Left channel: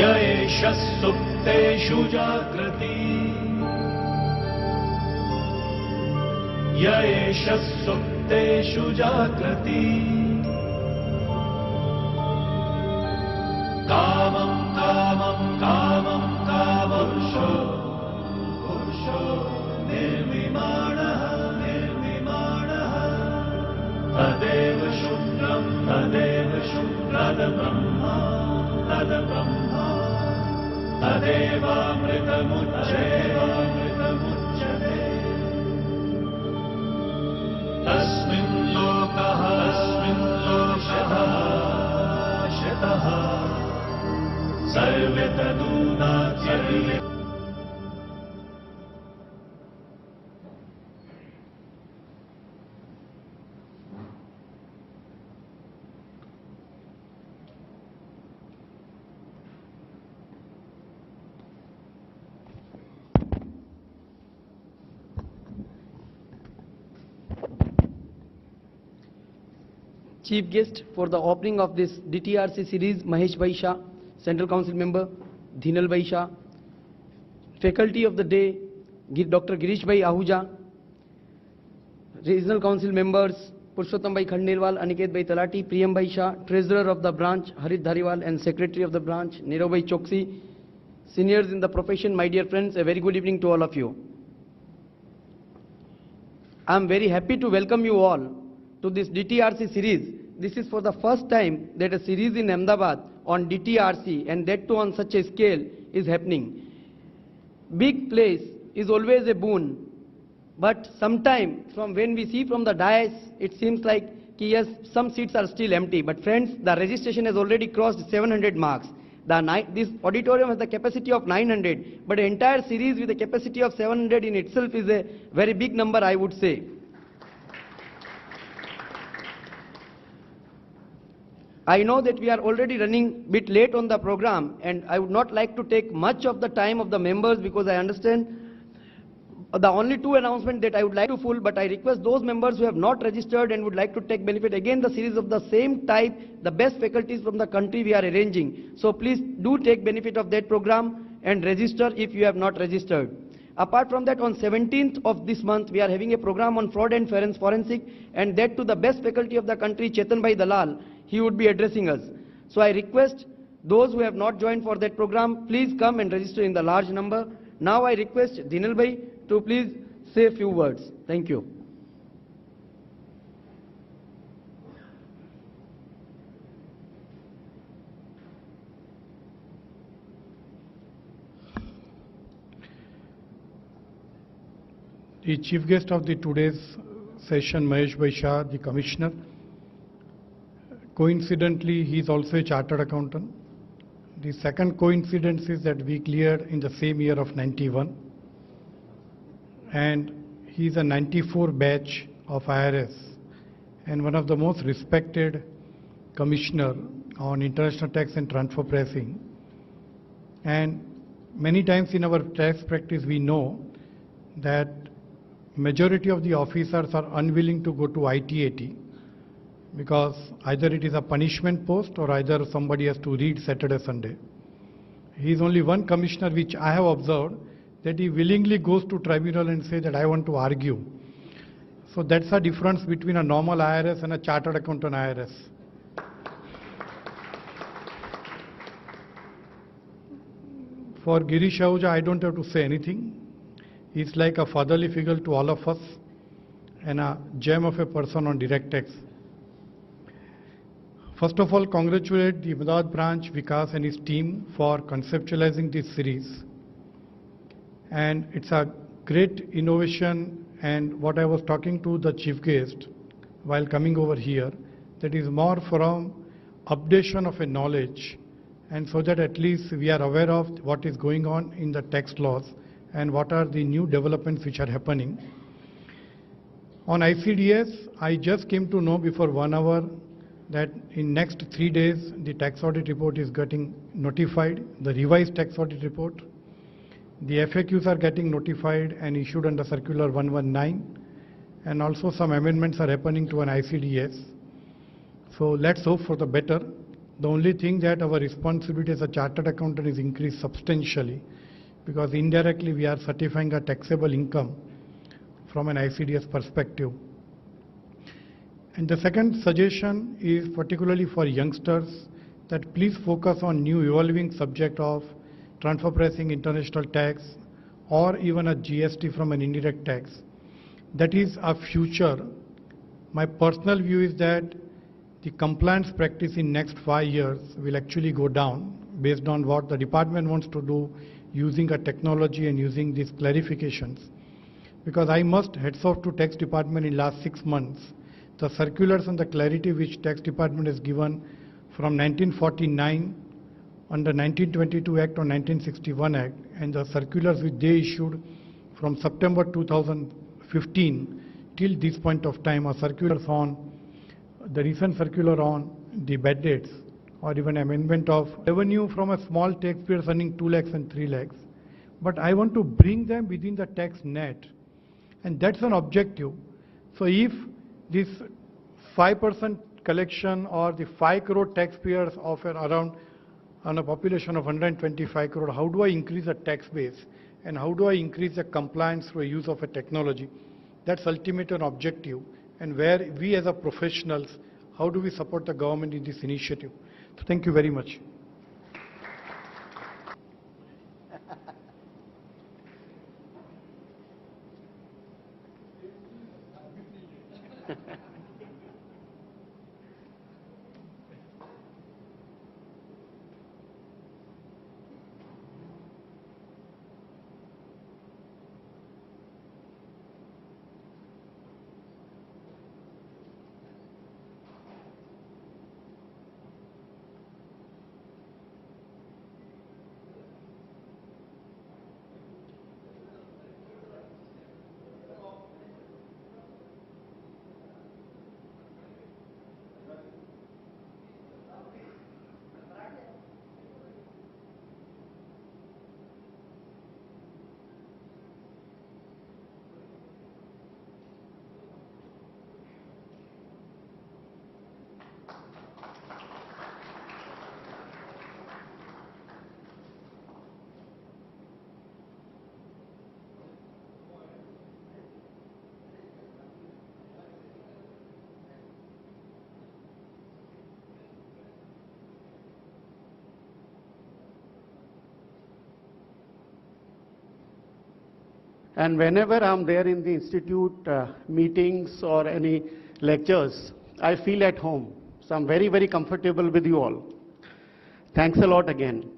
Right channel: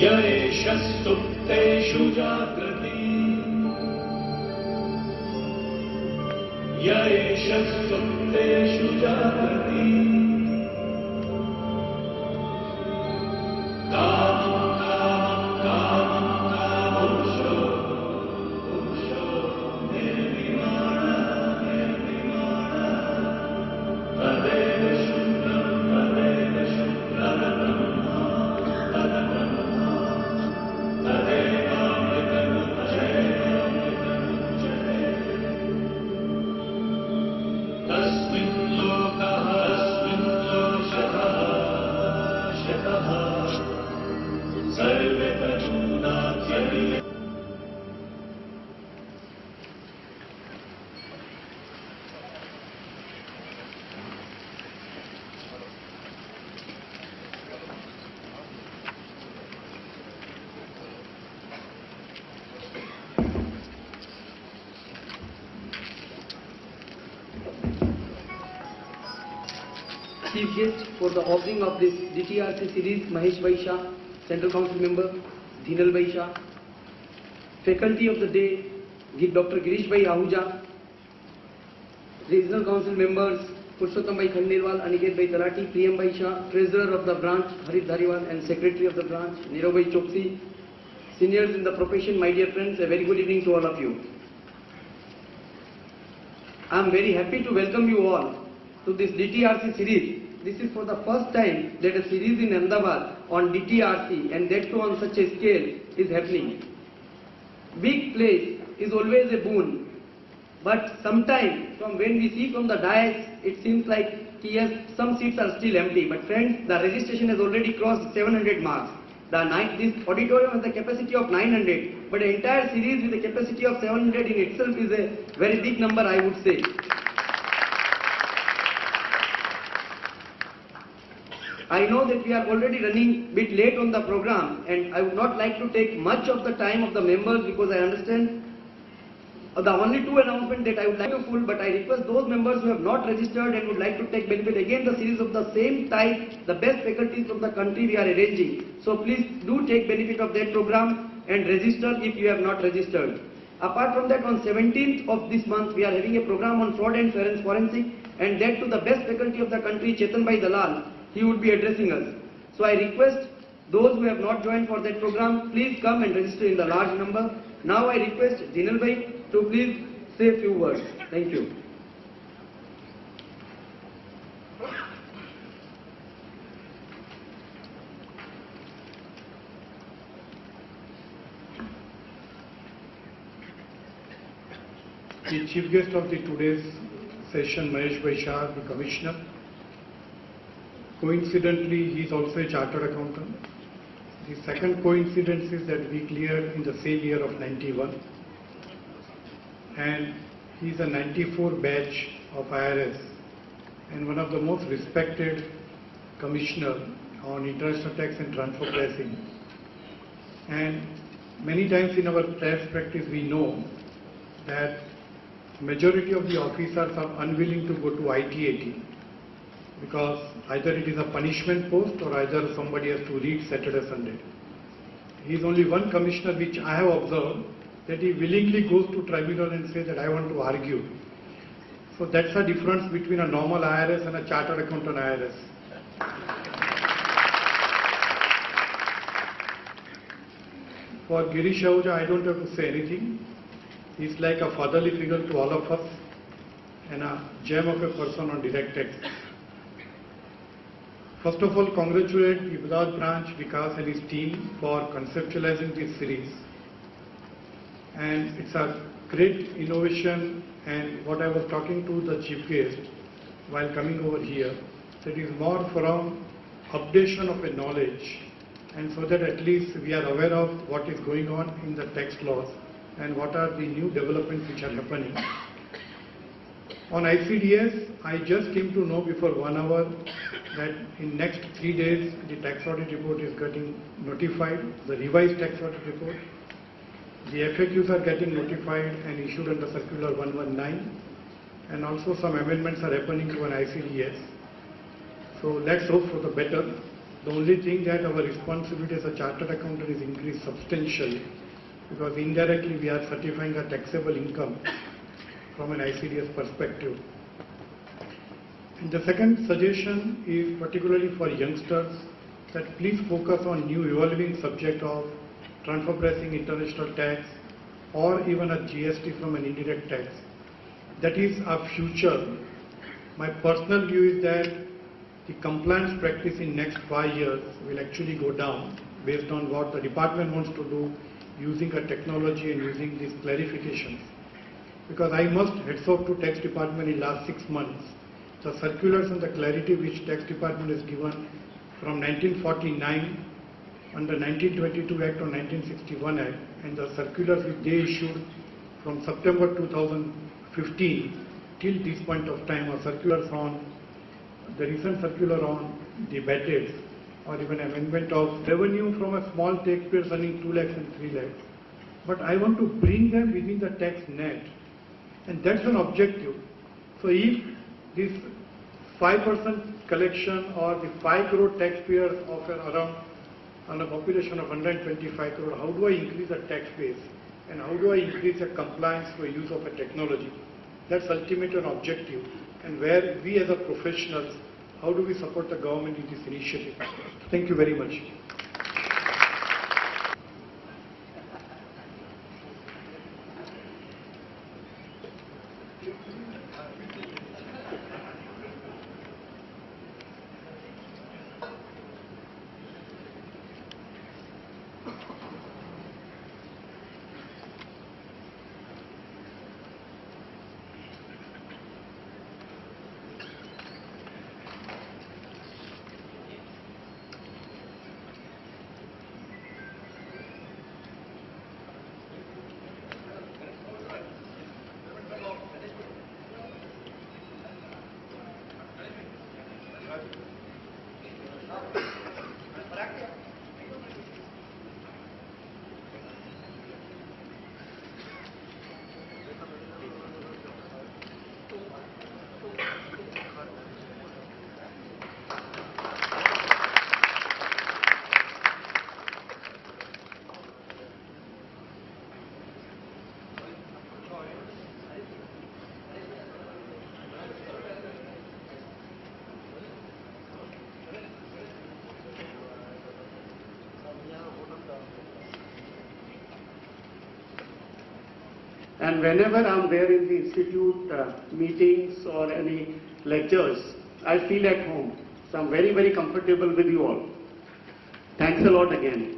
येष सुप्तेषु जागृति येष सुप्तेषु जागृति कामं कामं कामं कामं पुरुषो निर्विमानः तदेव शूद्रं तदब्रह्मा तस्मिन् लोकः शतः सर्वे तदुनात्यये। Chief guest for the opening of this DTRC series, Mahesh Bhai Shah, Central Council Member, Dhinal Bhai Shah. Faculty of the day, Dr. Girish Bhai Ahuja. Regional Council Members, Purushottam Bhai Khandelwal, Aniket Bhai Talati, Priyam Bhai Shah. Treasurer of the branch, Harit Dhariwal, and Secretary of the branch, Nirav Bhai Choksi. Seniors in the profession, my dear friends, a very good evening to all of you. I am very happy to welcome you all to this DTRC series. This is for the first time that a series in Ahmedabad on DTRC, and that too on such a scale, is happening. Big place is always a boon, but sometimes from when we see from the dais, it seems like yes, some seats are still empty. But friends, the registration has already crossed 700 marks. This auditorium has a capacity of 900, but an entire series with a capacity of 700 in itself is a very big number, I would say. I know that we are already running a bit late on the program, and I would not like to take much of the time of the members because I understand the only two announcements that I would like to pull, but I request those members who have not registered and would like to take benefit again the series of the same type, the best faculties from the country we are arranging. So please do take benefit of that program and register if you have not registered. Apart from that, on 17th of this month, we are having a program on fraud and forensic, and that to the best faculty of the country, Chetan Bhai Dalal. He would be addressing us. So I request those who have not joined for that program, please come and register in the large number. Now I request Dhinal Bhai to please say a few words. Thank you. The chief guest of the today's session, Mahesh Bhai Shah, the Commissioner. Coincidentally, he is also a chartered accountant. The second coincidence is that we cleared in the same year of 91, and he is a 94 batch of IRS and one of the most respected commissioner on international tax and transfer pricing. And many times in our tax practice we know that majority of the officers are unwilling to go to IT-80 because either it is a punishment post or either somebody has to read Saturday, Sunday. He is only one commissioner which I have observed that he willingly goes to tribunal and says that I want to argue. So that's a difference between a normal IRS and a chartered accountant IRS. For Girish Ahuja, I don't have to say anything. He's like a fatherly figure to all of us and a gem of a person on direct tax. First of all, congratulate the Ahmedabad branch, Vikas and his team for conceptualizing this series. And it's a great innovation, and what I was talking to the chief guest while coming over here, that is more from updation of a knowledge and so that at least we are aware of what is going on in the tax laws and what are the new developments which are happening. On ICDS, I just came to know before 1 hour that in next 3 days the tax audit report is getting notified, the revised tax audit report. The FAQs are getting notified and issued under Circular 119, and also some amendments are happening to an ICDS. So let's hope for the better. The only thing that our responsibility as a chartered accountant is increased substantially, because indirectly we are certifying a taxable income from an ICDS perspective. And the second suggestion is particularly for youngsters, that please focus on new evolving subject of transfer pricing, international tax, or even a GST from an indirect tax. That is our future. My personal view is that the compliance practice in next 5 years will actually go down based on what the department wants to do using a technology and using these clarifications. Because I must heads off to tax department in last 6 months. The circulars and the clarity which tax department has given from 1949 under 1922 Act or 1961 Act, and the circulars which they issued from September 2015 till this point of time, are circulars on the recent circular on the bad debts, or even amendment of revenue from a small taxpayers earning 2 lakhs and 3 lakhs. But I want to bring them within the tax net, and that's an objective. So if this 5% collection or the 5 crore taxpayers of around on a population of 125 crore, how do I increase the tax base and how do I increase the compliance through use of a technology? That's ultimate an objective, and where we as a professionals, how do we support the government in this initiative? Thank you very much. And whenever I'm there in the institute meetings or any lectures, I feel at home. So I'm very, very comfortable with you all. Thanks a lot again.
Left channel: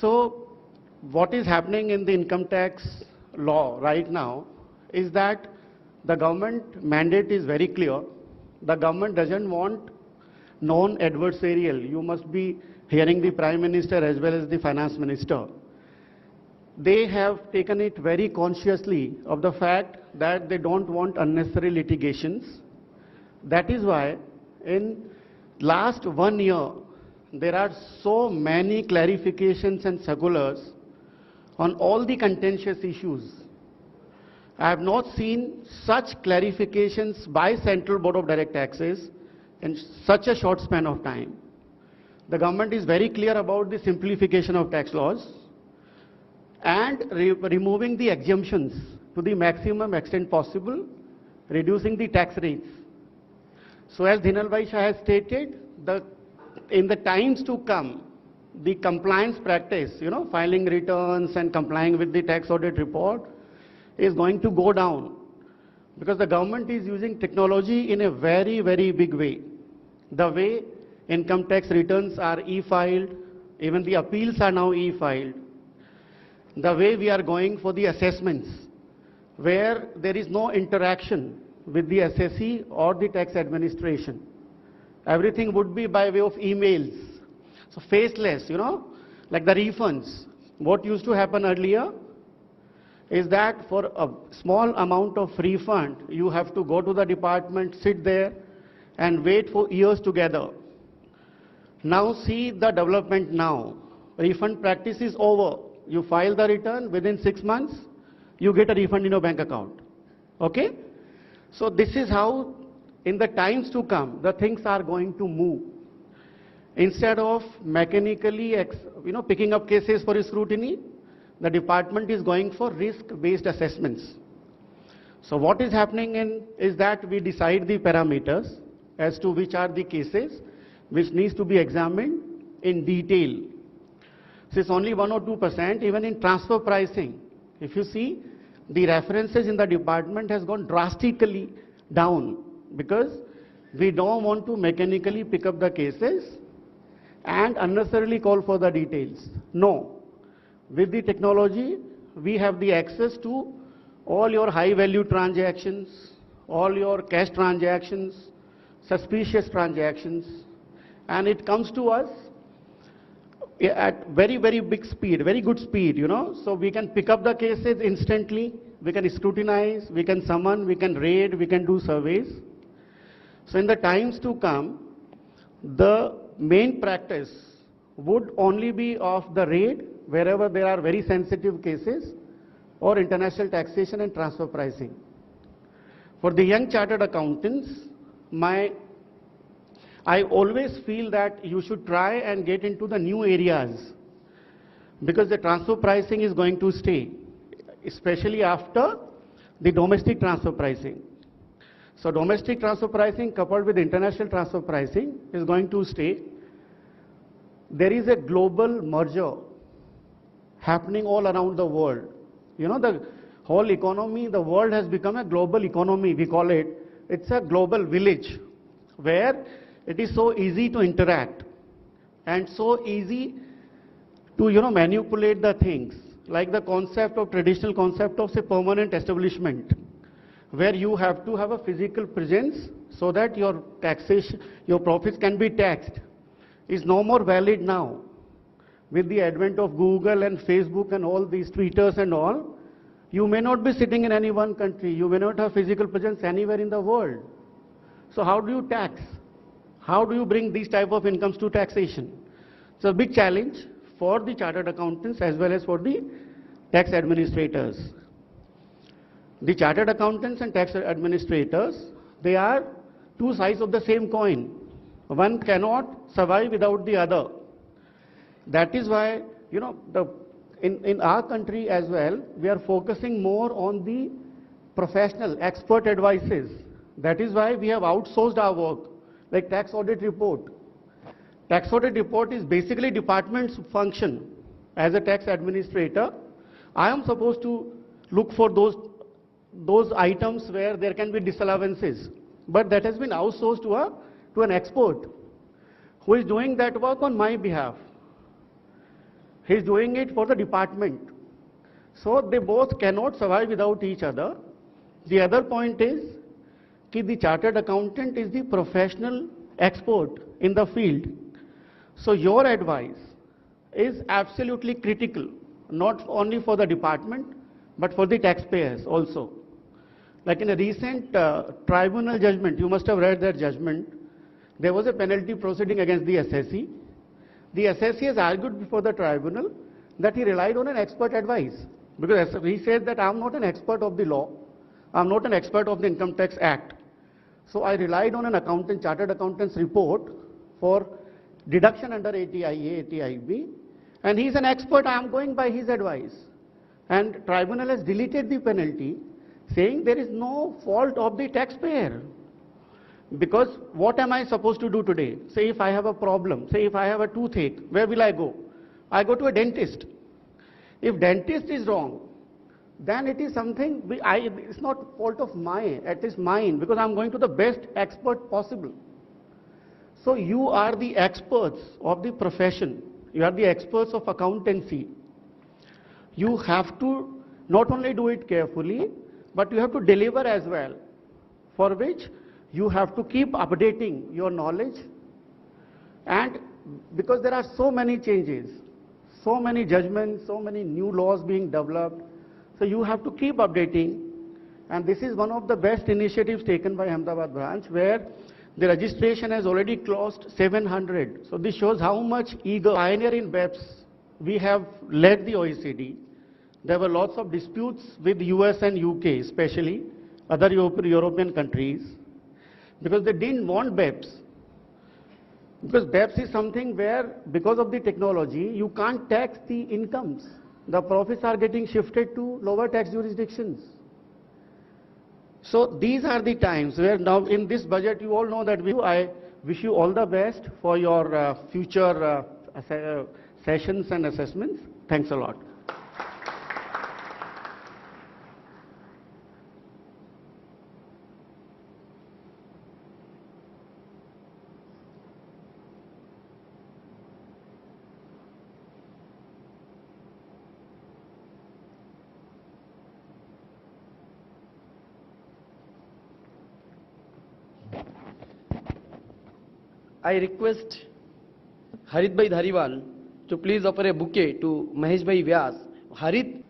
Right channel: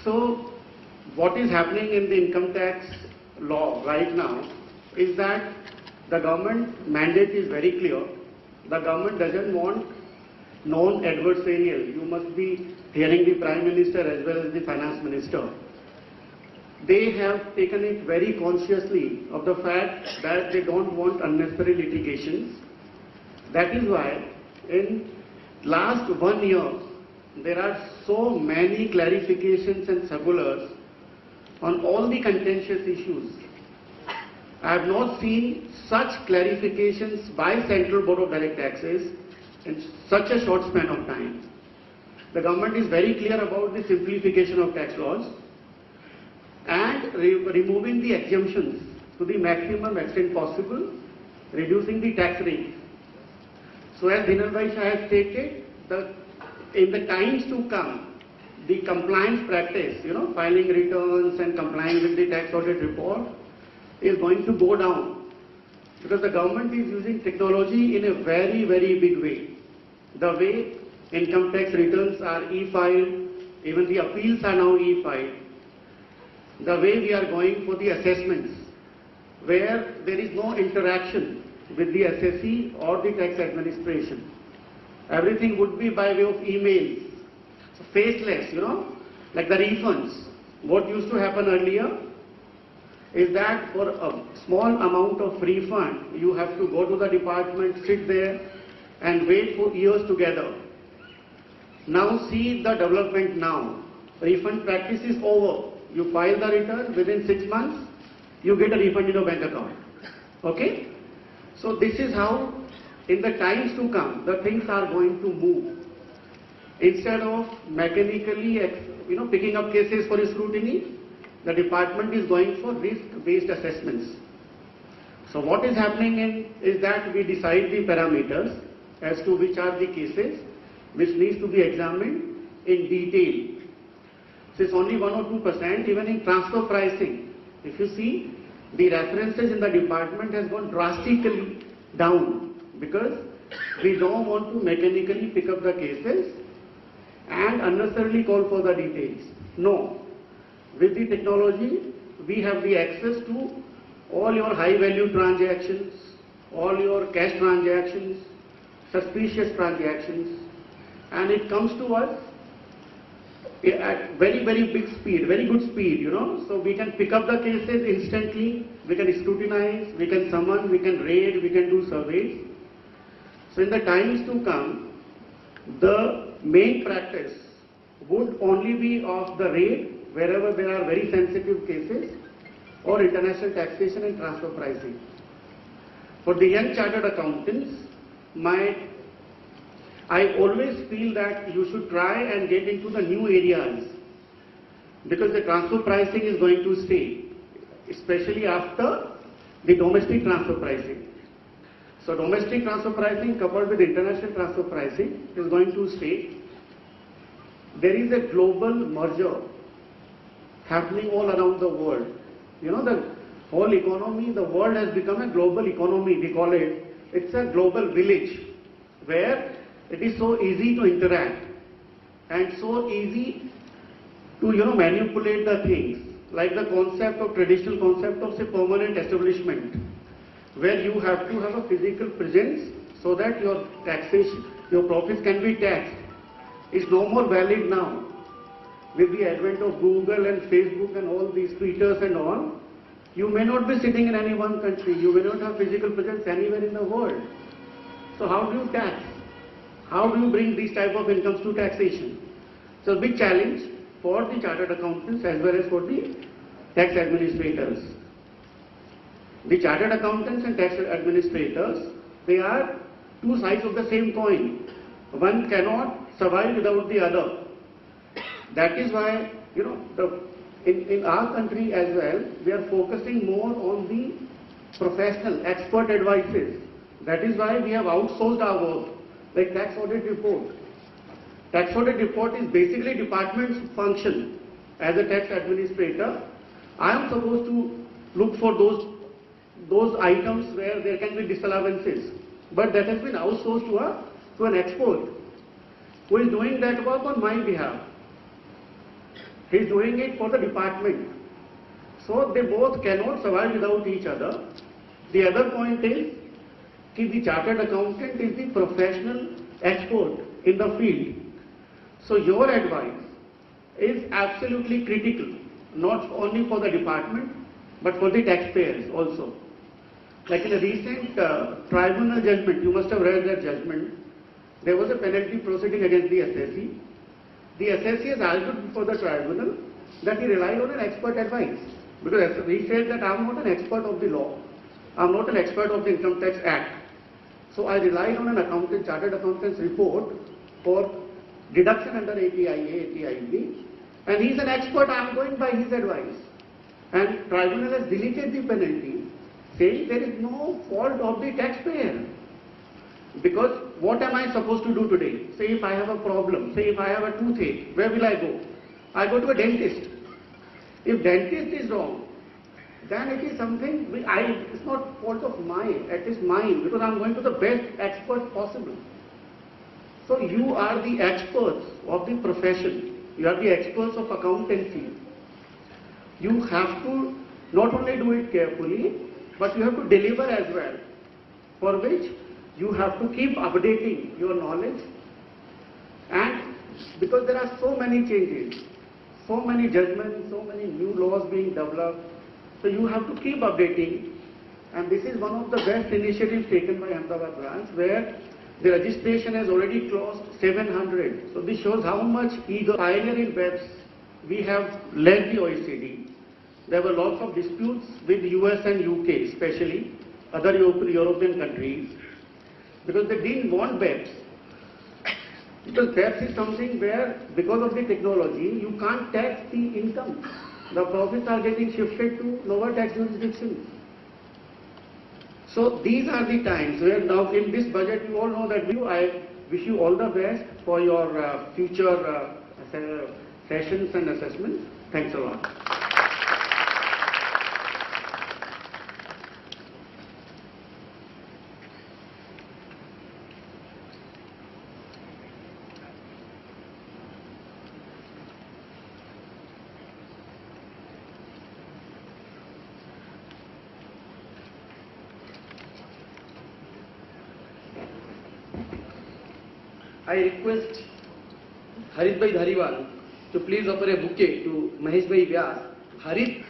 So what is happening in the income tax law right now is that the government mandate is very clear. The government doesn't want non-adversarial. You must be hearing the Prime Minister as well as the Finance Minister. They have taken it very consciously of the fact that they don't want unnecessary litigations. That is why in last 1 year there are so many clarifications and circulars on all the contentious issues. I have not seen such clarifications by Central Board of Direct Taxes in such a short span of time. The government is very clear about the simplification of tax laws and removing the exemptions to the maximum extent possible, reducing the tax rate. So as Dhinal Bhai Shah has stated, in the times to come, the compliance practice, filing returns and complying with the tax audit report is going to go down, because the government is using technology in a very, very big way. The way income tax returns are e-filed, even the appeals are now e-filed. The way we are going for the assessments, where there is no interaction with the assessee or the tax administration. everything would be by way of emails. So faceless, like the refunds. What used to happen earlier is that for a small amount of refund, you have to go to the department, sit there and wait for years together. Now see the development now. Refund practice is over. You file the return within 6 months, you get a refund in your bank account. Okay? So this is how in the times to come the things are going to move. Instead of mechanically picking up cases for scrutiny, the department is going for risk-based assessments. So what is happening is that we decide the parameters as to which are the cases which needs to be examined in detail. So it's only 1 or 2%. Even in transfer pricing, if you see, the references in the department has gone drastically down because we don't want to mechanically pick up the cases and unnecessarily call for the details. No. With the technology, we have the access to all your high value transactions, all your cash transactions, suspicious transactions, and it comes to us at very, very big speed, very good speed, So we can pick up the cases instantly, we can scrutinize, we can summon, we can raid, we can do surveys. So in the times to come, the main practice would only be of the raid wherever there are very sensitive cases or international taxation and transfer pricing. For the young chartered accountants, I always feel that you should try and get into the new areas because the transfer pricing is going to stay, especially after the domestic transfer pricing. So domestic transfer pricing coupled with international transfer pricing is going to stay. There is a global merger happening all around the world. The whole economy, the world has become a global economy, we call it. It's a global village where it is so easy to interact and so easy to manipulate the things, like the traditional concept of say permanent establishment, where you have to have a physical presence so that your taxation, your profits can be taxed, is no more valid now. With the advent of Google and Facebook and all these Twitters and all, you may not be sitting in any one country, you may not have physical presence anywhere in the world. So how do you tax? How do you bring these type of incomes to taxation? So a big challenge for the chartered accountants as well as for the tax administrators. The chartered accountants and tax administrators, they are two sides of the same coin. One cannot survive without the other. That is why, in our country as well, we are focusing more on the professional, expert advices. That is why we have outsourced our work, like tax audit report. Tax audit report is basically department's function. As a tax administrator, I am supposed to look for those items where there can be disallowances. But that has been outsourced to an expert who is doing that work on my behalf. He is doing it for the department. So they both cannot survive without each other. The other point is that the chartered accountant is the professional expert in the field. So your advice is absolutely critical, not only for the department, but for the taxpayers also. Like in a recent tribunal judgment, you must have read that judgment, there was a penalty proceeding against the assessee. The assessee has argued before the tribunal that he relied on an expert advice. Because he said that I am not an expert of the law, I am not an expert of the Income Tax Act. So I relied on an chartered accountant's report for deduction under 80IA, 80IB, and he is an expert, I am going by his advice. And tribunal has deleted the penalty, saying there is no fault of the taxpayer. Because what am I supposed to do today? Say if I have a problem, say if I have a toothache, where will I go? I go to a dentist. If dentist is wrong, then it is something which it's not fault of mine, it is mine, because I am going to the best expert possible. So you are the experts of the profession, you are the experts of accountancy. You have to not only do it carefully, but you have to deliver as well, for which you have to keep updating your knowledge, and because there are so many changes, so many judgments, so many new laws being developed, so you have to keep updating. And this is one of the best initiatives taken by Ahmedabad branch, where the registration has already crossed 700. So this shows how much eager pioneer in BEPS we have led the OECD. There were lots of disputes with US and UK, especially other European countries, because they didn't want BEPS. Because BEPS is something where, because of the technology, you can't tax the incomes. The profits are getting shifted to lower tax jurisdictions. So these are the times where now in this budget, you all know that I wish you all the best for your future sessions and assessments. Thanks a lot. I request Harit Bhai Dhariwal to please offer a bouquet to Mahesh Bhai Vyas. Harit.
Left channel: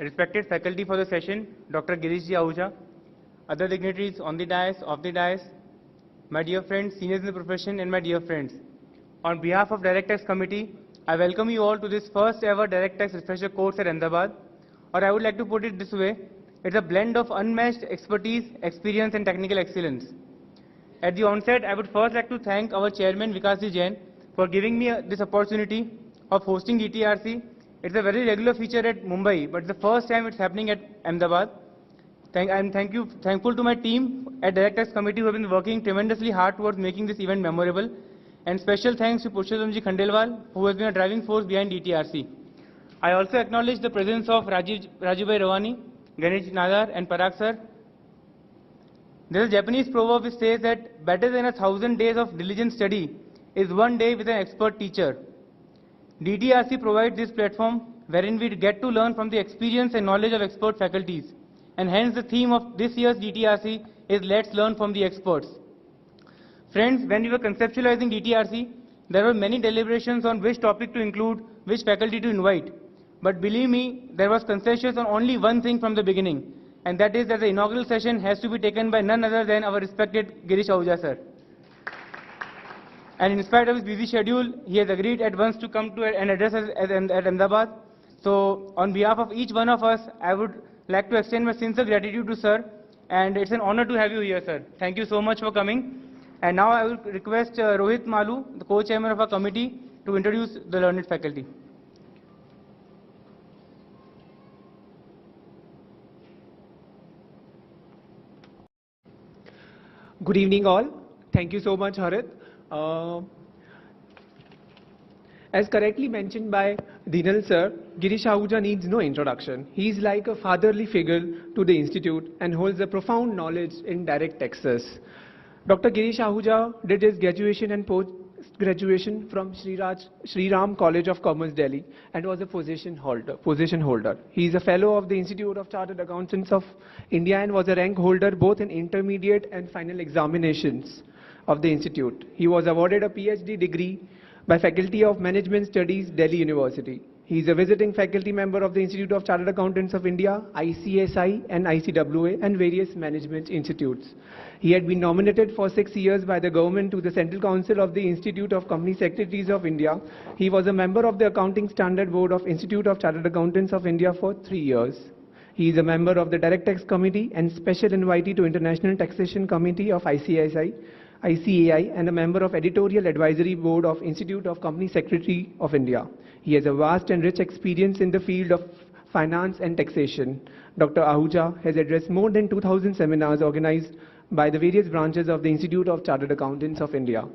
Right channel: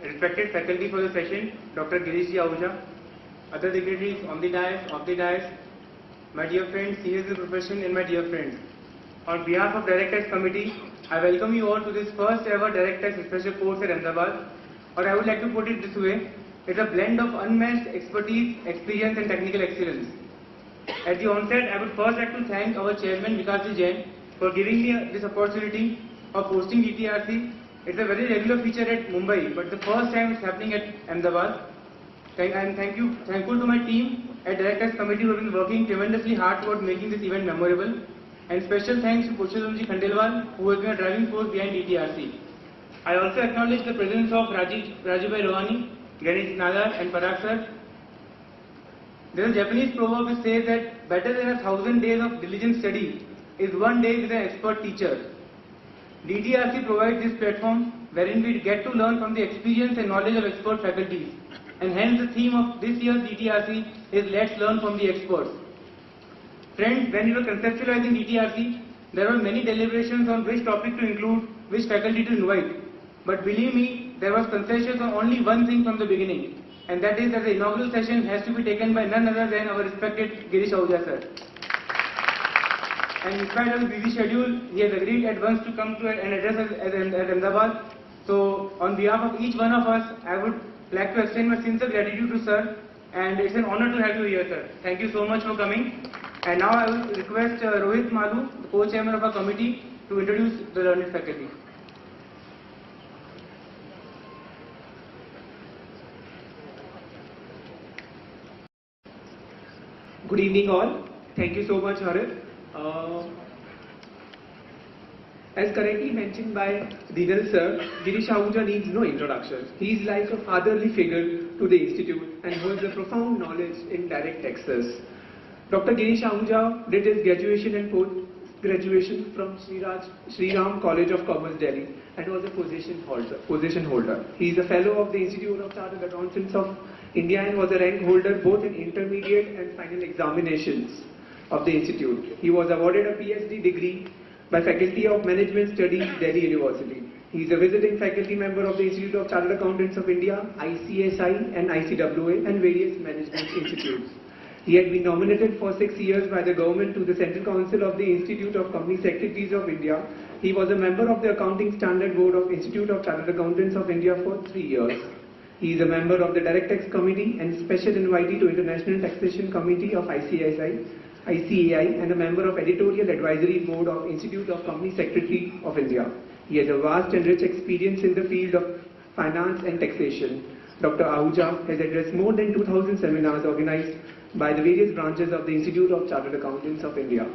Respected faculty for the session, Dr. Girish Ahuja, other dignitaries on the dais, off the dais, my dear friends, seniors in the profession and my dear friends. On behalf of Direct Tax Committee, I welcome you all to this first ever Direct Tax Refresher course at Ahmedabad, or I would like to put it this way, it's a blend of unmatched expertise, experience and technical excellence. At the onset, I would first like to thank our chairman Vikasji Jain for giving me this opportunity of hosting DTRC. It's a very regular feature at Mumbai, but the first time it's happening at Ahmedabad. I'm thankful to my team at Direct Tax Committee who have been working tremendously hard towards making this event memorable. And special thanks to Purushottamji Khandelwal, who has been a driving force behind DTRC. I also acknowledge the presence of Rajubhai Rawani, Ganesh Nadar and Parag sir. There is a Japanese proverb which says that better than 1,000 days of diligent study is one day with an expert teacher. DTRC provides this platform wherein we get to learn from the experience and knowledge of expert faculties. And hence the theme of this year's DTRC is Let's Learn from the Experts. Friends, when we were conceptualizing DTRC, there were many deliberations on which topic to include, which faculty to invite. But believe me, there was consensus on only one thing from the beginning, and that is that the inaugural session has to be taken by none other than our respected Girish Ahuja sir. And in spite of his busy schedule, he has agreed at once to come to and address us at Ahmedabad. So, on behalf of each one of us, I would like to extend my sincere gratitude to sir, and it's an honor to have you here, sir. Thank you so much for coming. And now I will request Rohit Malu, the co-chairman of our committee, to introduce the learned faculty. Good evening all. Thank you so much, Harit. As correctly mentioned by Dinal sir, Girish Ahuja needs no introduction. He is like a fatherly figure to the institute and holds a profound knowledge in direct taxes. Dr. Girish Ahuja did his graduation and post-graduation from Sri Ram College of Commerce, Delhi, and was a position holder. He is a fellow of the Institute of Chartered Accountants of India and was a rank holder both in intermediate and final examinations of the institute. He was awarded a PhD degree by Faculty of Management Studies, Delhi University. He is a visiting faculty member of the Institute of Chartered Accountants of India, ICSI and ICWA, and various management institutes. He had been nominated for 6 years by the government to the Central Council of the Institute of Company Secretaries of India. He was a member of the Accounting Standard Board of Institute of Chartered Accountants of India for 3 years. He is a member of the Direct Tax Committee and Special Invitee to International Taxation Committee of ICAI, and a member of Editorial Advisory Board of Institute of Company Secretary of India. He has a vast and rich experience in the field of finance and taxation. Dr. Ahuja has addressed more than 2,000 seminars organized by the various branches of the Institute of Chartered Accountants of India.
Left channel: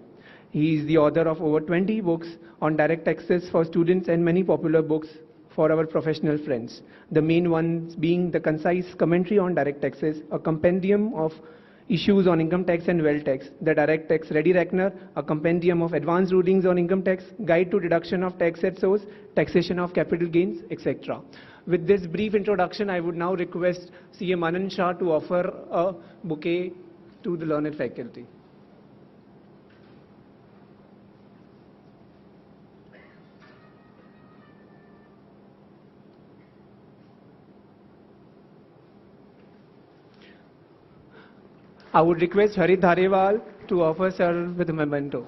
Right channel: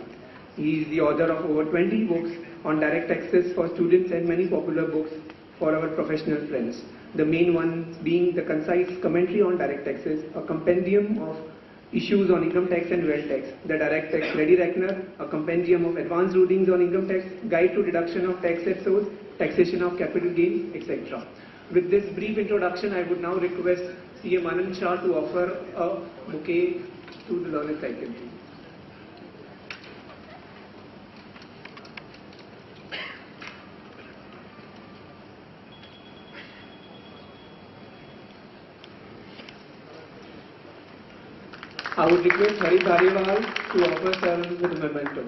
He is the author of over 20 books on direct taxes for students and many popular books for our professional friends. The main ones being the concise commentary on direct taxes, a compendium of issues on income tax and wealth tax, the direct tax ready reckoner, a compendium of advanced rulings on income tax, guide to deduction of tax at source, taxation of capital gains, etc. With this brief introduction, I would now request CA Manan Shah to offer a bouquet to the learned faculty. I would request Harit Harewal to offer sir with a memento.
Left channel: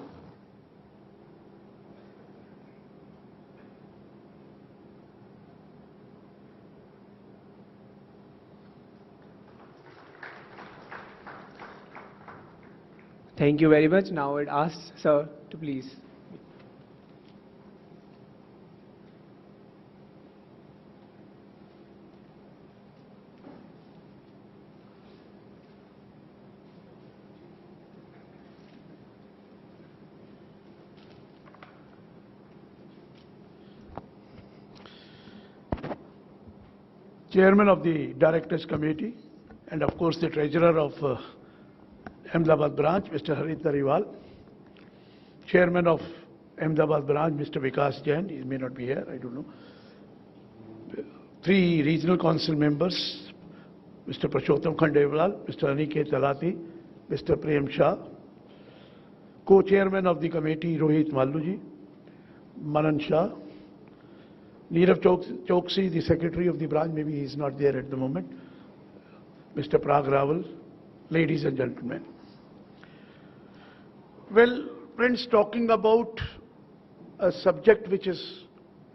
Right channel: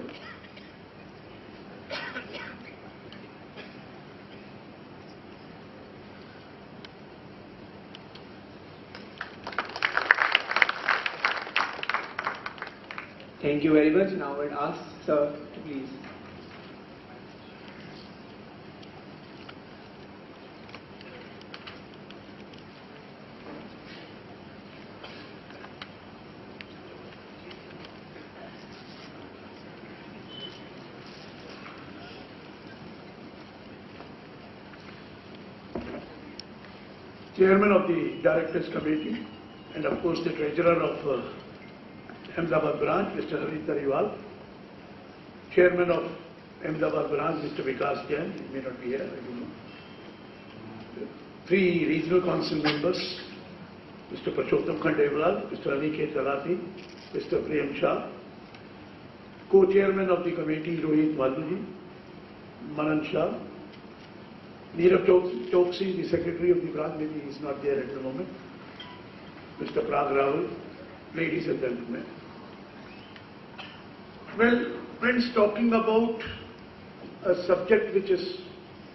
Thank you very much. Now I ask sir to please. Chairman of the Directors Committee, and of course the Treasurer of Ahmedabad branch, Mr. Harit Harewal, Chairman of Ahmedabad branch, Mr. Vikas Jain, he may not be here, I don't know. 3 regional council members, Mr. Purushottam Khandelwal, Mr. Aniket Talati, Mr. Prem Shah, Co-Chairman of the committee, Rohit Maluji, Manan Shah, Neerav Choksi, the Secretary of the branch, maybe he is not there at the moment, Mr. Prag Rahul, ladies and gentlemen. Well, friends, talking about a subject which is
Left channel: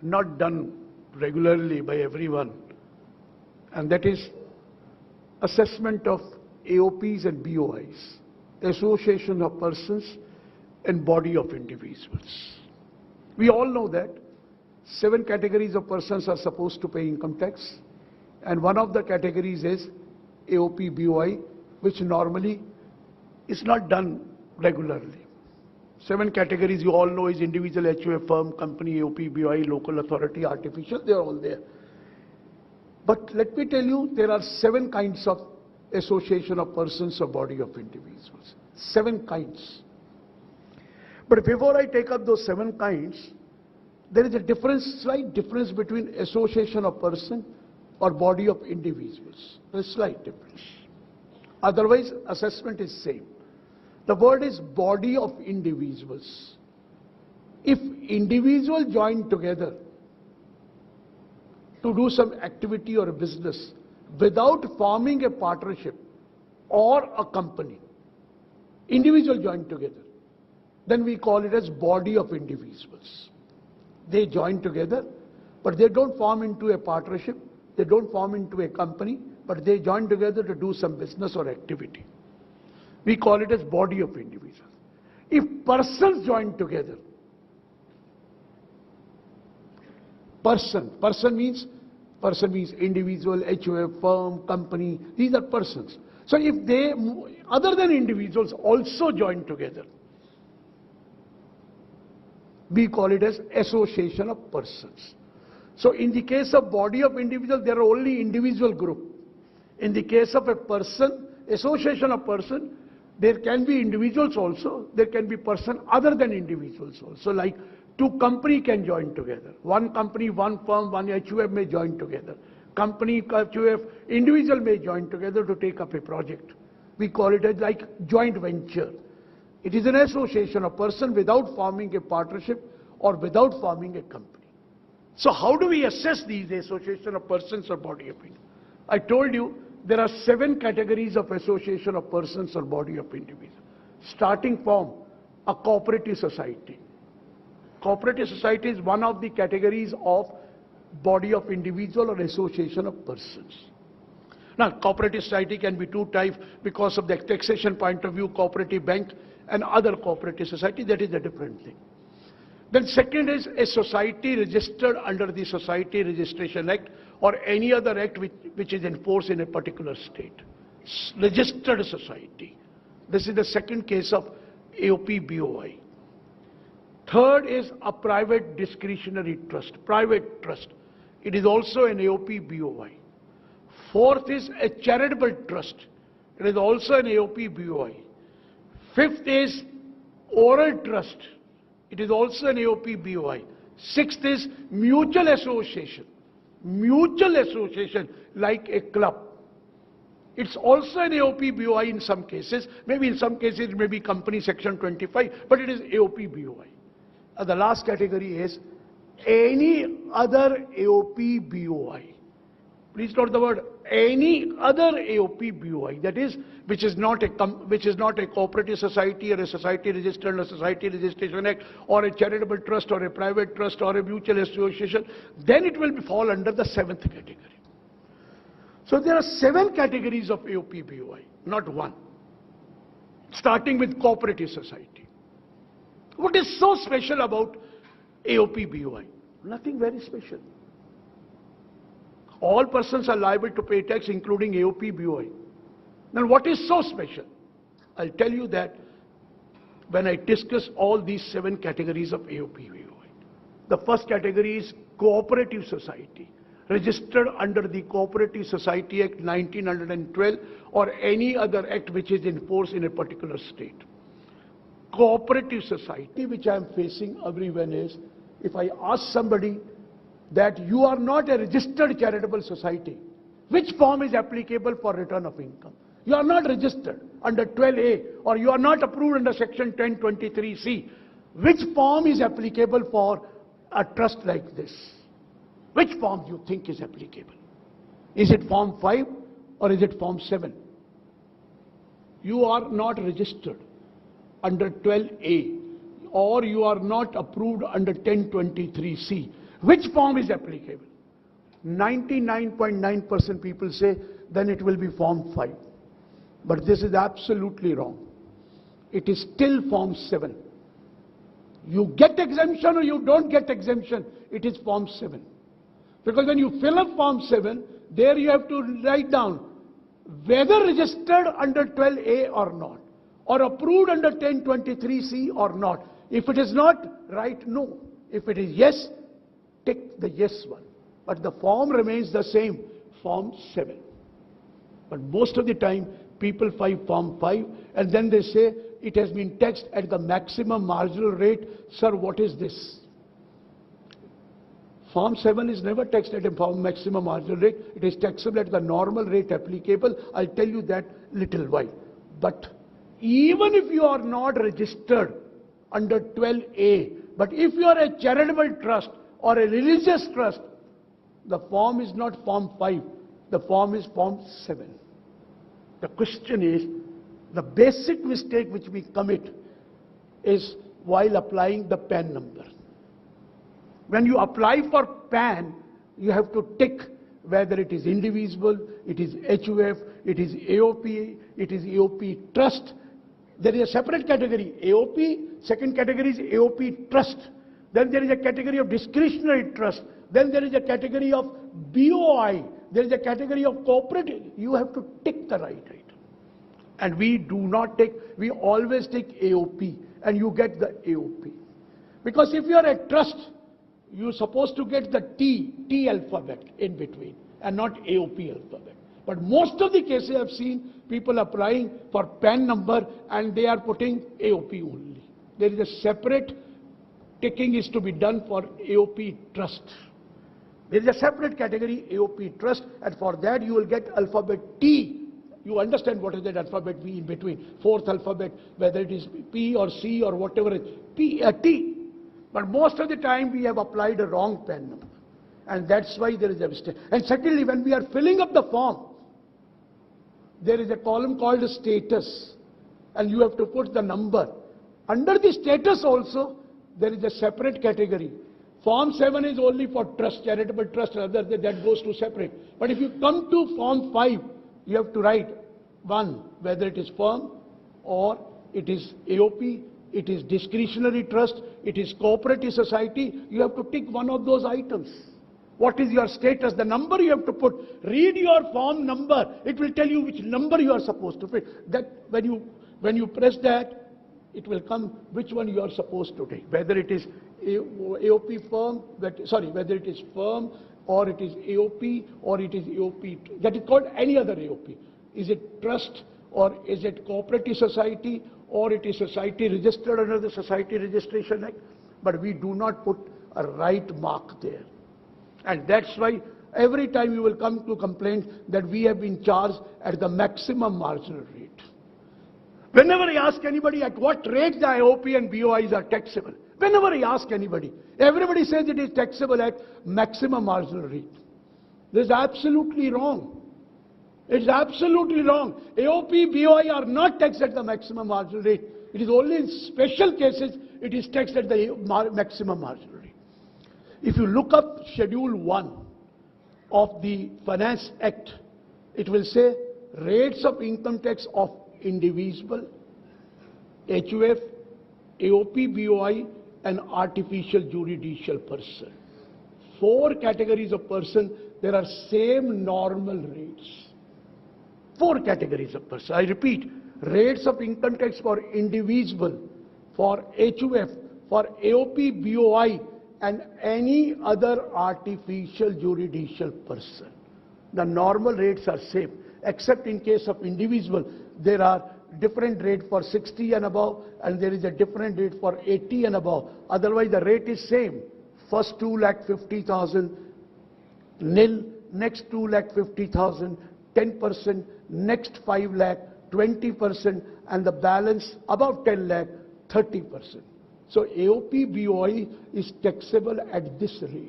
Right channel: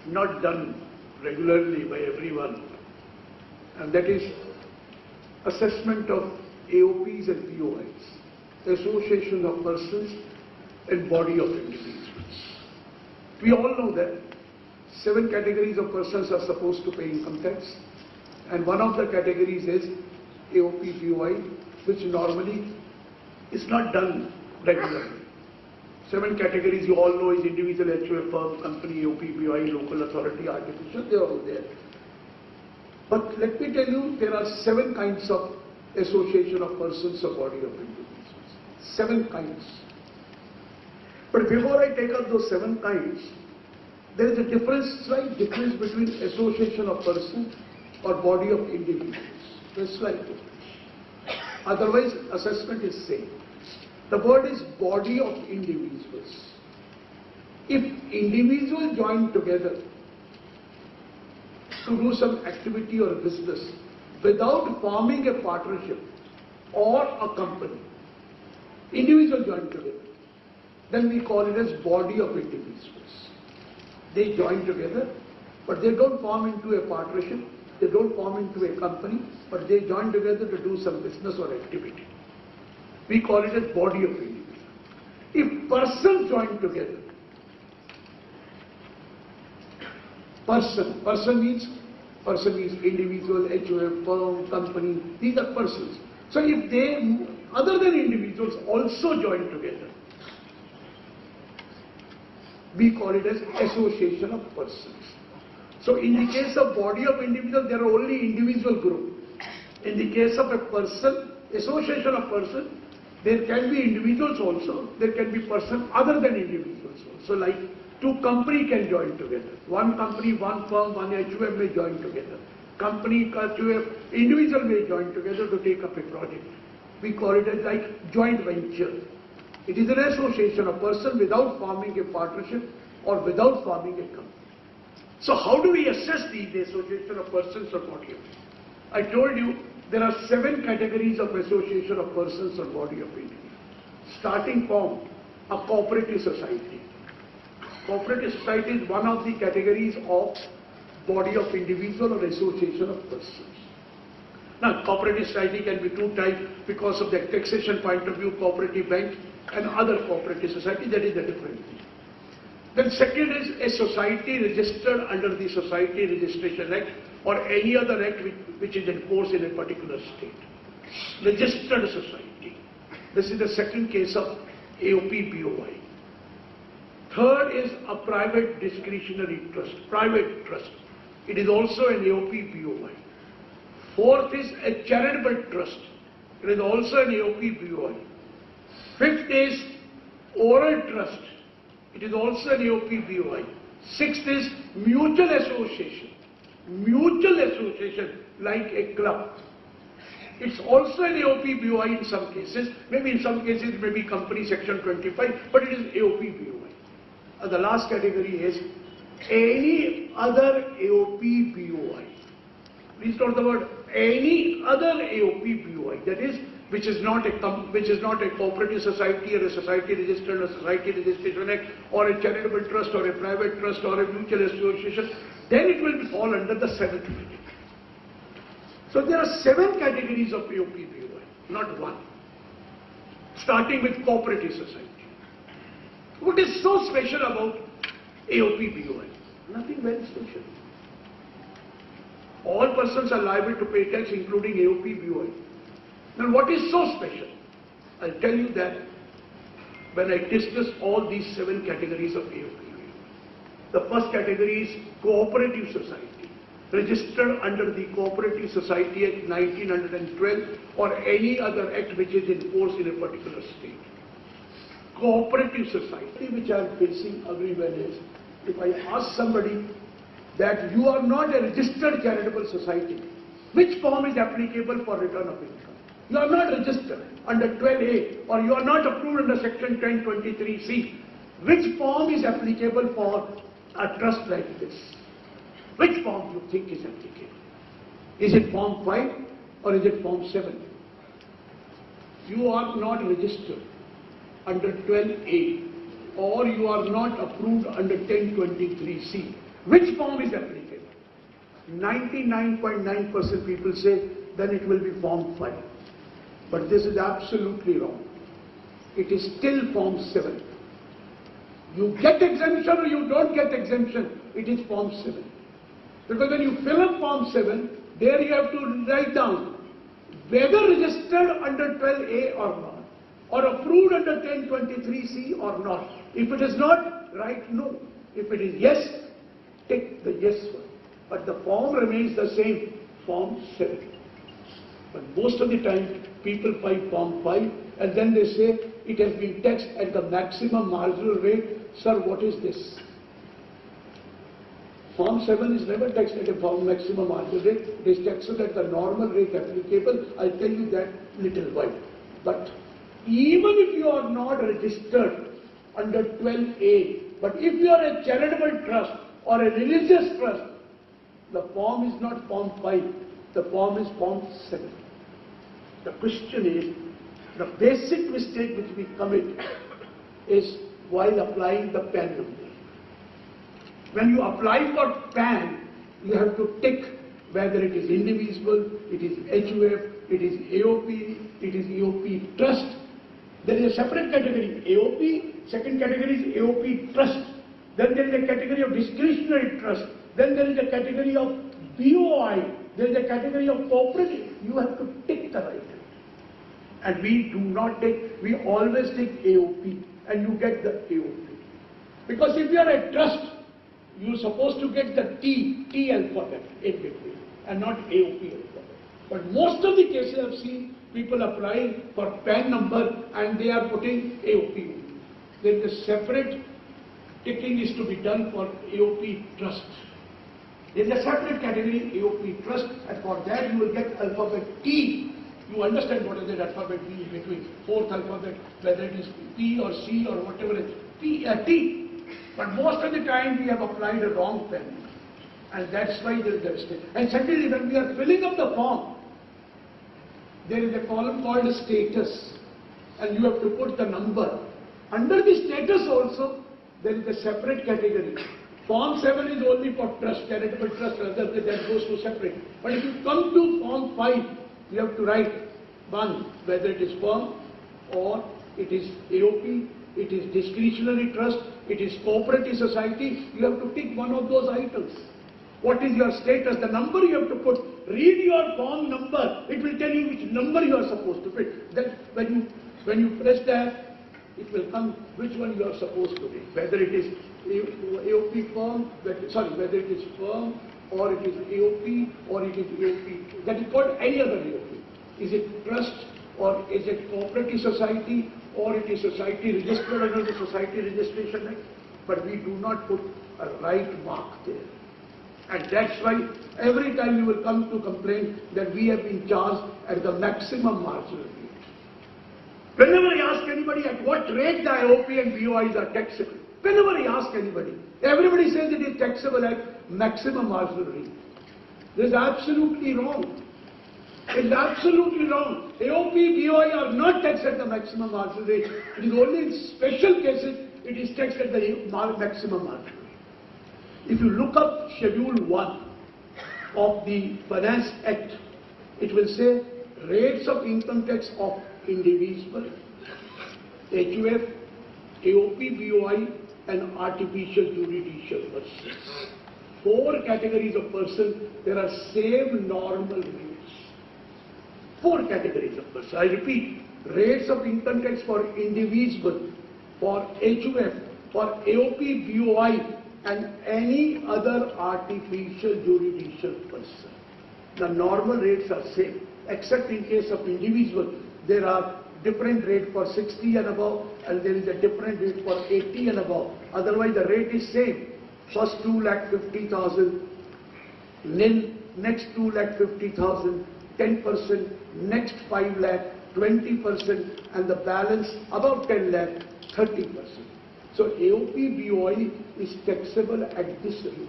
not done regularly by everyone, and that is assessment of AOPs and BOIs, Association of Persons and Body of Individuals. We all know that 7 categories of persons are supposed to pay income tax, and one of the categories is AOP BOI, which normally is not done regularly. 7 categories you all know is individual, HUF, firm, company, AOP BOI, local authority, artificial, they are all there. But let me tell you, there are 7 kinds of association of persons or body of individuals. 7 kinds. But before I take up those 7 kinds, there is a difference, slight difference between association of person or body of individuals. There is slight difference. Otherwise, assessment is same. The word is body of individuals. If individuals join together to do some activity or a business without forming a partnership or a company, individuals join together, then we call it as body of individuals. They join together, but they don't form into a partnership, they don't form into a company, but they join together to do some business or activity. We call it as body of individuals. If persons join together, person means individual, HUF, firm, company, these are persons. So if they, other than individuals, also join together, we call it as association of persons. So in the case of body of individual, there are only individual group. In the case of a person, association of person, there can be individuals also, there can be person other than individuals also. Like 2 companies can join together. 1 company, 1 firm, 1 HUF may join together. Company, HUF, individual may join together to take up a project. We call it as like joint venture. It is an association of person without forming a partnership or without forming a company. So how do we assess the association of persons or body of individuals? I told you there are 7 categories of association of persons or body of individuals. Starting from a cooperative society. Cooperative society is one of the categories of body of individual or association of persons. Now, cooperative society can be 2 types because of the taxation point of view, cooperative bank and other cooperative society, that is a different thing. Then second is a society registered under the Society Registration Act or any other act which is in force in a particular state. Registered society. This is the second case of AOP BOI. Third is a private discretionary trust, private trust. It is also an AOP BOI. Fourth is a charitable trust. It is also an AOP BOI. Fifth is oral trust. It is also an AOP BOI. Sixth is mutual association. Mutual association like a club. It's also an AOP BOI in some cases. Maybe in some cases it may be company section 25, but it is AOP BOI. And the last category is any other AOP BOI. Please note the word any other AOP BOI. That is, which is not a cooperative society or a society registered or society registration act or a charitable trust or a private trust or a mutual association. Then it will fall under the seventh category. So there are 7 categories of AOP BOI, not one. Starting with cooperative society. What is so special about AOP BOI? Nothing very special. All persons are liable to pay tax, including AOP BOI. Now what is so special? I'll tell you that when I discuss all these 7 categories of AOP BOI. The first category is cooperative society, registered under the Cooperative Society Act 1912 or any other act which is in force in a particular state. Cooperative society which I am facing everywhere is, if I ask somebody that you are not a registered charitable society, which form is applicable for return of income? You are not registered under 12A or you are not approved under section 1023C. Which form is applicable for a trust like this? Which form do you think is applicable? Is it form 5 or is it form 7? You are not registered under 12A or you are not approved under 1023C. Which form is applicable? 99.9% people say then it will be form 5. But this is absolutely wrong. It is still form 7. You get exemption or you don't get exemption, it is form 7. Because when you fill up form 7, there you have to write down whether registered under 12A or not, or approved under 1023C or not. If it is not, write no. If it is yes, take the yes one. But the form remains the same, form 7. But most of the time, people find form 5 and then they say it has been taxed at the maximum marginal rate. Sir, what is this? Form 7 is never taxed at a maximum marginal rate. It is taxed at the normal rate applicable. I'll tell you that little while. But even if you are not registered under 12A, but if you are a charitable trust or a religious trust, the form is not form 5, the form is form 7. The question is, the basic mistake which we commit is while applying the PAN number. When you apply for PAN, you have to tick whether it is indivisible, it is HUF, it is AOP, it is AOP trust. There is a separate category, AOP, second category is AOP trust. Then there is a category of discretionary trust. Then there is a category of BOI. There is a category of cooperative. You have to tick the right hand. And we do not take, we always take AOP and you get the AOP. Because if you are a trust, you are supposed to get the T alphabet in between and not AOP alphabet. But most of the cases I have seen people applying for PAN number and they are putting AOP only. There is a separate ticking is to be done for AOP trust. There is a separate category AOP trust and for that you will get alphabet T. You understand what is that alphabet T in between, fourth alphabet, whether it is P or C or whatever it is, T. But most of the time we have applied a wrong pen and that's why there is a mistake. And secondly, when we are filling up the form, there is a column called status and you have to put the number. Under the status also, there is a separate category. Form 7 is only for trust, charitable trust, rather than that goes to separate. But if you come to Form 5, you have to write 1, whether it is firm or it is AOP, it is discretionary trust, it is cooperative society. You have to tick one of those items. What is your status? The number you have to put. Read your form number. It will tell you which number you are supposed to put. That when you press that, it will come which one you are supposed to take. Whether it is AOP firm, whether it is firm or it is AOP or it is AOP. That is called any other AOP. Is it trust or is it cooperative society, or it is society registered under the Society Registration Act, but we do not put a right mark there. And that's why every time you will come to complain that we have been charged at the maximum marginal rate. Whenever I ask anybody at what rate the IOP and BOIs are taxable, whenever I ask anybody, everybody says it is taxable at maximum marginal rate. This is absolutely wrong. It is absolutely wrong. AOP, BOI are not taxed at the maximum marginal rate. It is only in special cases it is taxed at the maximum marginal rate. If you look up Schedule 1 of the Finance Act, it will say rates of income tax of individual, HUF, AOP, BOI and artificial judicial persons. 4 categories of persons, there are same normal rates. 4 categories of persons. I repeat, rates of income tax for individual, for HUF, for AOP, BOI and any other artificial judicial person. The normal rates are same, except in case of individual, there are different rate for 60 and above, and there is a different rate for 80 and above. Otherwise, the rate is same. First 2,50,000, nil, next 2,50,000, 10%, next 5 lakh, 20%, and the balance above 10 lakh, 30%. So AOP BOI is taxable at this rate,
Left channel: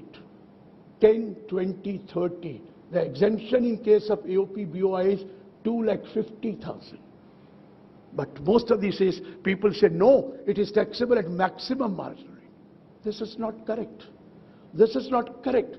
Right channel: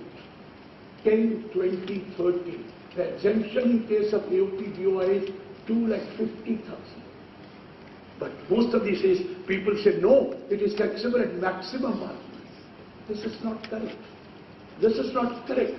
10, 20, 30. The exemption in case of AOP BOI is 2,50,000. But most of these days, people say, no, it is taxable at maximum margin. This is not correct. This is not correct.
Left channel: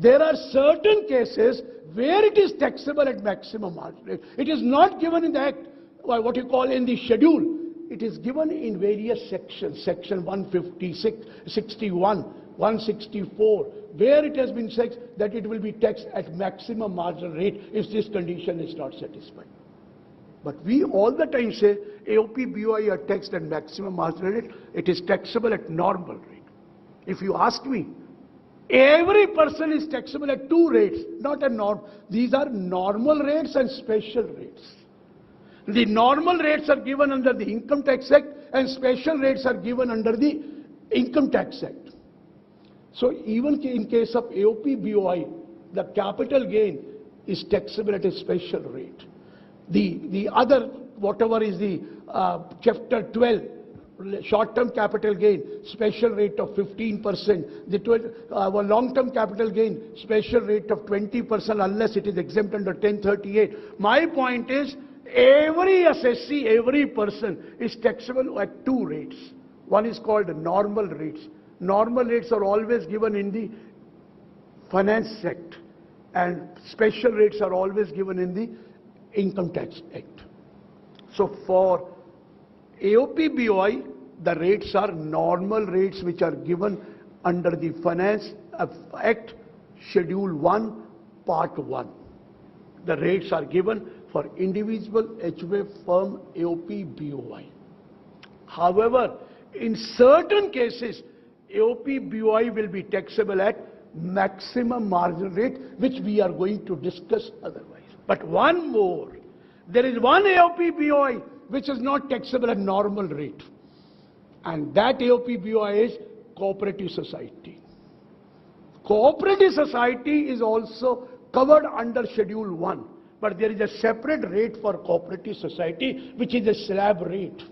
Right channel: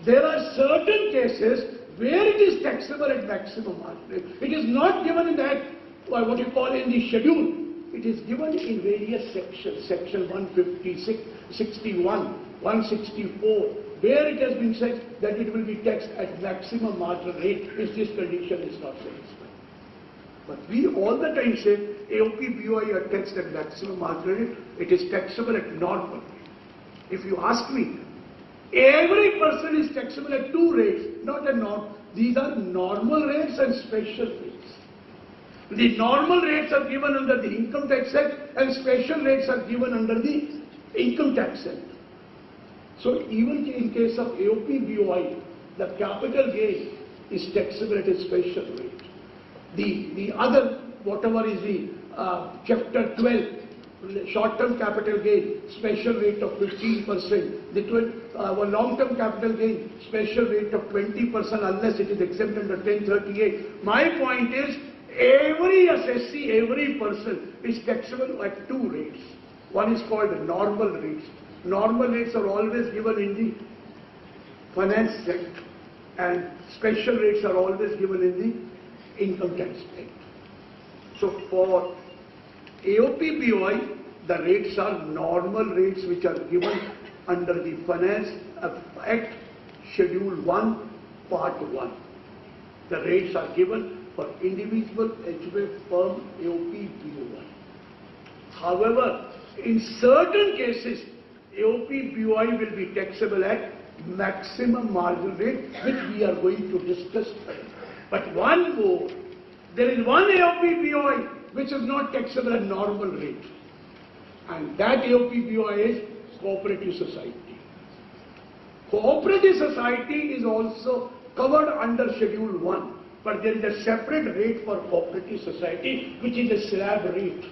There are certain cases where it is taxable at maximum margin. It is not given in that, what you call in the schedule. It is given in various sections, section 156, 61, 164, where it has been said that it will be taxed at maximum marginal rate if this condition is not satisfied. But we all the time say AOP, BOI are taxed at maximum marginal rate. It is taxable at normal rate. If you ask me, every person is taxable at 2 rates, not at norm. These are normal rates and special rates. The normal rates are given under the Income Tax Act and special rates are given under the Income Tax Act. So even in case of AOP, BOI, the capital gain is taxable at a special rate. The other, whatever is the Chapter 12, short-term capital gain, special rate of 15%, the long-term capital gain, special rate of 20% unless it is exempt under 1038. My point is, every assessee, every person is taxable at 2 rates. One is called normal rates. Normal rates are always given in the Finance Act and special rates are always given in the Income Tax Act. So for AOP, BOI, the rates are normal rates which are given under the Finance Act, Schedule 1, Part 1. The rates are given for individual, HUF, firm, AOP, BOI. However, in certain cases, AOP, BOI will be taxable at maximum marginal rate, which we are going to discuss further. But one more, there is one AOP, BOI which is not taxable at normal rate, and that AOP, BOI is cooperative society. Cooperative society is also covered under Schedule 1. But there is a separate rate for cooperative society, which is a slab rate.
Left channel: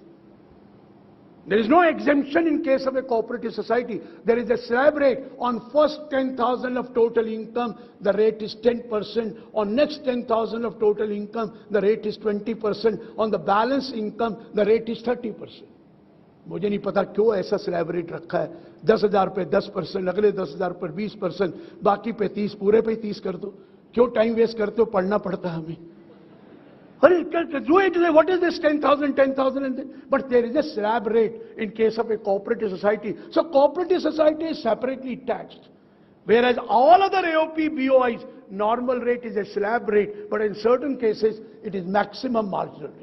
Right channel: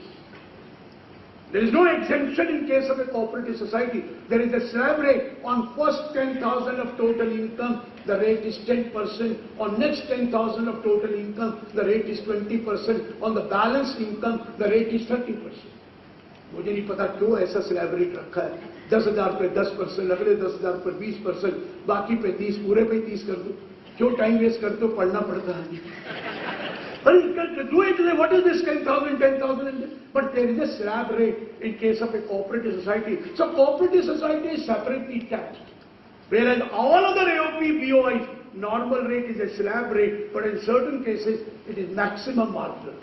There is no exemption in case of a cooperative society. There is a slab rate. On first 10,000 of total income, the rate is 10%. On next 10,000 of total income, the rate is 20%. On the balance income, the rate is 30%. मुझे नहीं पता क्यों ऐसा slab rate रखा है. 10,000 पे 10%, अगले 10,000 पर 20%, बाकी पे 30, पूरे पे 30 कर दो. क्यों टाइम वेस्ट करते हो, पढ़ना पड़ता है. Do it, what is this 10,000, 10,000? But there is a slab rate in case of a cooperative society. So cooperative society is separately taxed. Whereas all other AOP, BOI, normal rate is a slab rate, but in certain cases it is maximum marginal rate.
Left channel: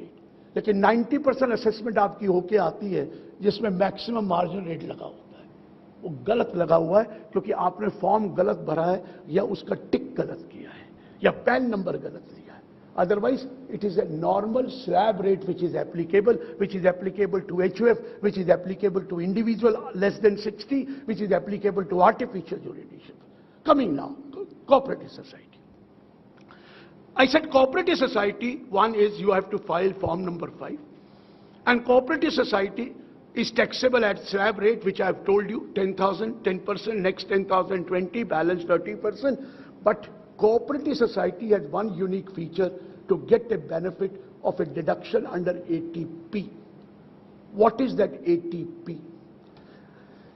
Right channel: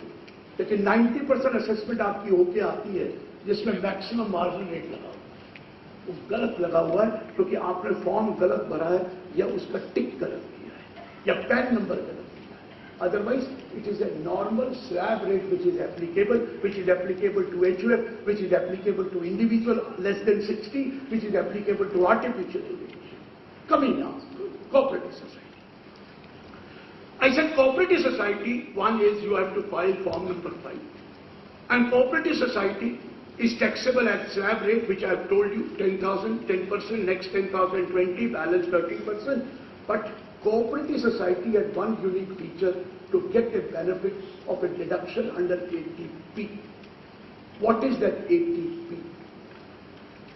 लेकिन 90% assessment आपकी होके आती है जिसमें maximum margin rate लगा हुआ है. वो गलत लगा हुआ है क्योंकि आपने फॉर्म गलत भरा है या उसका टिक गलत किया है या पैन नंबर गलत किया है. Otherwise It is a normal slab rate which is applicable to HUF, which is applicable to individual less than 60, which is applicable to artificial intelligence. Coming now to cooperative society. I said cooperative society, one is you have to file form number 5. And cooperative society is taxable at slab rate, which I have told you, 10,000, 10%, next 10,000, 20, balance 13%. But cooperative society has one unique feature to get a benefit of a deduction under ATP. What is that ATP?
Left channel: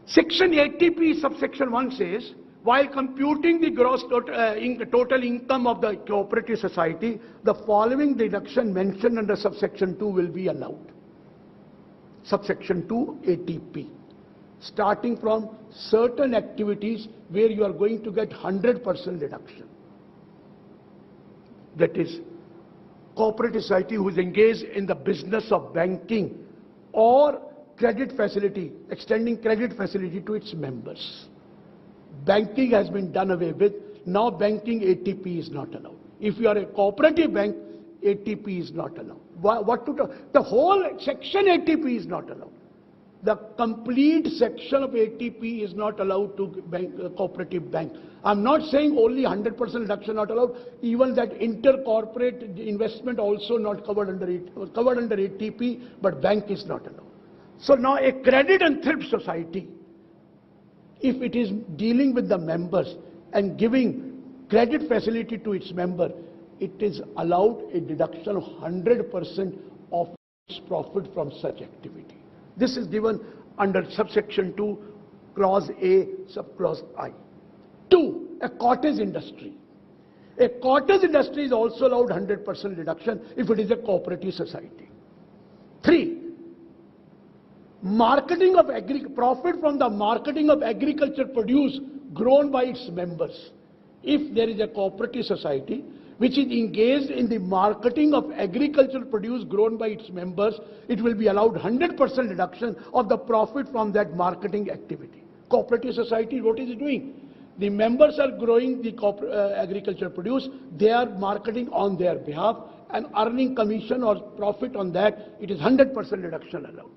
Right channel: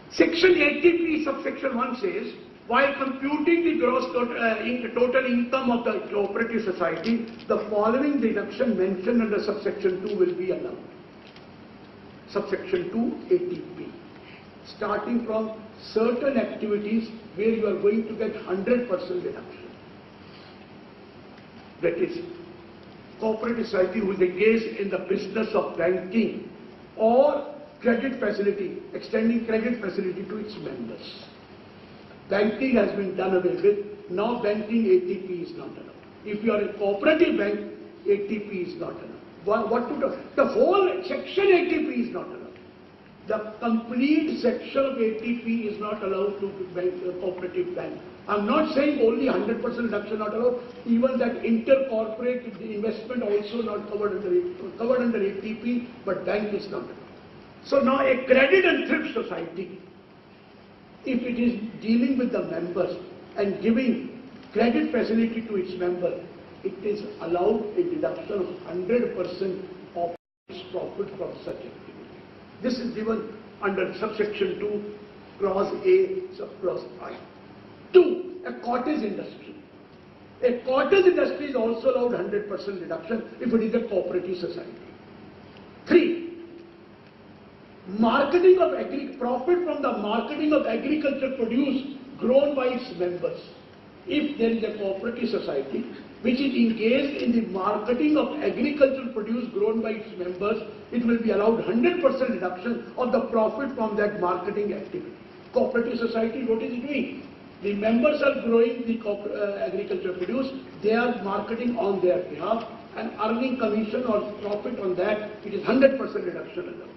Section ATP subsection 1 says, while computing the gross total income of the cooperative society, the following deduction mentioned under subsection 2 will be allowed. Subsection 2 ATP. Starting from certain activities where you are going to get 100% deduction. That is, cooperative society who is engaged in the business of banking or credit facility, extending credit facility to its members. Banking has been done away with. Now banking ATP is not allowed. If you are a cooperative bank, ATP is not allowed. What to do? The whole section ATP is not allowed. The complete section of ATP is not allowed to cooperative bank. I'm not saying only 100% reduction not allowed. Even that intercorporate investment also not covered under ATP, but bank is not allowed. So now a credit and thrift society, if it is dealing with the members and giving credit facility to its member, it is allowed a deduction of 100% of its profit from such activity. This is given under subsection 2, clause A, subclause I. 2. A cottage industry. A cottage industry is also allowed 100% deduction if it is a cooperative society. 3. Marketing of profit from the marketing of agricultural produce grown by its members. If there is a cooperative society which is engaged in the marketing of agricultural produce grown by its members, it will be allowed 100% reduction of the profit from that marketing activity. Cooperative society, what is it doing? The members are growing the agricultural produce, they are marketing on their behalf and earning commission or profit on that, it is 100% reduction allowed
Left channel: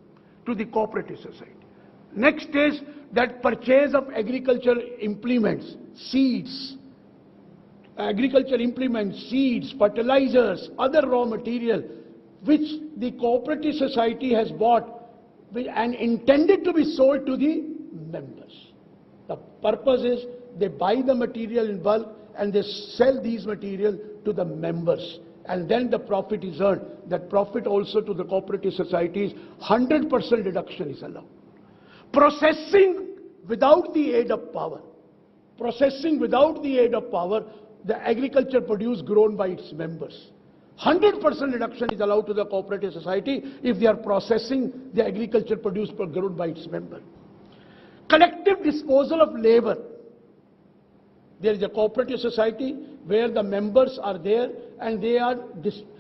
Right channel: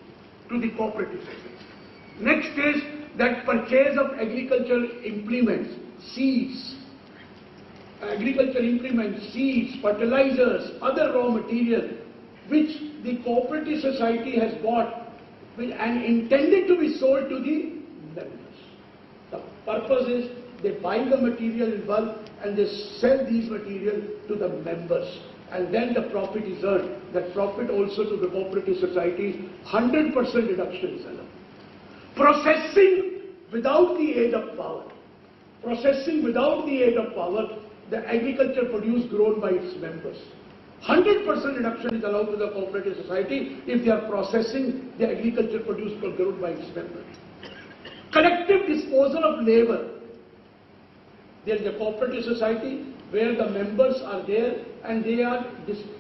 to the cooperative society. Next is that purchase of agricultural implements, seeds, seeds, fertilizers, other raw material which the cooperative society has bought and intended to be sold to the members. The purpose is they buy the material in bulk and they sell these material to the members, and then the profit is earned. That profit also to the cooperative societies, 100% reduction is allowed. Processing without the aid of power. Processing without the aid of power, the agriculture produce grown by its members. 100% reduction is allowed to the cooperative society if they are processing the agriculture produce grown by its members. Collective disposal of labor. There is a cooperative society where the members are there and they are,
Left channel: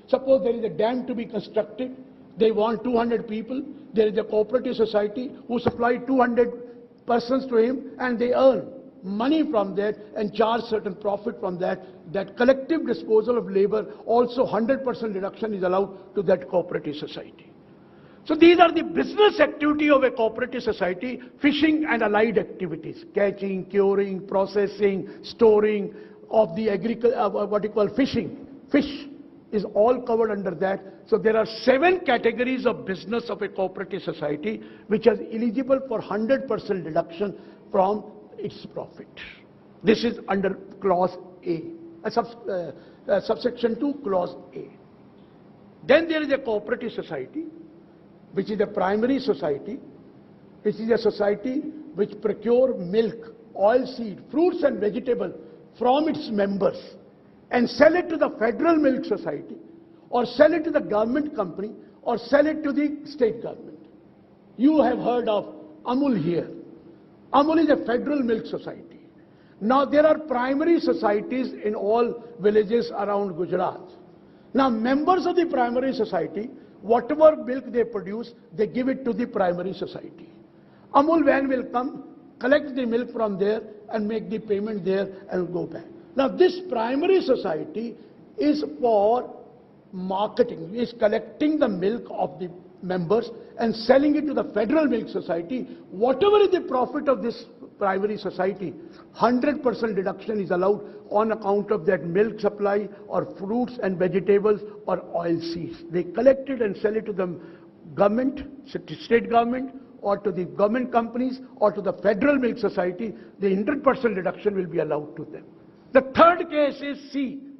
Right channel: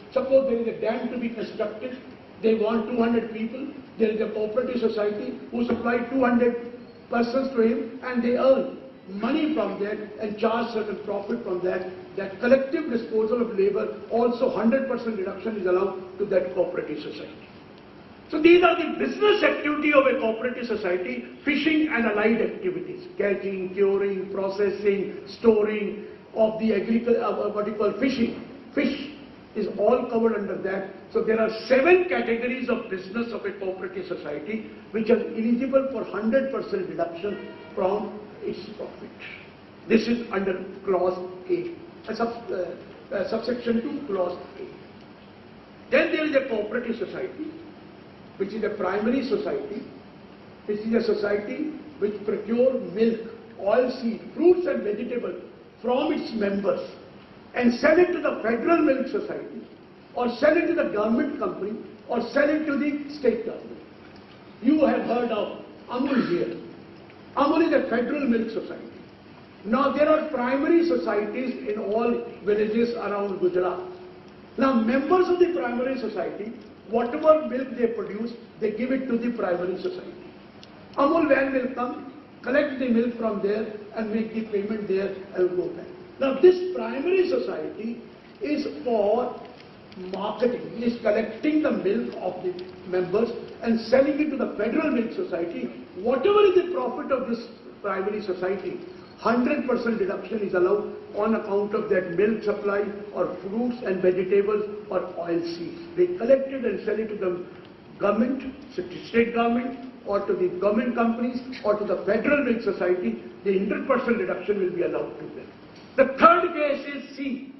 suppose there is a dam to be constructed, they want 200 people, there is a cooperative society who supply 200 persons to him and they earn money from that and charge certain profit from that. That collective disposal of labor, also 100% reduction is allowed to that cooperative society. So these are the business activity of a cooperative society, fishing and allied activities, catching, curing, processing, storing of the what you call fishing. Fish is all covered under that. So there are 7 categories of business of a cooperative society which are eligible for 100% reduction from its profit. This is under clause A, subsection 2, clause A. Then there is a cooperative society, which is a primary society. This is a society which procure milk, oilseed, fruits and vegetables from its members and sell it to the Federal Milk Society or sell it to the government company or sell it to the state government. You have heard of Amul here. Amul is a Federal Milk Society. Now there are primary societies in all villages around Gujarat. Now members of the primary society, whatever milk they produce, they give it to the primary society. Amul van will come, collect the milk from there and make the payment there and go back. Now this primary society is for marketing. He is collecting the milk of the members and selling it to the Federal Milk Society. Whatever is the profit of this primary society, 100% deduction is allowed on account of that milk supply or fruits and vegetables or oil seeds. They collect it and sell it to the government, state government, or to the government companies or to the Federal Milk Society. The 100% deduction will be allowed to them. The third case is C.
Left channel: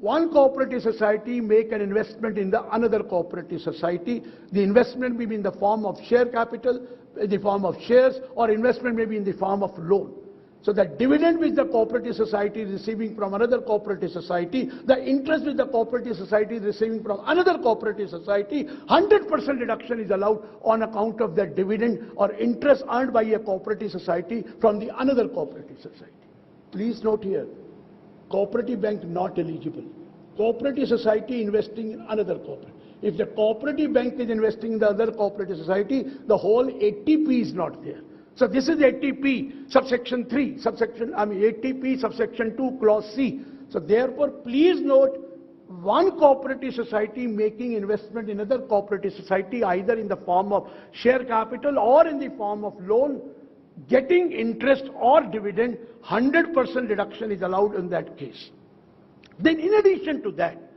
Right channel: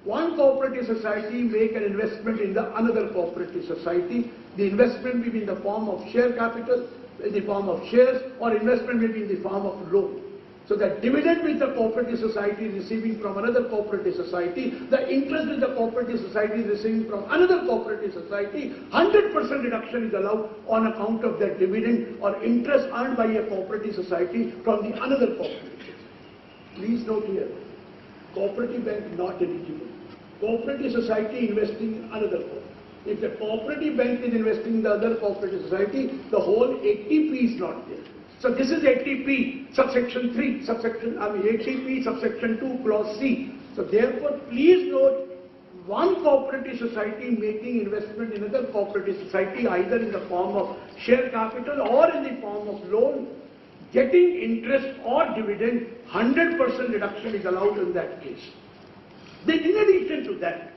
One cooperative society make an investment in the another cooperative society. The investment may be in the form of share capital, in the form of shares, or investment may be in the form of loan. So the dividend which the cooperative society is receiving from another cooperative society, the interest which the cooperative society is receiving from another cooperative society, 100% deduction is allowed on account of that dividend or interest earned by a cooperative society from the another cooperative society. Please note here, cooperative bank not eligible. Cooperative society investing in another cooperative. If the cooperative bank is investing in the other cooperative society, the whole ATP is not there. So this is ATP subsection 3, ATP subsection 2 clause C. So therefore please note, one cooperative society making investment in another cooperative society either in the form of share capital or in the form of loan, getting interest or dividend, 100% deduction is allowed in that case. Then in addition to that,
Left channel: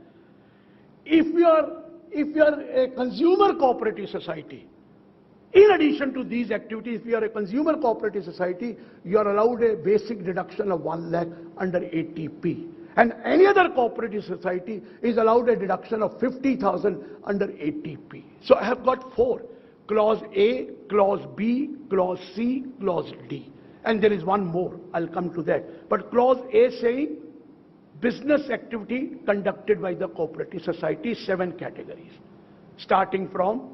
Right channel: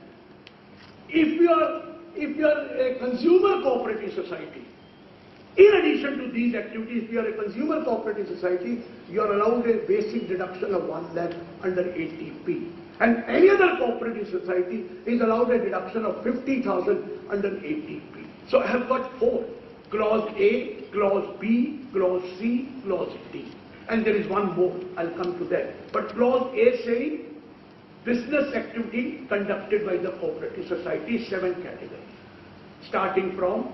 if you are a consumer cooperative society, in addition to these activities, if you are a consumer cooperative society, you are allowed a basic deduction of 1 lakh under ATP. And any other cooperative society is allowed a deduction of 50,000 under ATP. So I have got 4. Clause A, Clause B, Clause C, Clause D. And there is one more, I'll come to that. But Clause A saying, business activity conducted by the cooperative society, 7 categories. Starting from,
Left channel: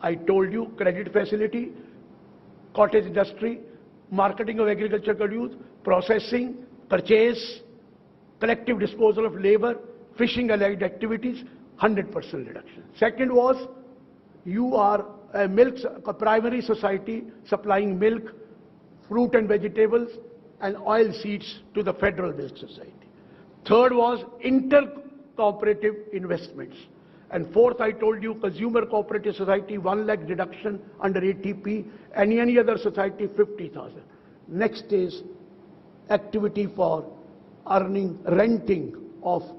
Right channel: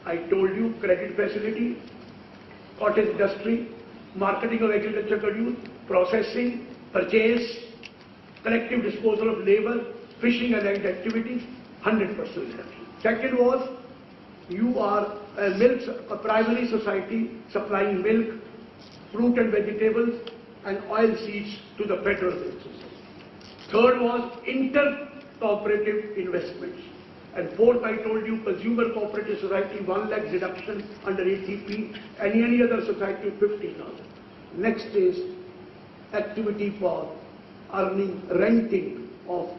I told you, credit facility, cottage industry, marketing of agricultural produce, processing, purchase, collective disposal of labor, fishing and allied activities, 100% reduction. Second was, you are a primary society supplying milk, fruit and vegetables, and oil seeds to the Federal Milk Society. Third was inter-cooperative investments. And fourth, I told you, consumer cooperative society, 1 lakh deduction under ATP, and any other society, 50,000. Next is activity for earning, renting of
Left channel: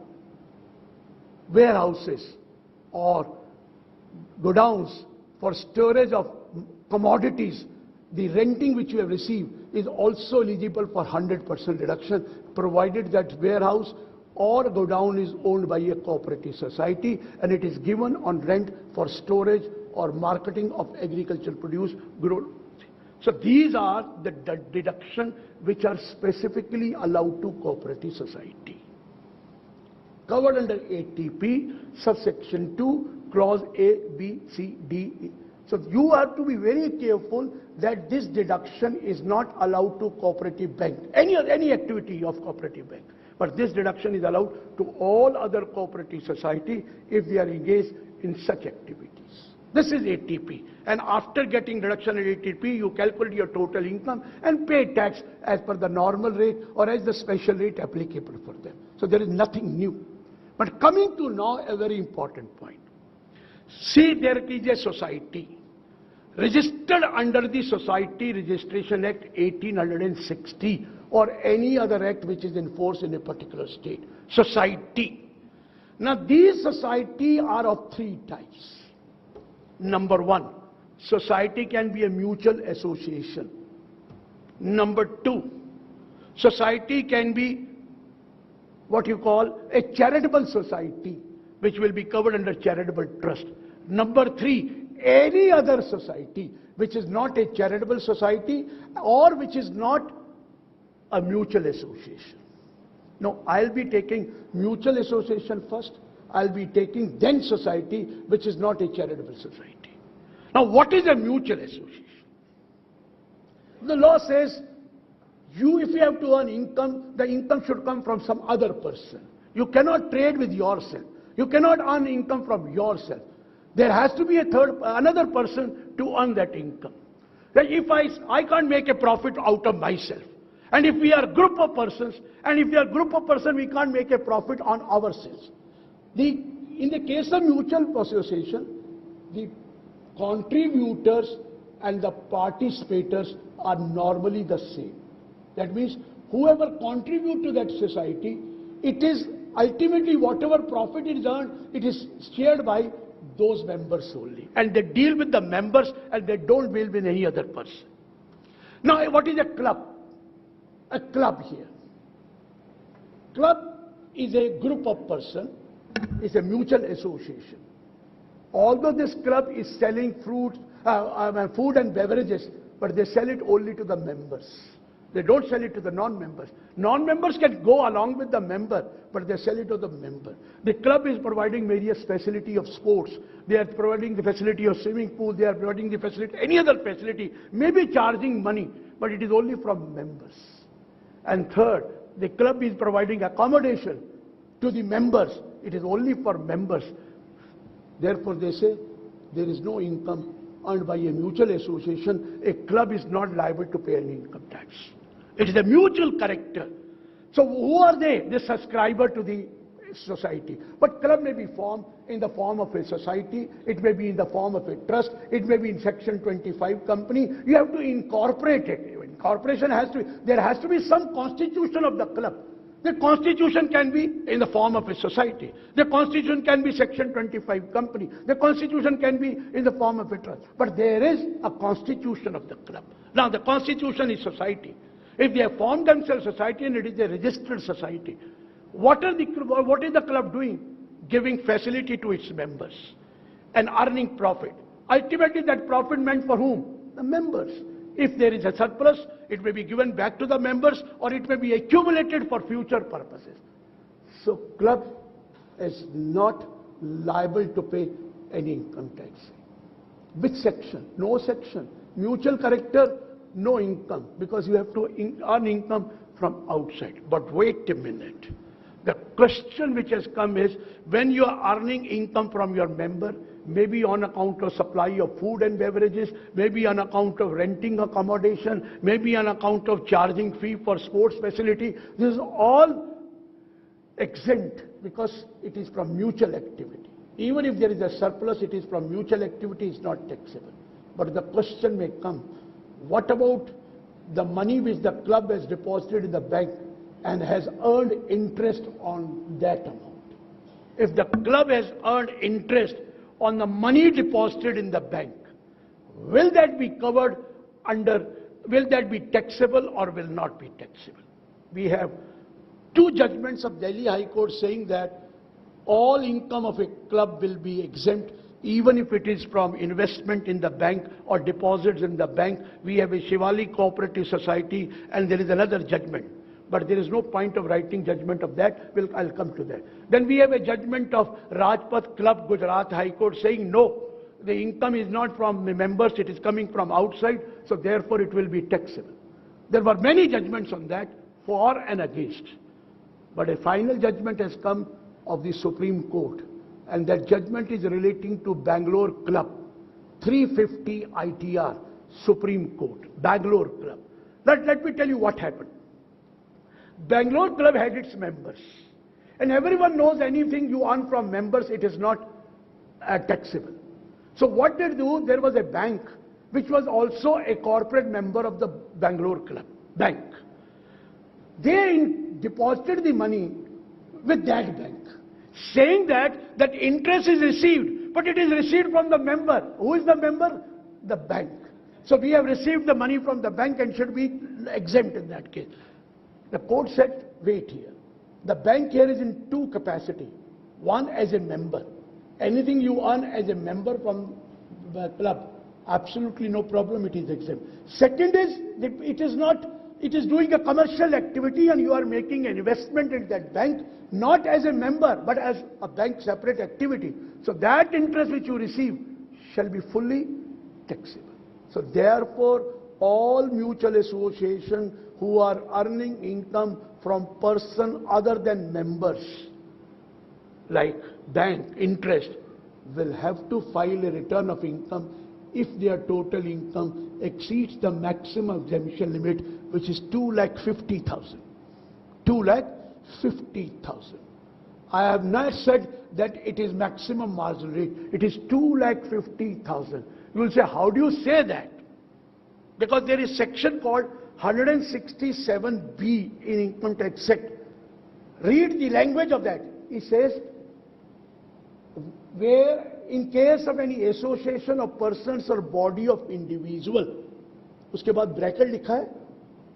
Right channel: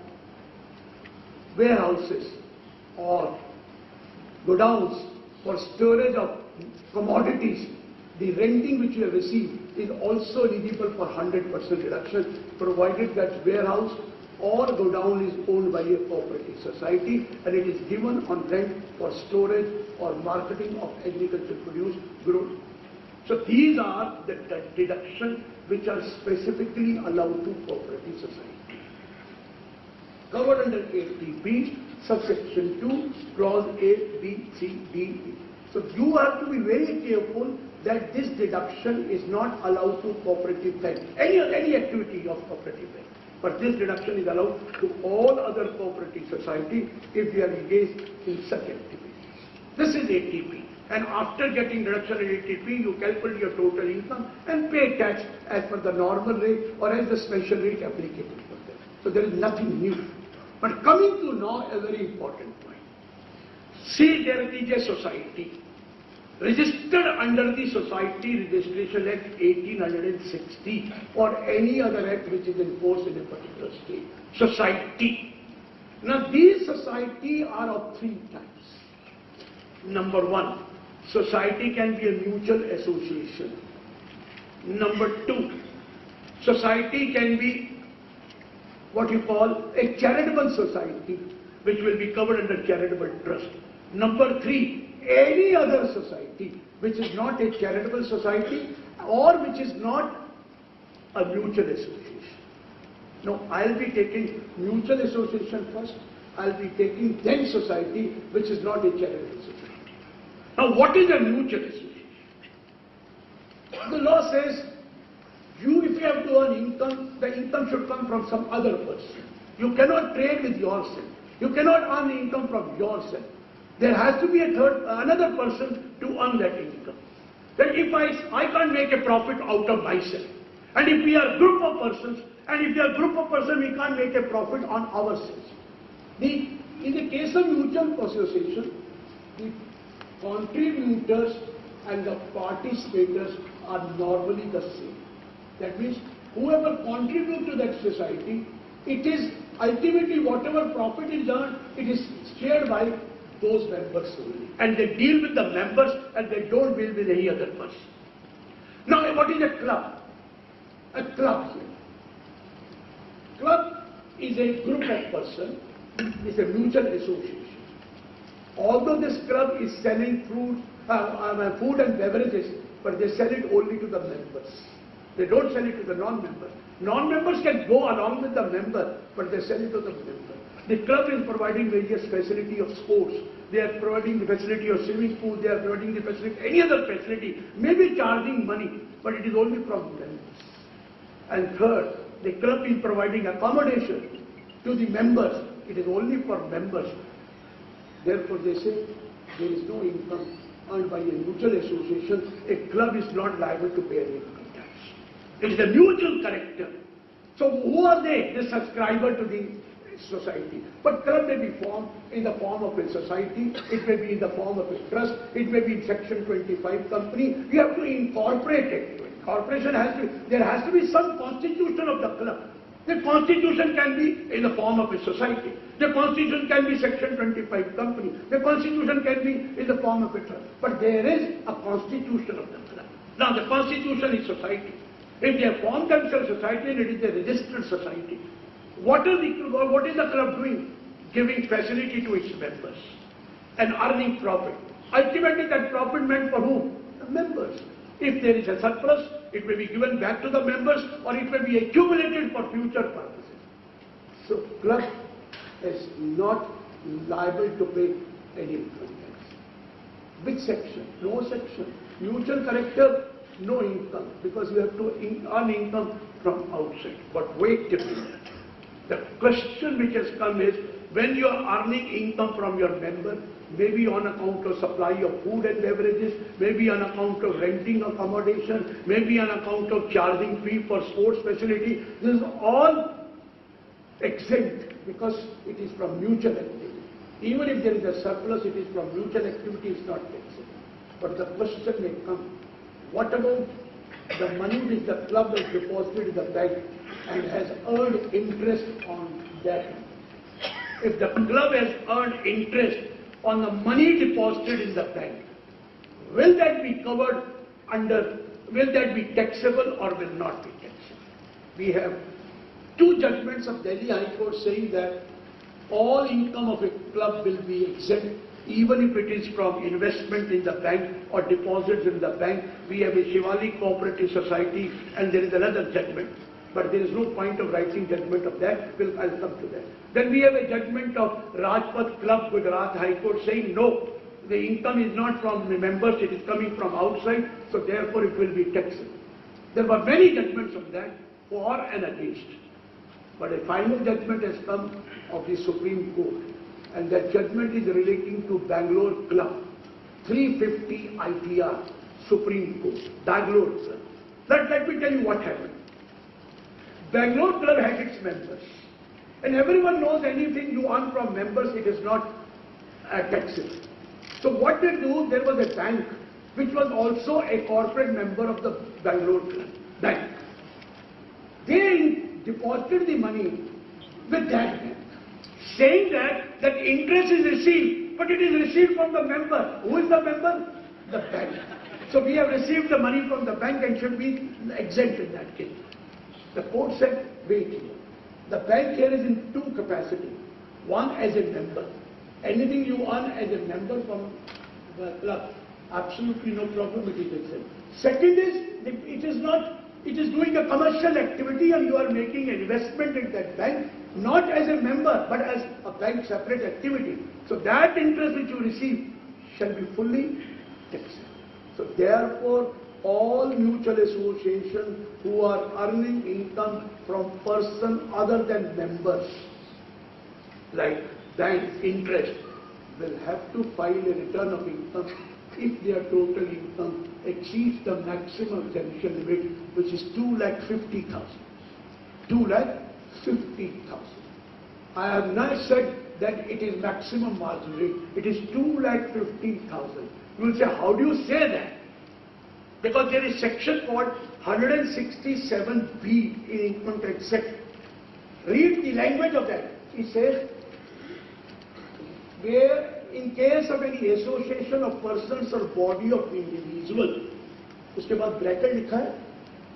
warehouses or godowns for storage of commodities. The renting which you have received is also eligible for 100% deduction, provided that warehouse or godown is owned by a cooperative society and it is given on rent for storage or marketing of agricultural produce grown. So these are the deductions which are specifically allowed to cooperative society. Covered under ATP, subsection 2, clause A, B, C, D, E. So you have to be very careful that this deduction is not allowed to cooperative bank, any activity of cooperative bank. But this deduction is allowed to all other cooperative society if they are engaged in such activities. This is ATP. And after getting deduction in ATP, you calculate your total income and pay tax as per the normal rate or as the special rate applicable for that. So there is nothing new. But coming to now a very important point. See, there is a society registered under the Society Registration Act 1860 or any other act which is in force in a particular state. Society. Now these society are of 3 types. Number 1, society can be a mutual association. Number 2, society can be what you call a charitable society, which will be covered under charitable trust. Number 3, any other society which is not a charitable society or which is not a mutual association. Now I'll be taking mutual association first. I'll be taking then society which is not a charitable society. Now what is a mutual association? The law says if you have to earn income, the income should come from some other person. You cannot trade with yourself. You cannot earn income from yourself. There has to be another person to earn that income. Then if I can't make a profit out of myself, and if we are a group of persons, we can't make a profit on ourselves. The In the case of mutual association, the contributors and the participators are normally the same. That means whoever contributes to that society, it is ultimately whatever profit is earned, it is shared by those members only. And they deal with the members and they don't deal with any other person. Now, what is a club? A club here. Club is a group of persons, is a mutual association. Although this club is selling food and beverages, but they sell it only to the members. They don't sell it to the non-members. Non-members can go along with the member, but they sell it to the member. The club is providing various facility of sports. They are providing the facility of swimming pool. They are providing the facility, any other facility, maybe charging money, but it is only from members. And third, the club is providing accommodation to the members. It is only for members. Therefore, they say there is no income earned by a mutual association. A club is not liable to pay any income tax. It is a mutual character. So who are they? The subscriber to the society. But club may be formed in the form of a society. It may be in the form of a trust. It may be in Section 25 company. You have to incorporate it. Corporation has to, there has to be some constitution of the club. The constitution can be in the form of a society. The constitution can be Section 25 company. The constitution can be in the form of a trust. But there is a constitution of the club. Now the constitution is society. If they have formed themselves society and it is a registered society, what is the club doing? Giving facility to its members and earning profit. Ultimately that profit meant for whom? The members. If there is a surplus, it may be given back to the members or it may be accumulated for future purposes. So club is not liable to pay any income tax. Which section? No section. Mutual character, no income, because you have to earn income from outside. But wait a minute. The question which has come is, when you are earning income from your member, maybe on account of supply of food and beverages, maybe on account of renting accommodation, maybe on account of charging fee for sports facility, this is all exempt because it is from mutual activity. Even if there is a surplus, it is from mutual activity, it's not taxable. But the question may come, what about the money which the club has deposited in the bank and has earned interest on that? If the club has earned interest on the money deposited in the bank, will that be covered under, will that be taxable or will not be taxable? We have two judgments of Delhi High Court saying that all income of a club will be exempt, even if it is from investment in the bank or deposits in the bank. We have a Shivali Cooperative Society and there is another judgment. But there is no point of writing judgment of that. I'll come to that. Then we have a judgment of Rajpath Club, Gujarat High Court saying no, the income is not from the members, it is coming from outside, so therefore it will be taxable. There were many judgments on that, for and against. But a final judgment has come of the Supreme Court, and that judgment is relating to Bangalore Club, 350 ITR, Supreme Court, Bangalore Club. Let me tell you what happened. Bangalore Club had its members. And everyone knows anything you earn from members, it is not taxable. So what they do, there was a bank which was also a corporate member of the Bangalore Club bank. They deposited the money with that bank, saying that interest is received, but it is received from the member. Who is the member? The bank. So we have received the money from the bank and should be exempt in that case. The court said, wait here. The bank here is in two capacities. One as a member. Anything you earn as a member from the club, absolutely no problem, it is exempt. Second is, it is doing a commercial activity and you are making investment in that bank, not as a member, but as a bank separate activity. So that interest which you receive shall be fully taxable. So therefore, all mutual associations who are earning income from person other than members, like bank interest, will have to file a return of income if their total income exceeds the maximum exemption limit, which is 2,50,000. 2,50,000. I have not said that it is maximum marginal rate. It is 2,50,000. You will say, how do you say that? Because there is section called 167B in Income Tax Act. Read the language of that. It says, where in case of any association of persons or body of individual, उसके बाद bracket लिखा है,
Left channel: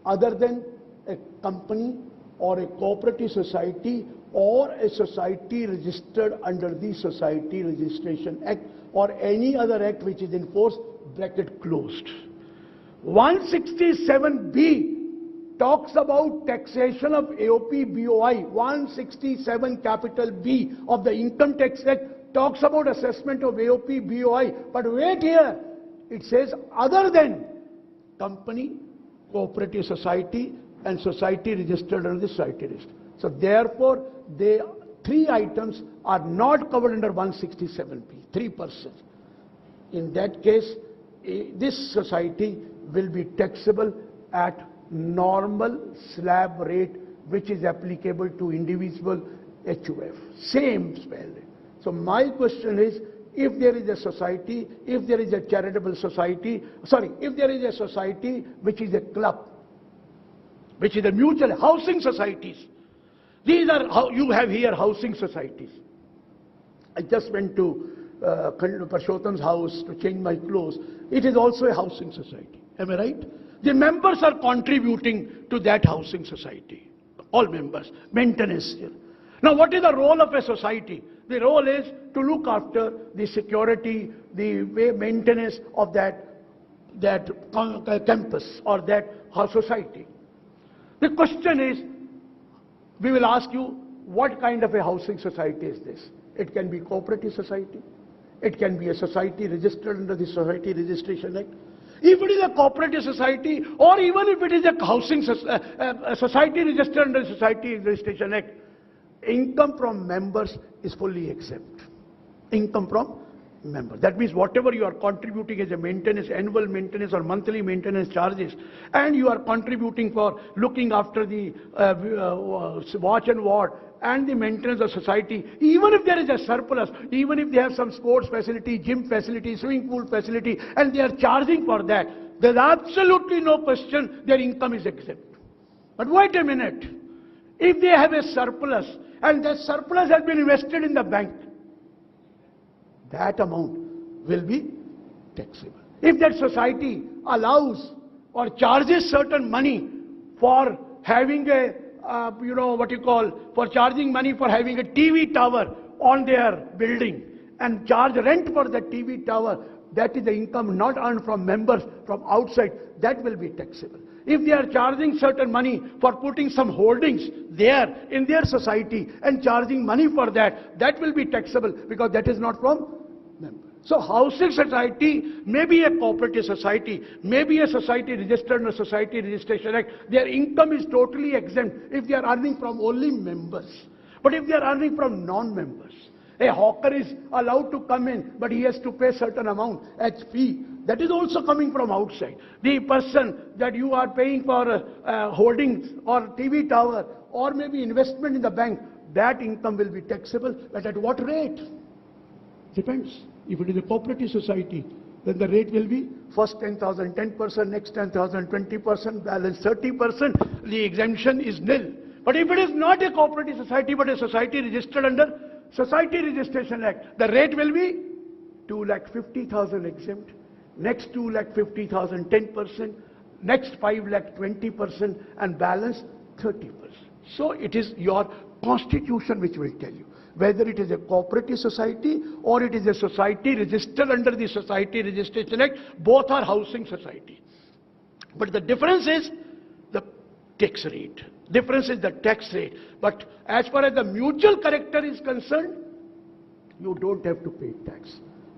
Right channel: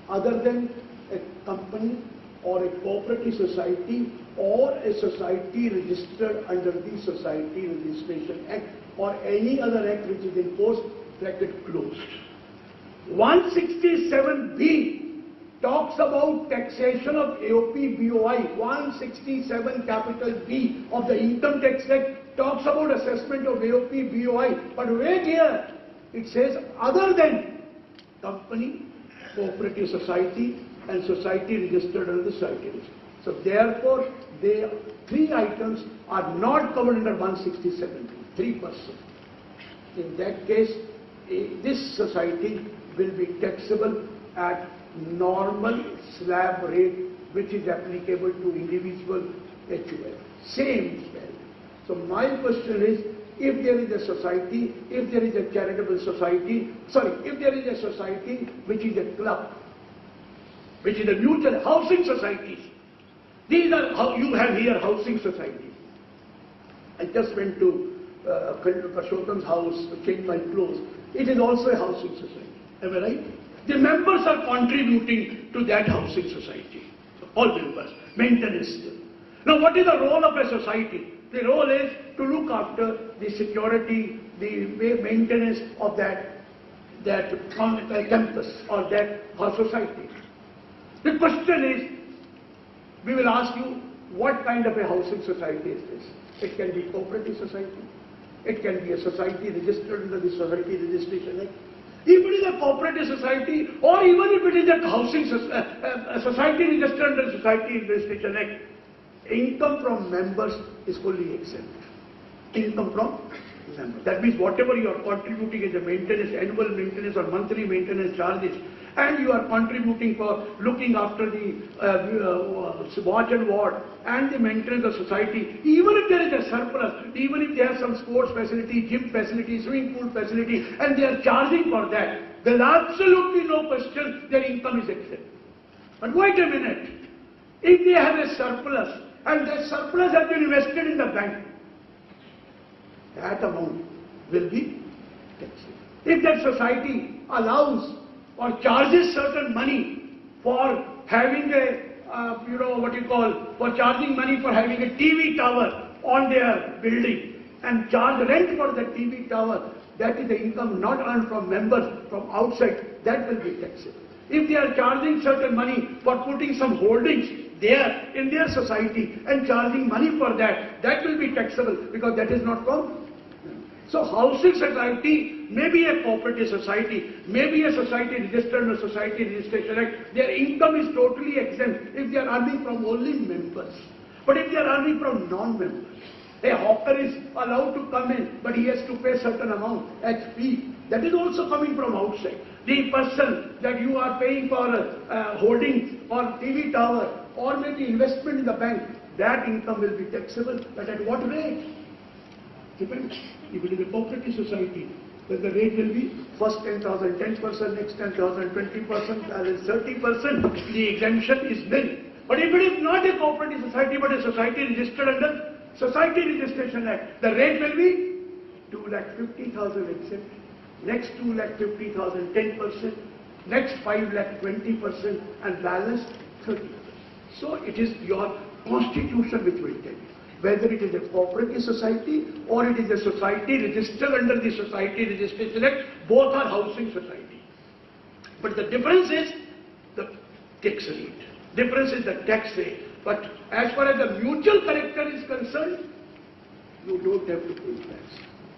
other than a company or a cooperative society or a society registered under the Society Registration Act or any other act which is in force, bracket closed. 167B talks about taxation of AOP BOI. 167 capital B of the Income Tax Act talks about assessment of AOP BOI. But wait here, it says other than company, cooperative society and society registered under the society registry. So therefore, the three items are not covered under 167B, 3%. In that case, this society will be taxable at normal slab rate which is applicable to individual HUF. Same spell. So my question is, if there is a society, if there is a charitable society, if there is a society which is a club, which is a mutual housing societies, these are how you have here housing societies. I just went to Parshottam's house to change my clothes. It is also a housing society. Am I right? The members are contributing to that housing society. All members, maintenance still. Now what is the role of a society? The role is to look after the security, the maintenance of that campus or that society. The question is, we will ask you, what kind of a housing society is this? It can be cooperative society. It can be a society registered under the Society Registration Act. If it is a cooperative society, or even if it is a housing society registered under the Society Registration Act, income from members is fully exempt. Income from members. That means whatever you are contributing as a maintenance, annual maintenance or monthly maintenance charges, and you are contributing for looking after the watch and ward and the maintenance of society, even if there is a surplus, even if they have some sports facility, gym facility, swimming pool facility, and they are charging for that, there is absolutely no question their income is exempt. But wait a minute, if they have a surplus, and that surplus has been invested in the bank, that amount will be taxable. If that society allows or charges certain money for having a, for charging money for having a TV tower on their building and charge rent for that TV tower, that is the income not earned from members from outside, that will be taxable. If they are charging certain money for putting some holdings there in their society and charging money for that, that will be taxable because that is not from. So housing society may be a cooperative society, may be a society registered under Society Registration Act. Their income is totally exempt if they are earning from only members. But if they are earning from non-members, a hawker is allowed to come in, but he has to pay certain amount as fee. That is also coming from outside. The person that you are paying for holdings or TV tower or maybe investment in the bank, that income will be taxable. But at what rate? Depends. If it is a cooperative society, then the rate will be first 10,000, 10%, next 10,000, 20%, balance 30%. The exemption is nil. But if it is not a cooperative society but a society registered under Society Registration Act, the rate will be 2,50,000 exempt, next 2,50,000 10%, next 5,20% and balance 30%. So it is your constitution which will tell you whether it is a cooperative society or it is a society registered under the Society Registration Act. Both are housing society. But the difference is the tax rate. Difference is the tax rate. But as far as the mutual character is concerned, you don't have to pay tax.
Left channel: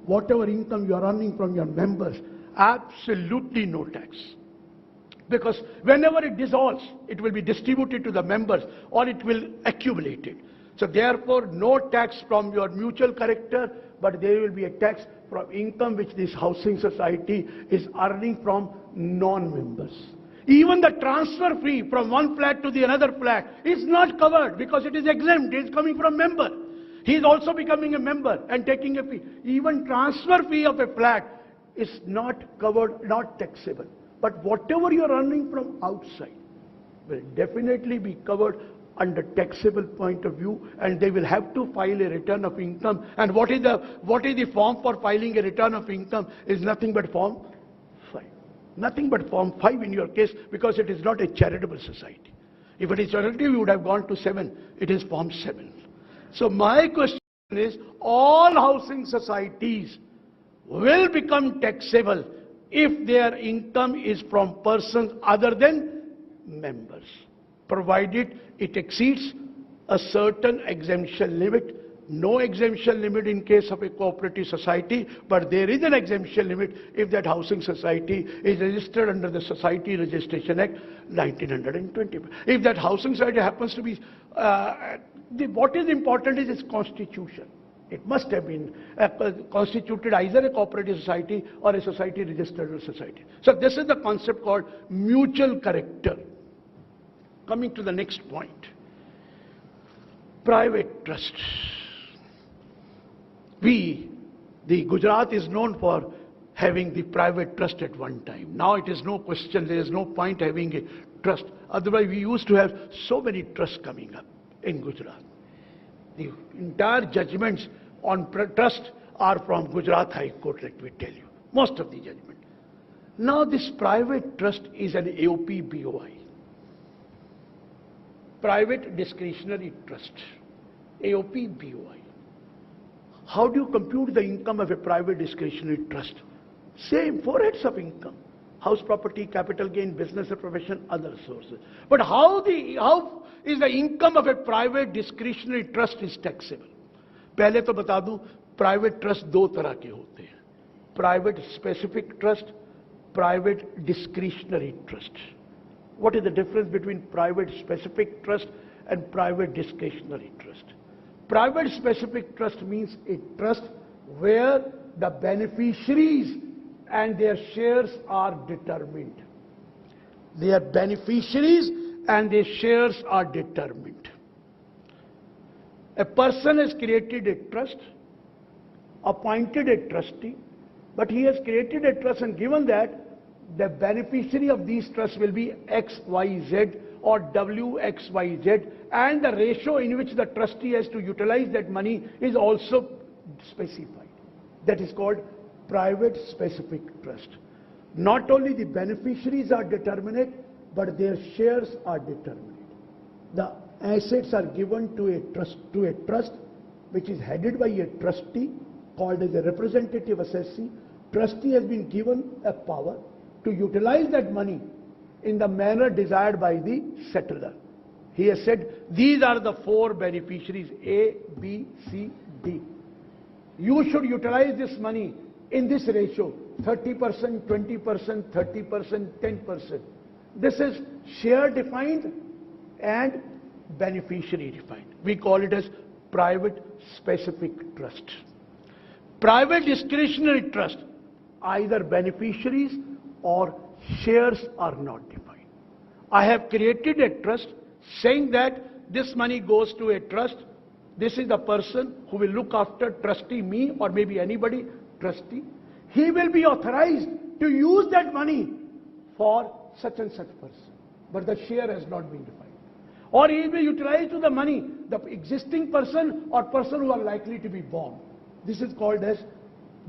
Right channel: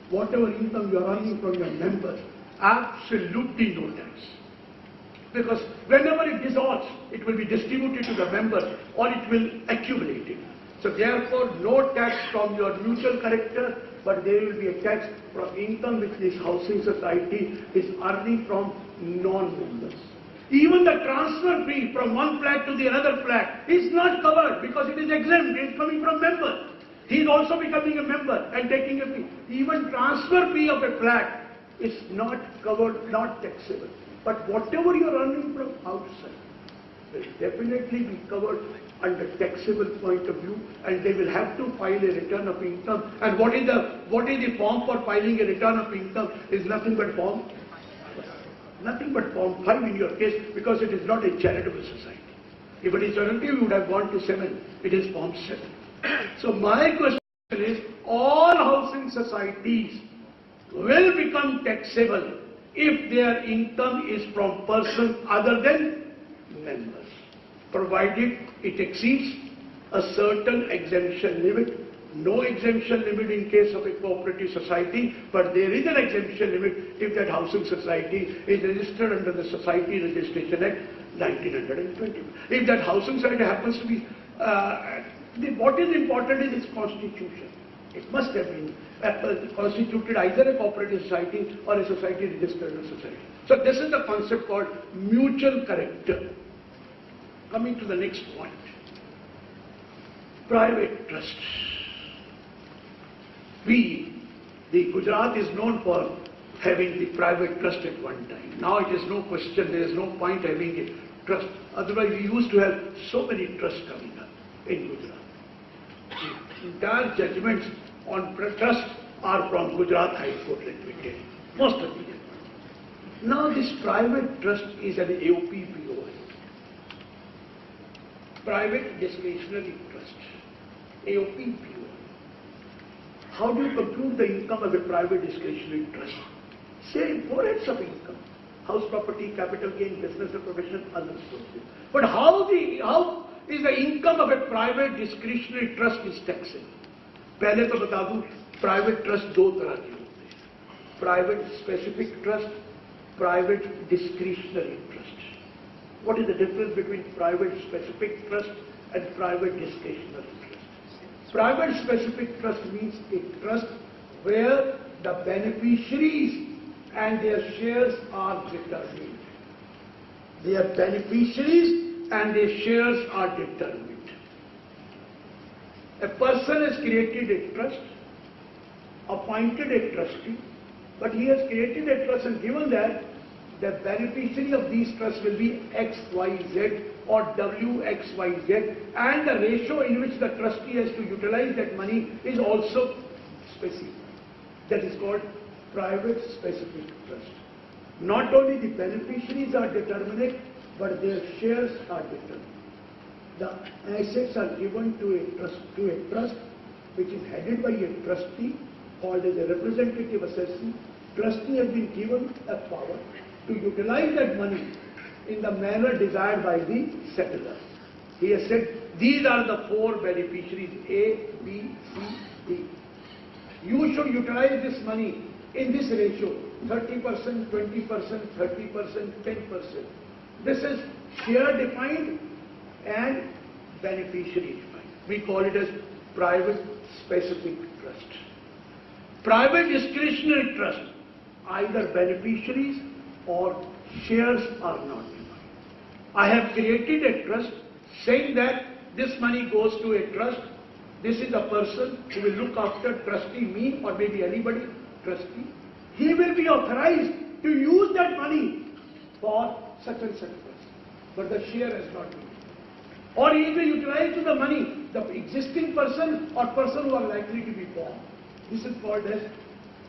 Whatever income you are earning from your members, absolutely no tax. Because whenever it dissolves, it will be distributed to the members or it will accumulate it. So therefore, no tax from your mutual character, but there will be a tax from income which this housing society is earning from non-members. Even the transfer fee from one flat to the another flat is not covered because it is exempt, it is coming from members. He is also becoming a member and taking a fee. Even transfer fee of a flat is not covered, not taxable. But whatever you are earning from outside will definitely be covered under taxable point of view, and they will have to file a return of income. And what is the form for filing a return of income? Is nothing but form 5 in your case, because it is not a charitable society. If it is charity, you would have gone to 7. It is form 7. So my question is, all housing societies will become taxable if their income is from person other than members, provided it exceeds a certain exemption limit. No exemption limit in case of a cooperative society, but there is an exemption limit if that housing society is registered under the Society Registration Act 1920. If that housing society happens to be, what is important is its constitution. It must have been constituted either a cooperative society or a society registered as a society. So this is the concept called mutual character. Coming to the next point, private trust. The Gujarat is known for having the private trust at one time. Now it is no question, there is no point having a trust. Otherwise we used to have so many trusts coming up in Gujarat. The entire judgments on trust are from Gujarat High Court, let me tell you. Most of the judgments. Now this private trust is an AOPBOI. Private discretionary trust. AOPBOI. How do you compute the income of a private discretionary trust? Say 4 heads of income: house property, capital gain, business or profession, other sources. But how is the income of a private discretionary trust is taxable? पहले तो बता दूं, private trust 2 तरह के होते हैं: private specific trust, private discretionary trust. What is the difference between private specific trust and private discretionary trust? Private specific trust means a trust where the beneficiaries and their shares are determined. Their beneficiaries and their shares are determined. A person has created a trust, appointed a trustee, but he has created a trust and given that the beneficiary of these trusts will be XYZ or WXYZ, and the ratio in which the trustee has to utilize that money is also specified. That is called private specific trust. Not only the beneficiaries are determined, but their shares are determined. The assets are given to a trust which is headed by a trustee called as a representative assessee. Trustee has been given a power to utilize that money in the manner desired by the settlor. He has said, these are the 4 beneficiaries, A, B, C, D. You should utilize this money in this ratio, 30%, 20%, 30%, 10%. This is share defined and beneficiary defined. We call it as private specific trust. Private discretionary trust, either beneficiaries or shares are not defined. I have created a trust saying that this money goes to a trust. This is the person who will look after trustee, me or maybe anybody, trustee. He will be authorized to use that money for such and such person. But the share has not been. Or he will utilize to the money the existing person or person who are likely to be born. This is called as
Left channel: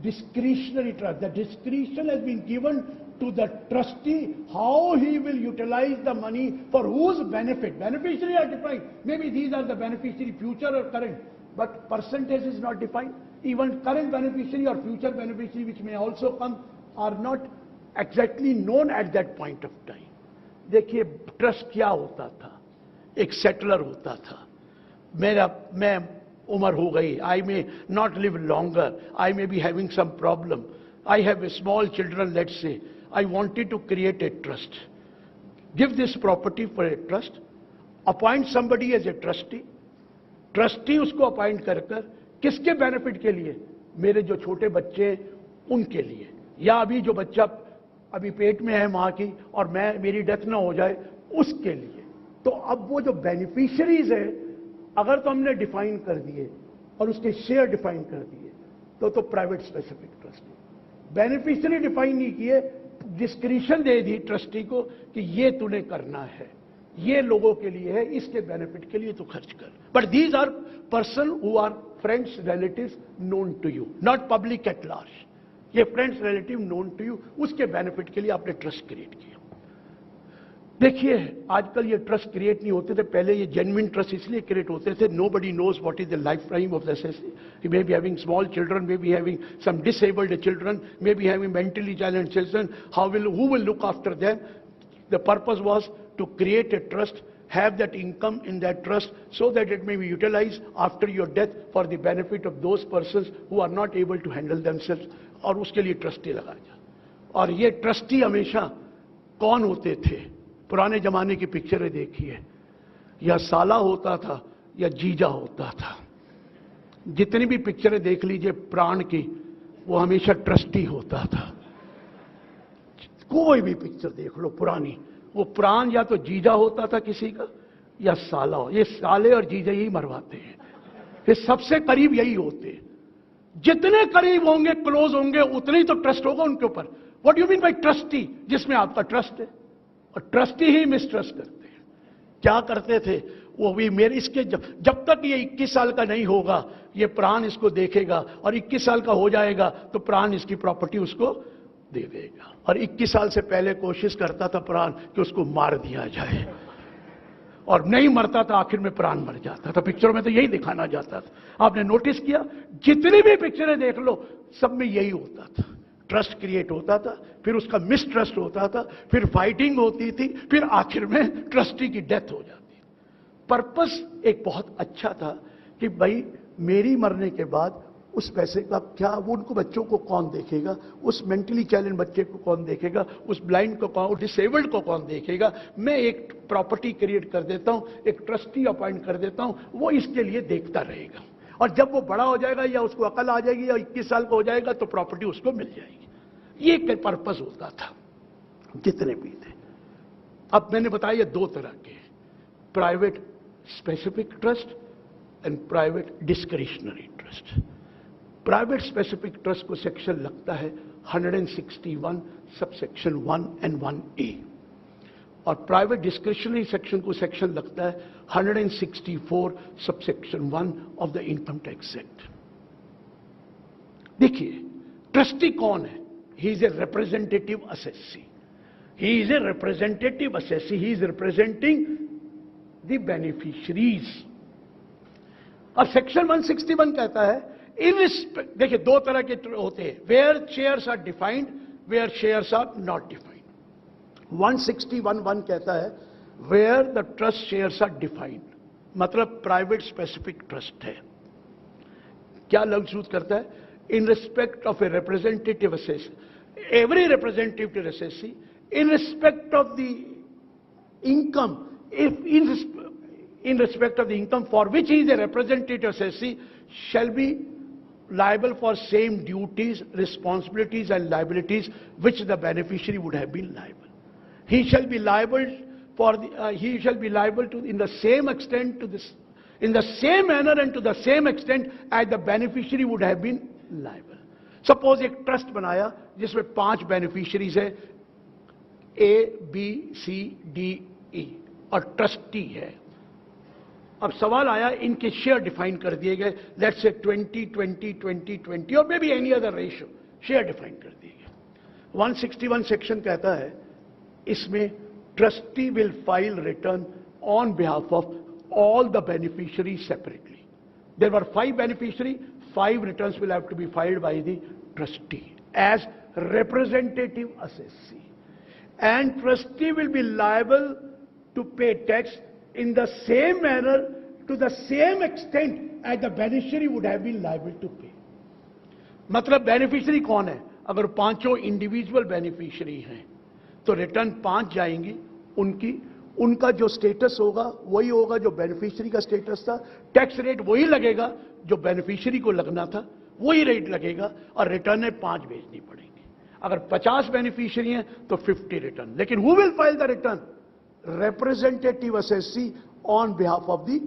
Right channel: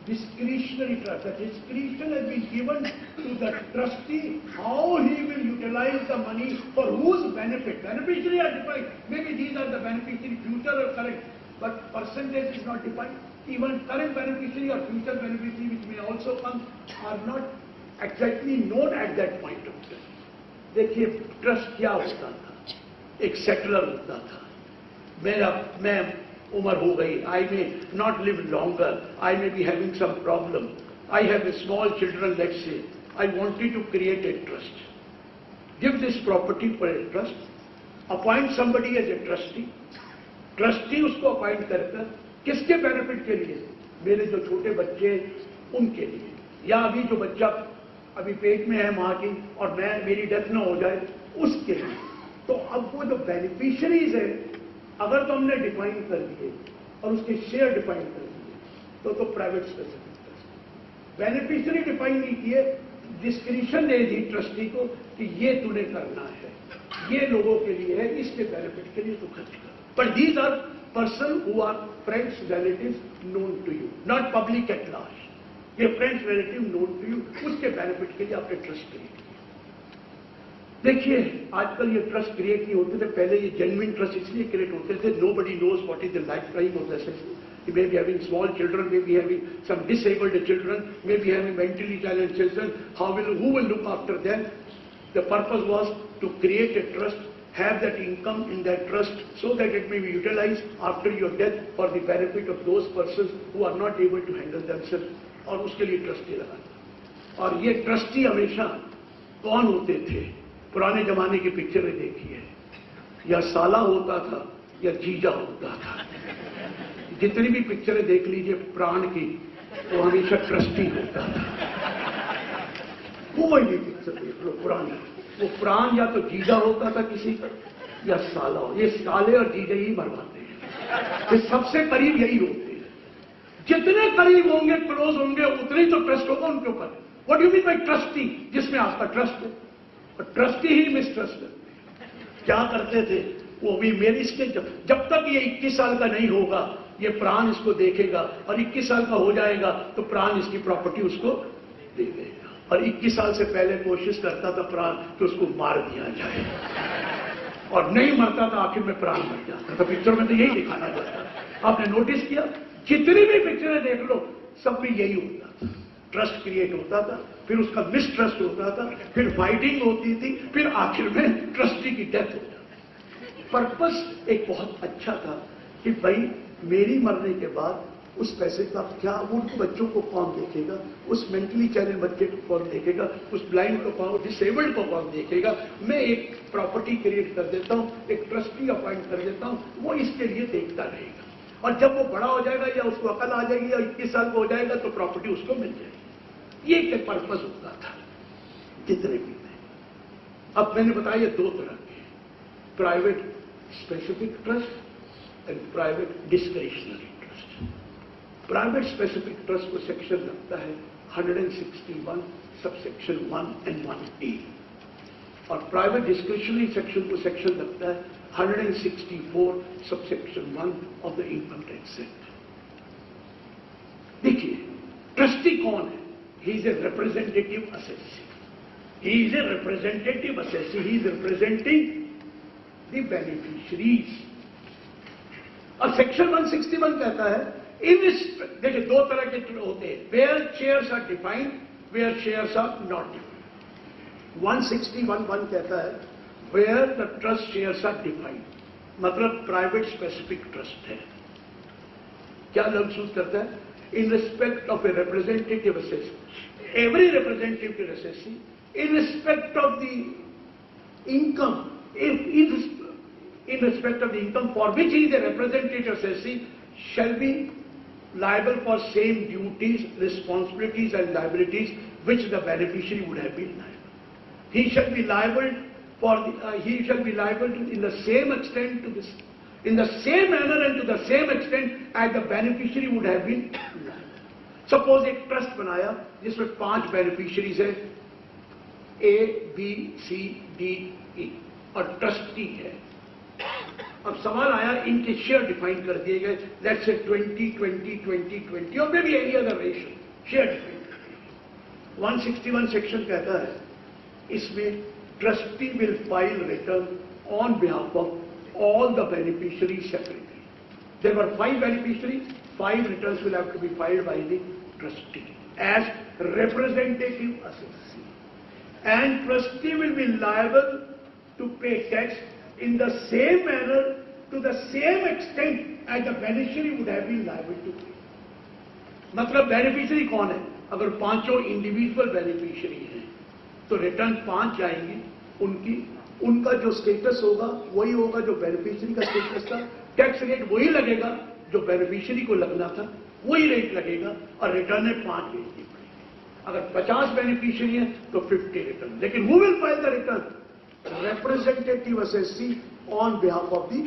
discretionary trust. The discretion has been given to the trustee how he will utilize the money for whose benefit. Beneficiary are defined. Maybe these are the beneficiary, future or current, but percentage is not defined. Even current beneficiary or future beneficiary which may also come are not exactly known at that point of time. देखिए trust क्या होता था? एक settler होता था. मैं उम्र हो गई, I may not live longer, I may be having some problem, I have small children, let's say, I wanted to create a trust. Give this property for a trust, appoint somebody as a trustee, trustee उसको appoint कर किसके benefit के लिए? मेरे जो छोटे बच्चे उनके लिए, या अभी जो बच्चा अभी पेट में है माँ की और मेरी डेथ न हो जाए उसके लिए. तो अब वो जो बेनिफिशियरीज है, अगर तो हमने डिफाइन कर दिए और उसके शेयर डिफाइन कर दिए, तो private specific trust. Beneficiary define नहीं किए, डिस्क्रिशन दे दी ट्रस्टी को कि ये तूने करना है, ये लोगों के लिए है, इसके बेनिफिट के लिए तू खर्च कर। But these are person who are friends relatives known to you, not public at large. ये friends relative known to you, उसके बेनिफिट के लिए आपने ट्रस्ट क्रिएट किया। देखिए आजकल ये ट्रस्ट क्रिएट नहीं होते थे, पहले ये जेन्युइन ट्रस्ट इसलिए क्रिएट होते थे, nobody knows what is the life time of the assessee. He may be having small children, may be having some disabled children, may be having mentally challenged children. Who will look after them? The purpose was to create a trust, have that income in that trust, so that it may be utilized after your death for the benefit of those persons who are not able to handle themselves. और उसके लिए trustee लगाता। और ये trustee हमेशा कौन होते थे? पुराने जमाने की पिक्चरें देखी है, या साला होता था या जीजा होता था। जितनी भी पिक्चरें देख लीजिए प्राण की, वो हमेशा ट्रस्टी होता था। कोई भी पिक्चर देख लो पुरानी, वो प्राण या तो जीजा होता था किसी का, या साला हो। ये साले और जीजे ही मरवाते हैं, ये सबसे करीब यही होते हैं। जितने करीब होंगे, क्लोज होंगे, उतने ही तो ट्रस्ट होगा उनके ऊपर। What you mean by trustee? जिसमें आपका ट्रस्ट है, और ट्रस्टी ही मिसट्रस्ट करते हैं। क्या करते थे वो भी मेरे इसके जब तक ये 21 साल का नहीं होगा, ये प्राण इसको देखेगा, और 21 साल का हो जाएगा तो प्राण इसकी प्रॉपर्टी उसको दे देगा। और 21 साल से पहले कोशिश करता था प्राण कि उसको मार दिया जाए, और नहीं मरता था, आखिर में प्राण मर जाता था। पिक्चर में तो यही दिखाना जाता था। आपने नोटिस किया, जितनी भी पिक्चरें देख लो सब में यही होता था। ट्रस्ट क्रिएट होता था, फिर उसका मिसट्रस्ट होता था, फिर फाइटिंग होती थी, फिर आखिर में ट्रस्टी की डेथ हो जाती। पर्पस एक बहुत अच्छा था कि भाई मेरी मरने के बाद उस पैसे का क्या, उनको बच्चों को कौन देखेगा, उस मेंटली चैलेंज बच्चे को कौन देखेगा, उस ब्लाइंड को कौन, डिसेबल्ड को कौन देखेगा। मैं एक प्रॉपर्टी क्रिएट कर देता हूं, एक ट्रस्टी अपॉइंट कर देता हूं, वो इसके लिए देखता रहेगा। और जब वो बड़ा हो जाएगा या उसको अकल आ जाएगी या 21 साल का हो जाएगा तो प्रॉपर्टी उसको मिल जाएगी। ये एक पर्पस होता था, जितने भी थे। अब मैंने बताया ये दो तरह के, private specific trust and private discretionary trust. Private specific trust को सेक्शन लगता है 161 सब सेक्शन 1 and 1A, और प्राइवेट डिस्क्रिशनरी सेक्शन को सेक्शन लगता है 164 sub section 1 of the income tax act. देखिए ट्रस्टी कौन है? He is a representative assessee. He is a representative assessee, he is representing the beneficiaries. और section 161 कहता है देखिए दो तरह के होते हैं, where shares are defined, where shares are not defined. 161(1) कहता है where the trust shares are defined, मतलब प्राइवेट स्पेसिफिक ट्रस्ट है। क्या लफ्ज यूज करता है? In respect of a representative assessee, every representative assessee in respect of the income, in respect of the income for which he is a representative assessee, shall be liable for same duties, responsibilities and liabilities which the beneficiary would have been liable. He shall be liable for he shall be liable to, in the same extent to this, in the same manner and to the same extent as the beneficiary would have been liable. Suppose एक trust बनाया जिसमें 5 beneficiaries है, A, B, C, D, E, और trustee है। अब सवाल आया, इनके शेयर डिफाइन कर दिए गए, लेट्स से 20, 20, 20, 20 और may be any other ratio, share define कर दिए गए। 161 सेक्शन कहता है इसमें trustee will file return on behalf of all the beneficiary separately. There were 5 beneficiary, 5 returns will have to be filed by the trustee as representative assessee, and trustee will be liable to pay tax in the same manner to the same extent as the beneficiary would have been liable to pay. मतलब beneficiary कौन है? अगर 5 individual beneficiary हैं तो return 5 जाएंगी उनकी, उनका जो स्टेटस होगा वही होगा जो बेनिफिशियरी का स्टेटस था, टैक्स रेट वही लगेगा जो बेनिफिशियरी को लगना था, वही रेट लगेगा, और रिटर्न है 5 भेजनी पड़ेगी। अगर 50 बेनिफिशियरी हैं तो 50 रिटर्न, लेकिन who will file the return? Representative assessee on behalf of the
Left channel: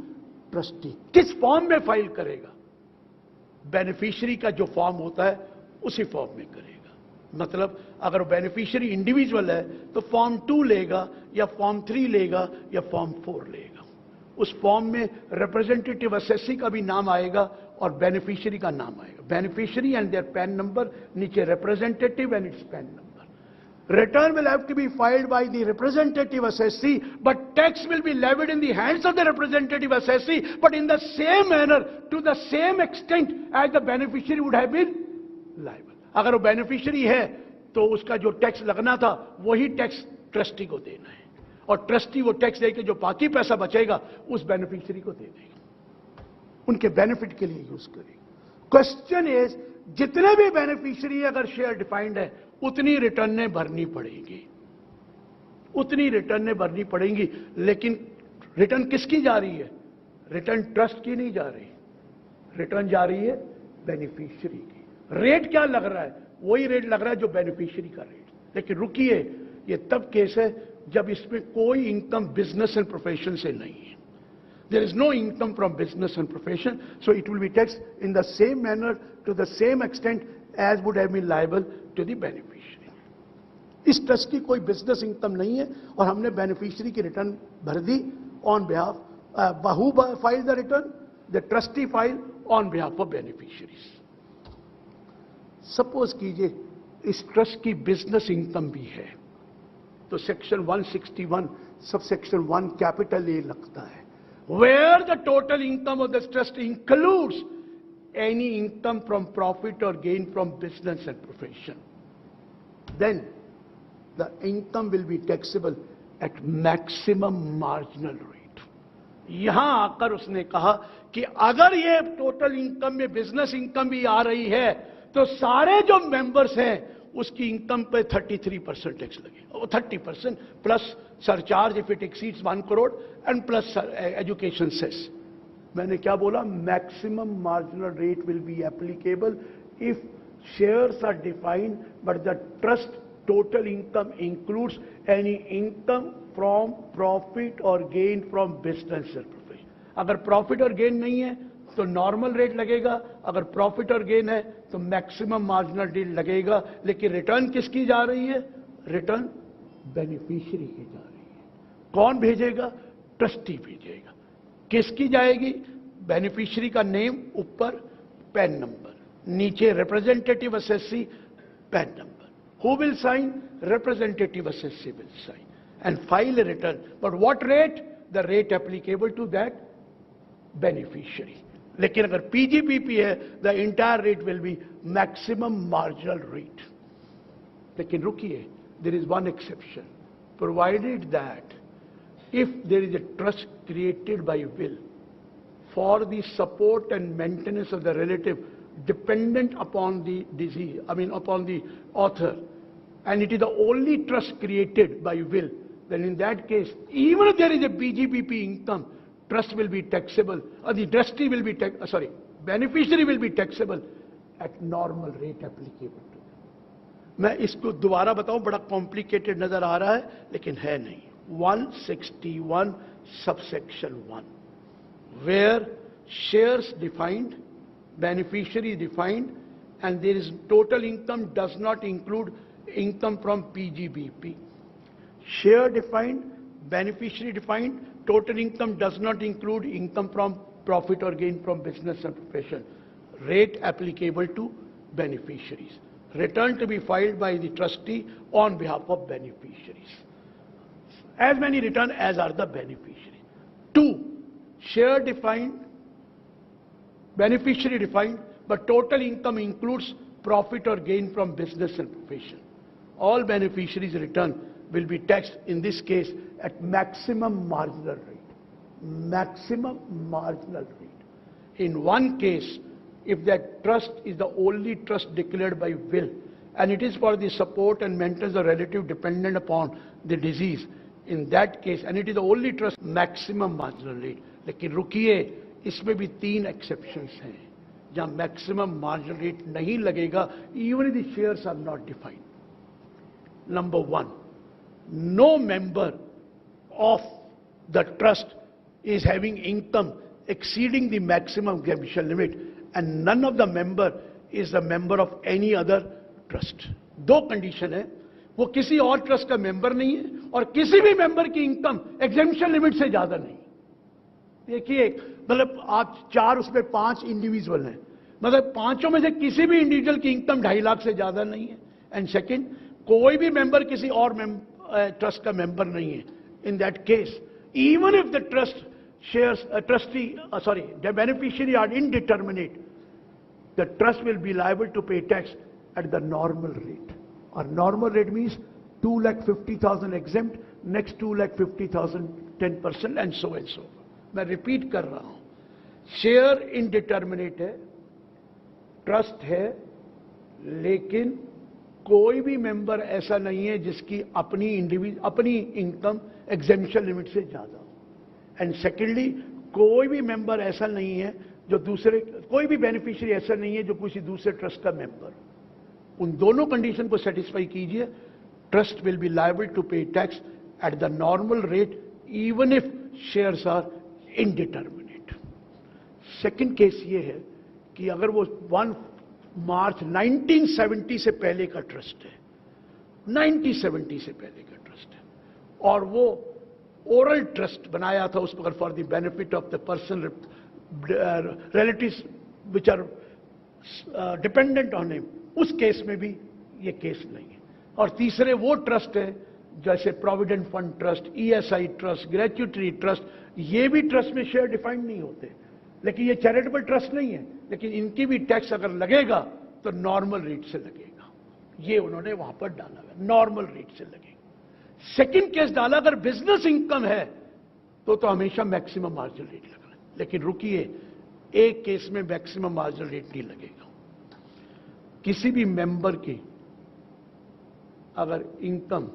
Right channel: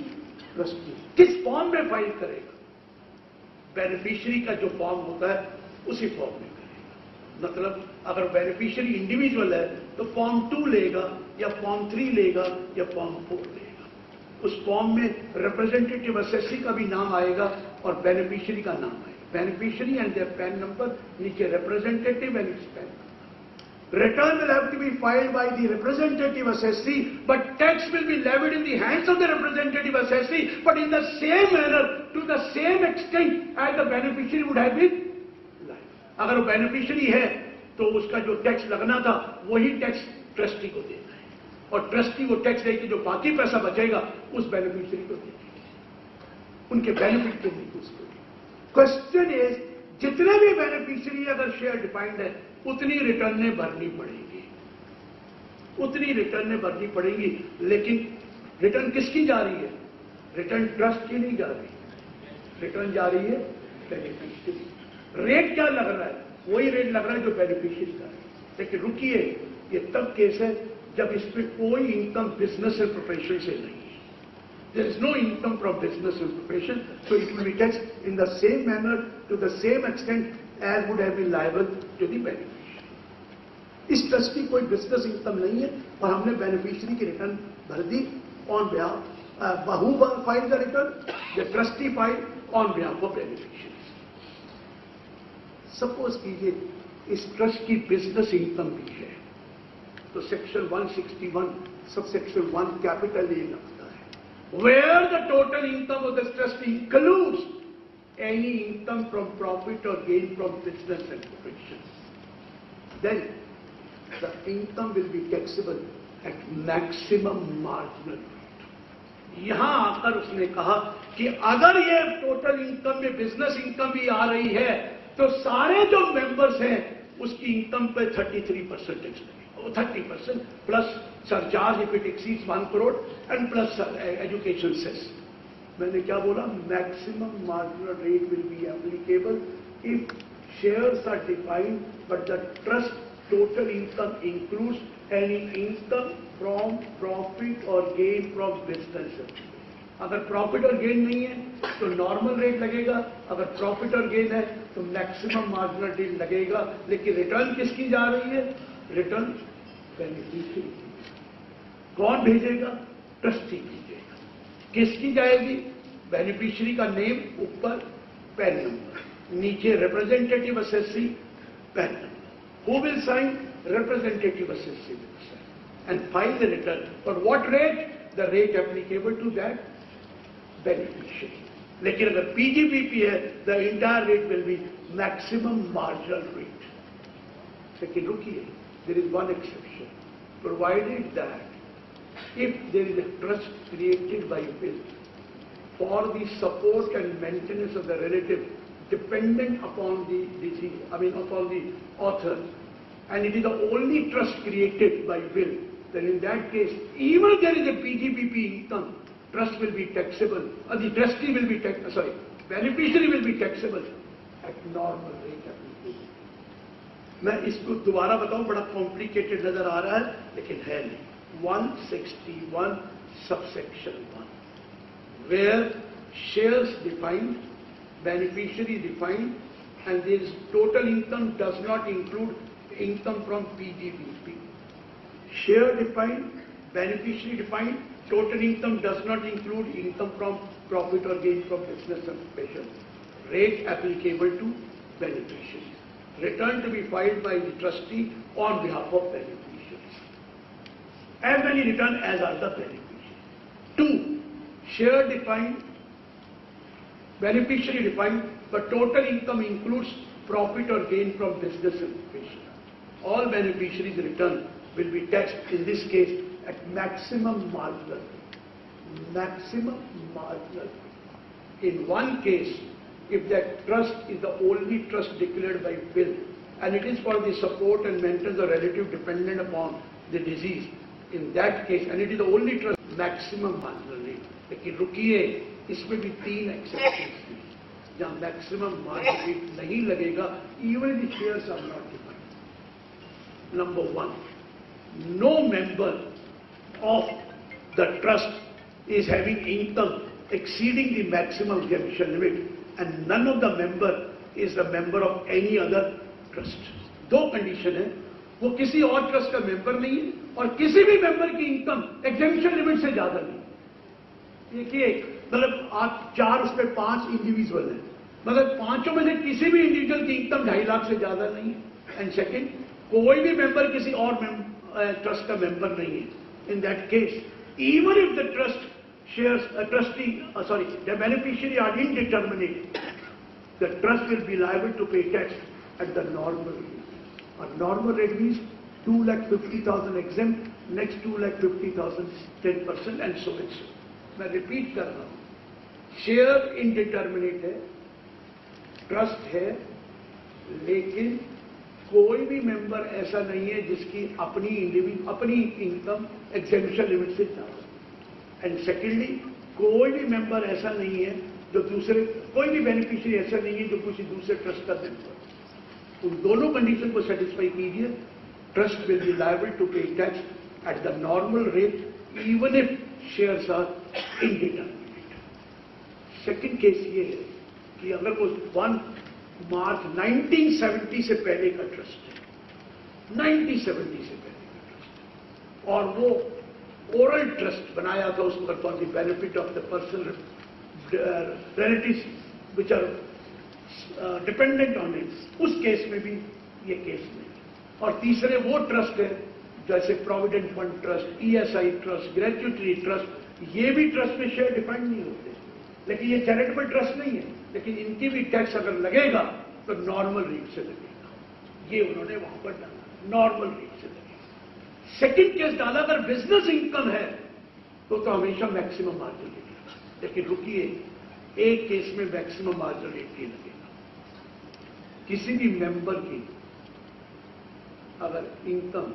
trustee. किस फॉर्म में फाइल करेगा? बेनिफिशियरी का जो फॉर्म होता है उसी फॉर्म में करेगा। मतलब अगर बेनिफिशियरी इंडिविजुअल है तो फॉर्म 2 लेगा या फॉर्म 3 लेगा या फॉर्म 4 लेगा। उस फॉर्म में रिप्रेजेंटेटिव असेसी का भी नाम आएगा और बेनिफिशियरी का नाम आएगा। Beneficiary and their PAN number, नीचे representative and its PAN number. Return will have to be filed by the representative assessee, but tax will be levied in the hands of the representative assessee, but in the same manner, to the same extent as the beneficiary would have been liable. अगर वो beneficiary है तो उसका जो tax लगना था वही tax trustee को देना है, और ट्रस्टी वो टैक्स लेके जो बाकी पैसा बचेगा उस बेनिफिशियरी को दे देंगे, उनके बेनिफिट के लिए यूज करेंगे। क्वेश्चन इज, जितने भी बेनिफिशियरी अगर शेयर डिफाइंड है उतनी रिटर्नें भरनी पड़ेगी, उतनी रिटर्नें भरनी पड़ेंगी। लेकिन रिटर्न किसकी जा रही है? रिटर्न ट्रस्ट की नहीं जा रही, रिटर्न जा रही है बेनिफिशियरी। रेट क्या लग रहा है? वही रेट लग रहा है जो बेनिफिशियरी का है। लेकिन रुकिए, ये तब केस है जब इसमें कोई इनकम बिजनेस एंड प्रोफेशन से नहीं है। There is no income from business and profession, so it will be taxed in the same manner, to the same extent as would have been liable to the beneficiary. इस trust की कोई business income नहीं है और हमने beneficiary की return भर दी on behalf, who file the return? The trustee file on behalf of beneficiaries. Suppose कीजिए इस ट्रस्ट की बिजनेस इनकम भी है, तो section 161 sub section 1 capital A लगता है, where the total income of the trust includes any income from profit or gain from business and profession, then the income will be taxable at maximum marginal rate. यहां आकर उसने कहा कि अगर ये total income में बिजनेस इनकम भी आ रही है तो सारे जो मेंबर्स हैं उसकी इनकम पे 33% टैक्स लगेगा, वो 30% plus surcharge if it exceeds 1 crore and plus education cess. मैंने क्या बोला? Maximum marginal rate will be applicable if shares are defined but the trust total income includes any income from profit or gain from business. अगर profit और gain नहीं है तो normal rate लगेगा, अगर प्रॉफिट और गेन है तो मैक्सिमम मार्जिनल रेट लगेगा। लेकिन रिटर्न किसकी जा रही है? रिटर्न बेनिफिशियरी की। कौन भेजेगा? ट्रस्टी भेजेगा। किसकी जाएगी? बेनिफिशियरी का नेम ऊपर, पैन नंबर, नीचे representative assessee, pan number. Who will sign? Representative assessee will sign and file the return. But what rate? The rate applicable to that beneficiary. लेकिन अगर PGBP है, the entire rate will be maximum marginal rate. लेकिन रुकिए, there is one exception. Provided that if there is a trust created by will for the support and maintenance of the relative dependent upon the disease, upon the author, and it is the only trust created by will, then in that case, even if there is a PGBP income, trust will be taxable, or the trustee will be beneficiary will be taxable at normal rate applicable. मैं इसको दोबारा बताऊं, बड़ा complicated नजर आ रहा है लेकिन है नहीं। 161 subsection 1, where shares defined, beneficiary defined, and this total income does not include income from PGBP. Share defined, beneficiary defined, total income does not include income from profit or gain from business and profession. Rate applicable to beneficiaries. Return to be filed by the trustee on behalf of beneficiaries. As many return as are the beneficiaries. 2. Share defined, beneficiary defined, but total income includes profit or gain from business and profession. All beneficiaries' return will be taxed in this case at maximum marginal rate. Maximum marginal rate. In one case, if that trust is the only trust declared by will, and it is for the support and maintenance of relative dependent upon the disease, in that case, and it is the only trust, maximum marginal rate. लेकिन रुकिए, इसमें भी 3 exceptions हैं जहाँ maximum marginal rate नहीं लगेगा, even if the shares are not defined. Number 1, no member of the trust is having income exceeding the maximum exemption limit and none of the member is a member of any other trust. दो condition है, वो किसी और trust का member नहीं है और किसी भी मेंबर की इनकम एग्जेम्पशन लिमिट से ज्यादा नहीं। देखिए मतलब आप 4 उस पे 5 इंडिविजुअल है, मतलब पांचों में से किसी भी इंडिविजुअल की इनकम 2.5 लाख से ज्यादा नहीं है। एंड सेकेंड, कोई भी मेंबर किसी और ट्रस्ट का मेंबर नहीं है। In that case even if the trust shares a trustee, the beneficiary are indeterminate, the trust will be liable to pay tax at the normal rate. A normal rate means 2,50,000 exempt, next 2,50,000 10% and so and so. मैं repeat कर रहा हूं, share indeterminate है, trust है, लेकिन कोई भी member ऐसा नहीं है जिसकी अपनी इनकम एग्जेम्पशन लिमिट से ज्यादा। एंड सेकेंडली, कोई भी मेंबर ऐसा नहीं है जो कोई भी बेनिफिशियरी ऐसा नहीं है जो किसी दूसरे ट्रस्ट का मेंबर। उन दोनों कंडीशन को सेटिस्फाई कीजिए, trust will be liable to pay tax at the normal rate even if shares are indeterminate. Second case ये है कि अगर वो 1 मार्च 1970 से पहले का ट्रस्ट है, 1970 से पहले का ट्रस्ट है, और वो ओरल ट्रस्ट बनाया था उस पर for the benefit of the person relatives which are dependent on it, उस केस में भी ये केस नहीं। और तीसरे वो ट्रस्ट है जैसे provident fund trust, ESI trust, gratuity trust, ये भी ट्रस्ट में शेयर डिफाइंड नहीं होते, लेकिन ये चैरिटेबल ट्रस्ट नहीं है, लेकिन इनकी भी टैक्स अगर लगेगा तो नॉर्मल रेट से लगेगा। ये उन्होंने वहां पर डाला, नॉर्मल रेट से लगेगा। सेकंड केस डाला, अगर बिजनेस इनकम है तो हमेशा मैक्सिमम मार्जिन रेट लगा, लेकिन रुकिए, एक केस में मैक्सिमम मार्जिन रेट नहीं लगेगा। किसी भी मेंबर की अगर इनकम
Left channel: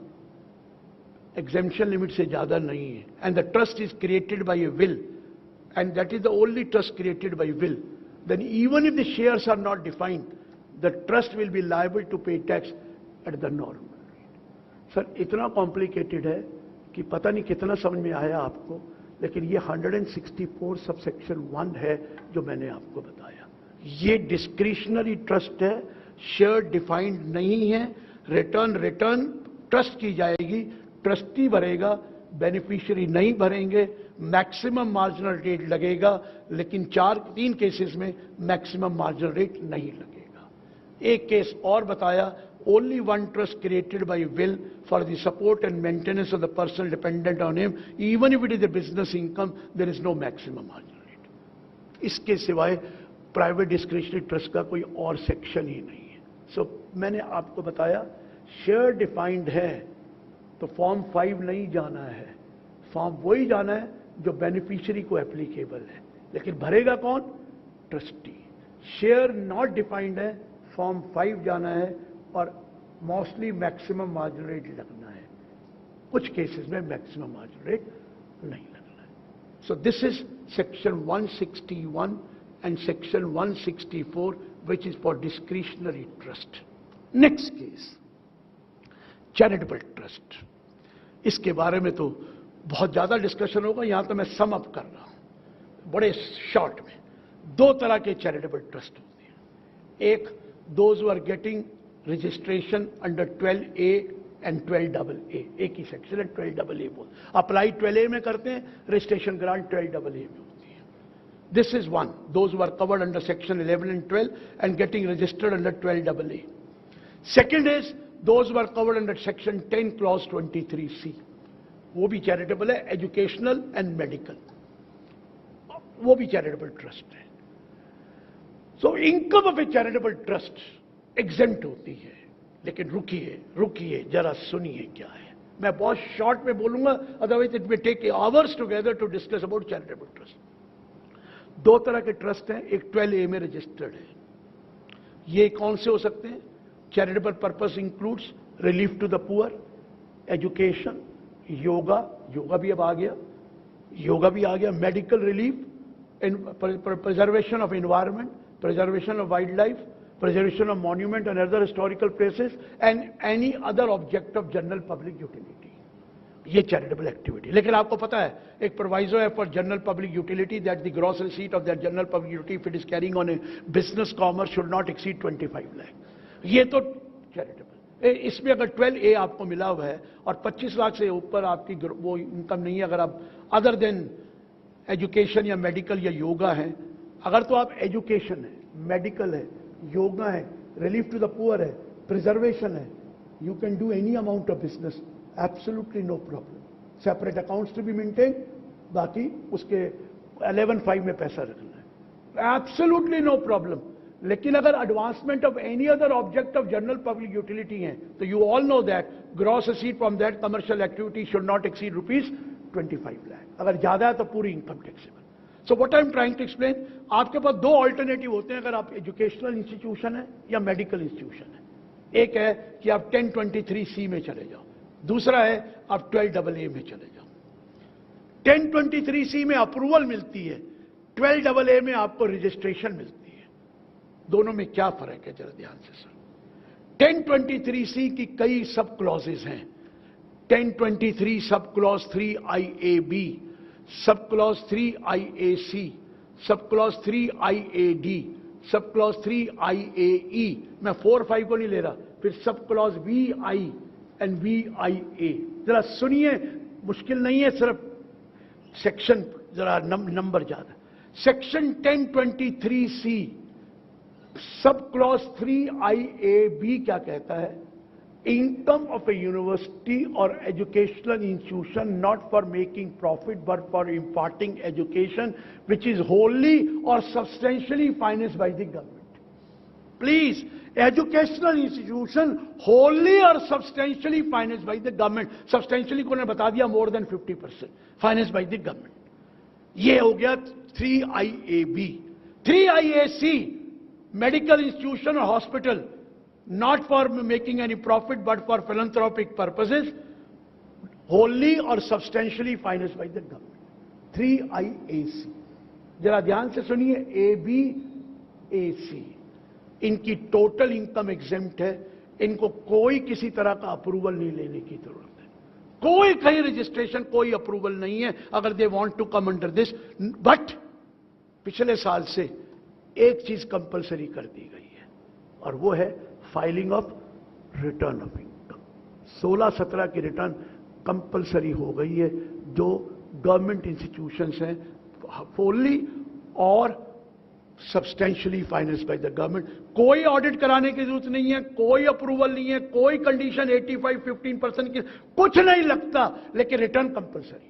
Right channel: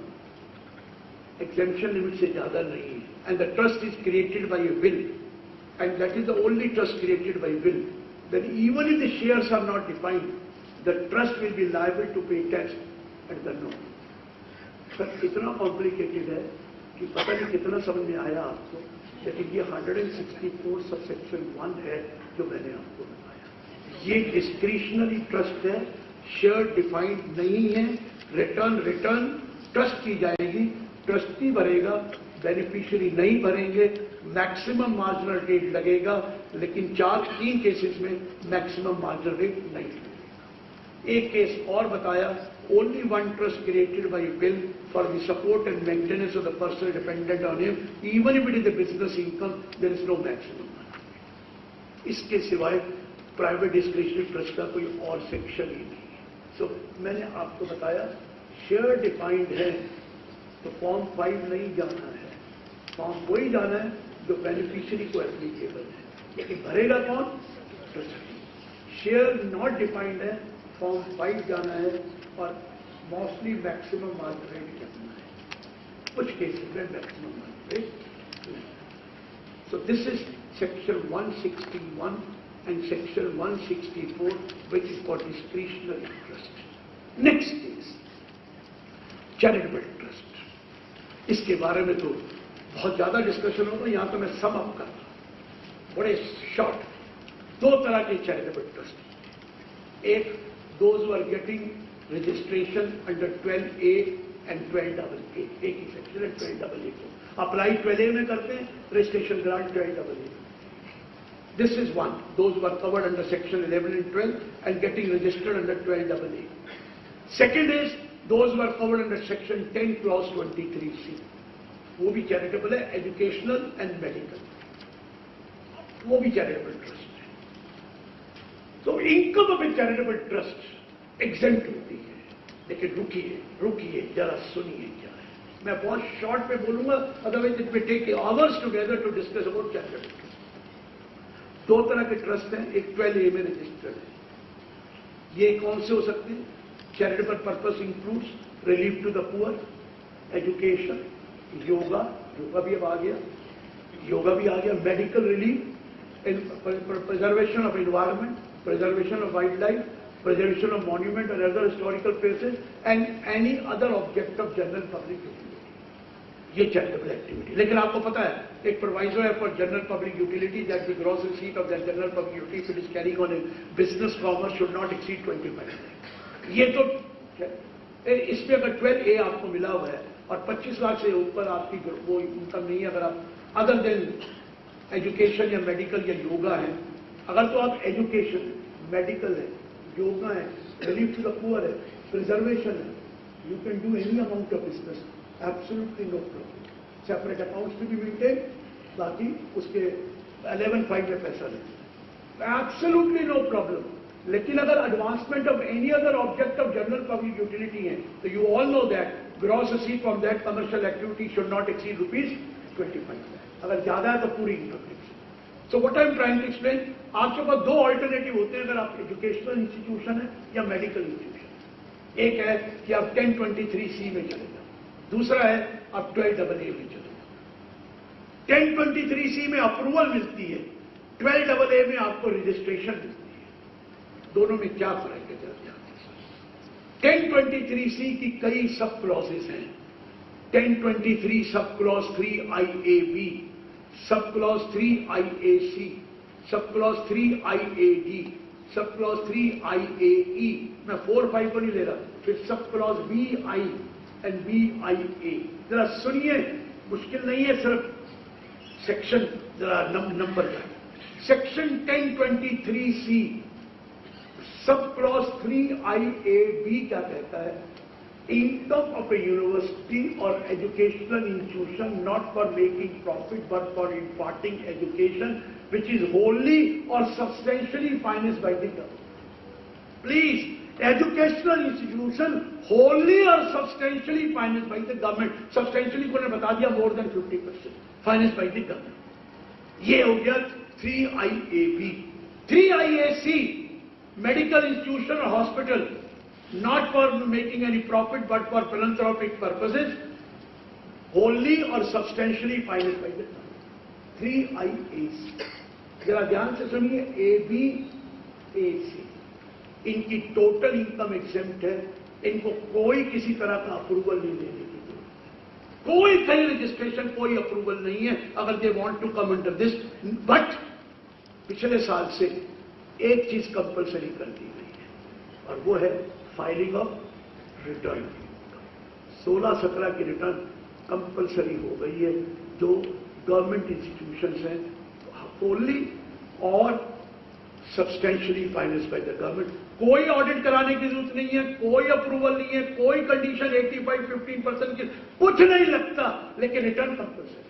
एग्जेम्पशन लिमिट से ज्यादा नहीं है and the trust is created by A will, and that is the only trust created by will, then even if the shares are not defined, the trust will be liable to pay tax at the norm. Sir इतना complicated है कि पता नहीं कितना समझ में आया आपको, लेकिन ये 164 सबसेक्शन 1 है जो मैंने आपको बताया। ये डिस्क्रिशनरी ट्रस्ट है, शेयर डिफाइंड नहीं है, रिटर्न ट्रस्ट की जाएगी, ट्रस्टी भरेगा, बेनिफिशियरी नहीं भरेंगे, मैक्सिमम मार्जिनल रेट लगेगा, लेकिन 3 केसेस में मैक्सिमम मार्जिनल रेट नहीं लगेगा। एक केस और बताया, only one trust created by will for the support and maintenance of the person dependent on him, even if it is the business income, there is no maximum marginal rate. इसके सिवाय private discretionary trust का कोई और section ही नहीं है। सो मैंने आपको बताया, शेयर डिफाइंड है तो फॉर्म 5 नहीं जाना है, फॉर्म वही जाना है जो बेनिफिशियरी को एप्लीकेबल है, लेकिन भरेगा कौन? ट्रस्टी। शेयर नॉट डिफाइंड है, फॉर्म 5 जाना है और मोस्टली मैक्सिमम मार्जिन रेट लगना है, कुछ केसेस में मैक्सिमम मार्जिन रेट नहीं। So this is section 161 and section 164 which is for discretionary trust. Next case charitable trust. इसके बारे में तो बहुत ज्यादा डिस्कशन होगा, यहां तो मैं सम अप कर रहा हूं बड़े शॉर्ट। 2 तरह के चैरिटेबल ट्रस्ट, एक those who are getting registration under 12A and 12AA, एक ही सेक्शन है 12AA को अप्लाई 12A में करते हैं, registration grant 12AA। This is one, those who are covered under section 11 and 12 and getting registered under 12AA. Second is those who are covered under section 10 clause 23C, वो भी charitable है, educational and medical, वो भी charitable trust है। So income of A charitable trust exempt होती है, लेकिन रुकिए जरा सुनिए क्या है। मैं बहुत शॉर्ट में बोलूंगा, otherwise it will take hours together to discuss about charitable trust. 2 तरह के ट्रस्ट हैं, एक 12A में रजिस्टर्ड है। ये कौन से हो सकते हैं? Charitable purpose includes relief to the poor, education, yoga भी अब आ गया, medical relief, preservation of environment, preservation of wildlife, preservation of monument and other historical places, and any other object of general public utility. ये charitable activity। लेकिन आपको पता है एक proviso है for general public utility that the gross receipt of that general public utility if it is carrying on A business commerce should not exceed 25 lakh. ये तो इसमें अगर 12A आपको मिला हुआ है और 25 लाख से ऊपर आपकी वो इनकम नहीं है, अगर आप अदर देन एजुकेशन या मेडिकल या योगा है, अगर तो आप एजुकेशन है, मेडिकल है, योगा है, रिलीफ टू द पुअर है, प्रिजर्वेशन है, you can do any amount of business, absolutely no problem. Separate accounts to be maintain, बाकी उसके 11.5 में पैसा लेते हैं, एब्सोल्युटली नो प्रॉब्लम। लेकिन अगर advancement of any other object of general public utility है तो you all know that gross receipt from that commercial activity should not exceed ₹25 lakh. अगर ज्यादा है तो पूरी income tax. So what I am trying to explain, आपके पास दो ऑल्टरनेटिव होते हैं अगर आप एजुकेशनल इंस्टीट्यूशन है या मेडिकल इंस्टीट्यूशन है। एक है कि आप 1023C में चले जाओ, दूसरा है आप 12AA में चले जाओ। 1023C में अप्रूवल मिलती है, 12AA में आपको रजिस्ट्रेशन मिलती है। दोनों में क्या फर्क है जरा ध्यान से समझिए। 1023C की कई सब क्लॉजेस हैं। 1023 sub clause 3IAB, sub clause 3IAC, sub clause 3IAD, sub clause 3IAE। मैं 4, 5 को नहीं ले रहा, फिर sub clause BI and BIA। जरा सुनिए, मुश्किल नहीं है, सिर्फ सेक्शन जरा नंबर जाए। Section 1023C sub clause 3IAB क्या कहता है? इनकम ऑफ ए यूनिवर्सिटी और educational institution not for making profit but for imparting education which is wholly or substantially financed by the government. Please, educational institution wholly or substantially financed by the government. Substantially को ने बता दिया more than 50% financed by the government. ये हो गया 3IAB। 3IAC medical institution or hospital not for making any profit but for philanthropic purposes, wholly or substantially financed by the government. 3IAC जरा ध्यान से सुनिए, ABAC इनकी टोटल इनकम एग्जेम्प्ट है, इनको कोई किसी तरह का अप्रूवल नहीं लेने की जरूरत है, कोई कहीं रजिस्ट्रेशन कोई अप्रूवल नहीं है अगर they want to come under this. But पिछले साल से एक चीज कंपलसरी कर दी गई है और वो है फाइलिंग ऑफ रिटर्न। 16-17 की रिटर्न कंपलसरी हो गई है। जो गवर्नमेंट इंस्टीट्यूशंस हैं फुल्ली और substantially financed by the government, कोई ऑडिट कराने की जरूरत नहीं है, कोई अप्रूवल नहीं है, कोई कंडीशन 85-15% की कुछ नहीं लगता, लेकिन return compulsory.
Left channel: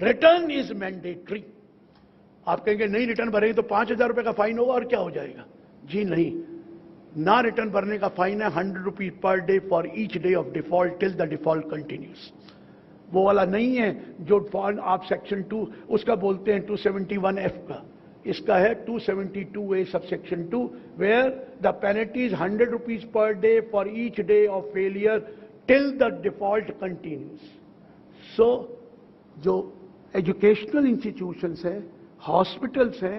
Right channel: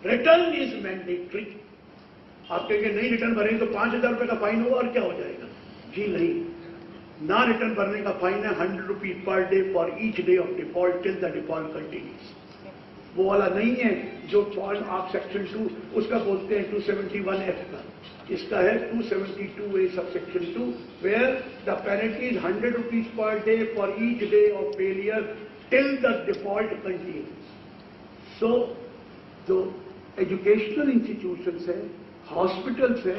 Return is mandatory. आप कहेंगे नहीं रिटर्न भरेंगे तो 5,000 रुपए का फाइन होगा और क्या हो जाएगा? जी नहीं, ना रिटर्न भरने का फाइन है 100 rupees per day for each day of default till the default continues. वो वाला नहीं है जो फॉल्ट आप सेक्शन 2 उसका बोलते हैं 271F का, इसका है 272A subsection 2 where the penalty is 100 rupees per day for each day of failure till the default continues. So जो एजुकेशनल इंस्टीट्यूशंस हैं, hospitals हैं,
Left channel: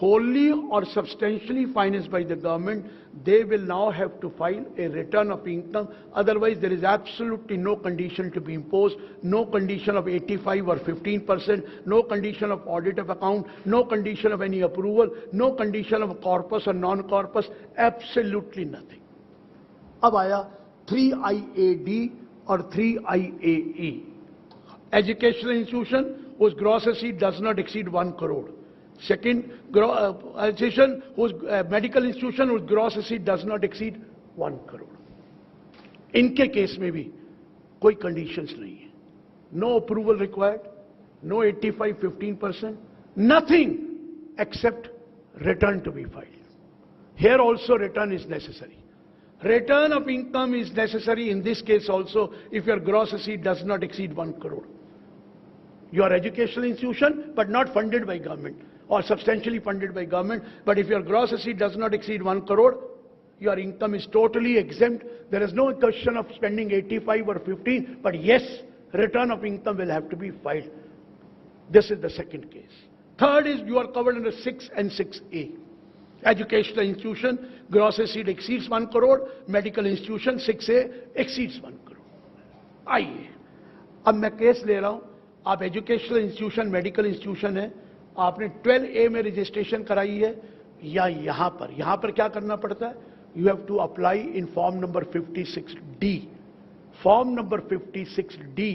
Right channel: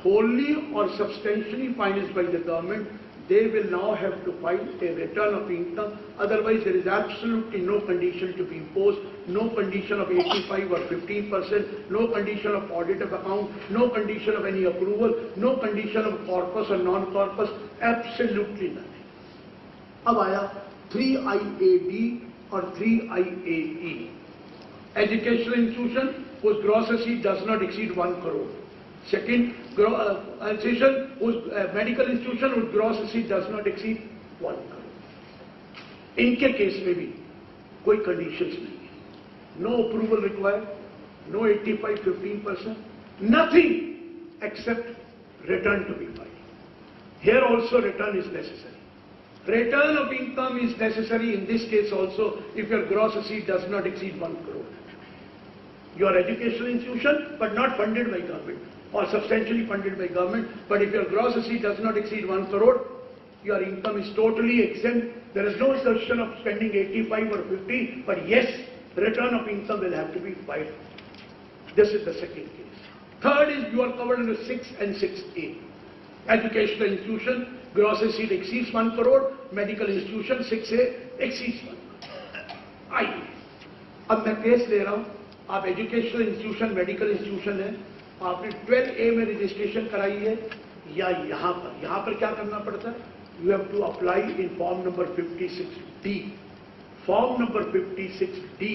wholly or substantially financed by the government, they will now have to file a return of income. Otherwise, there is absolutely no condition to be imposed, no condition of 85 or 15%, no condition of audit of account, no condition of any approval, no condition of corpus or non-corpus, absolutely nothing. अब आया 3IAD और 3IAE. Educational institution whose gross receipt does not exceed 1 crore. Second, institution whose medical institution whose gross receipt does not exceed 1 crore. इनके case में भी कोई conditions नहीं है, no approval required, no 85-15%, nothing except return to be filed. Here also return is necessary. Return of income is necessary in this case also if your gross receipt does not exceed 1 crore. Your educational institution but not funded by government or substantially funded by government, but if your gross receipt does not exceed 1 crore, your income is totally exempt. There is no assertion of spending 85 or 50, but yes, return of income will have to be filed. This is the second case. Third is you are covered under 6 and 6A. Educational institution, gross receipt exceeds 1 crore, medical institution 6A exceeds 1 crore. आइए अब मैं case ले रहा हूं आप educational institution, medical institution है, आपने 12A में रजिस्ट्रेशन कराई है, या यहाँ पर क्या करना पड़ता है? You have to apply in form number 56D. Form number 56D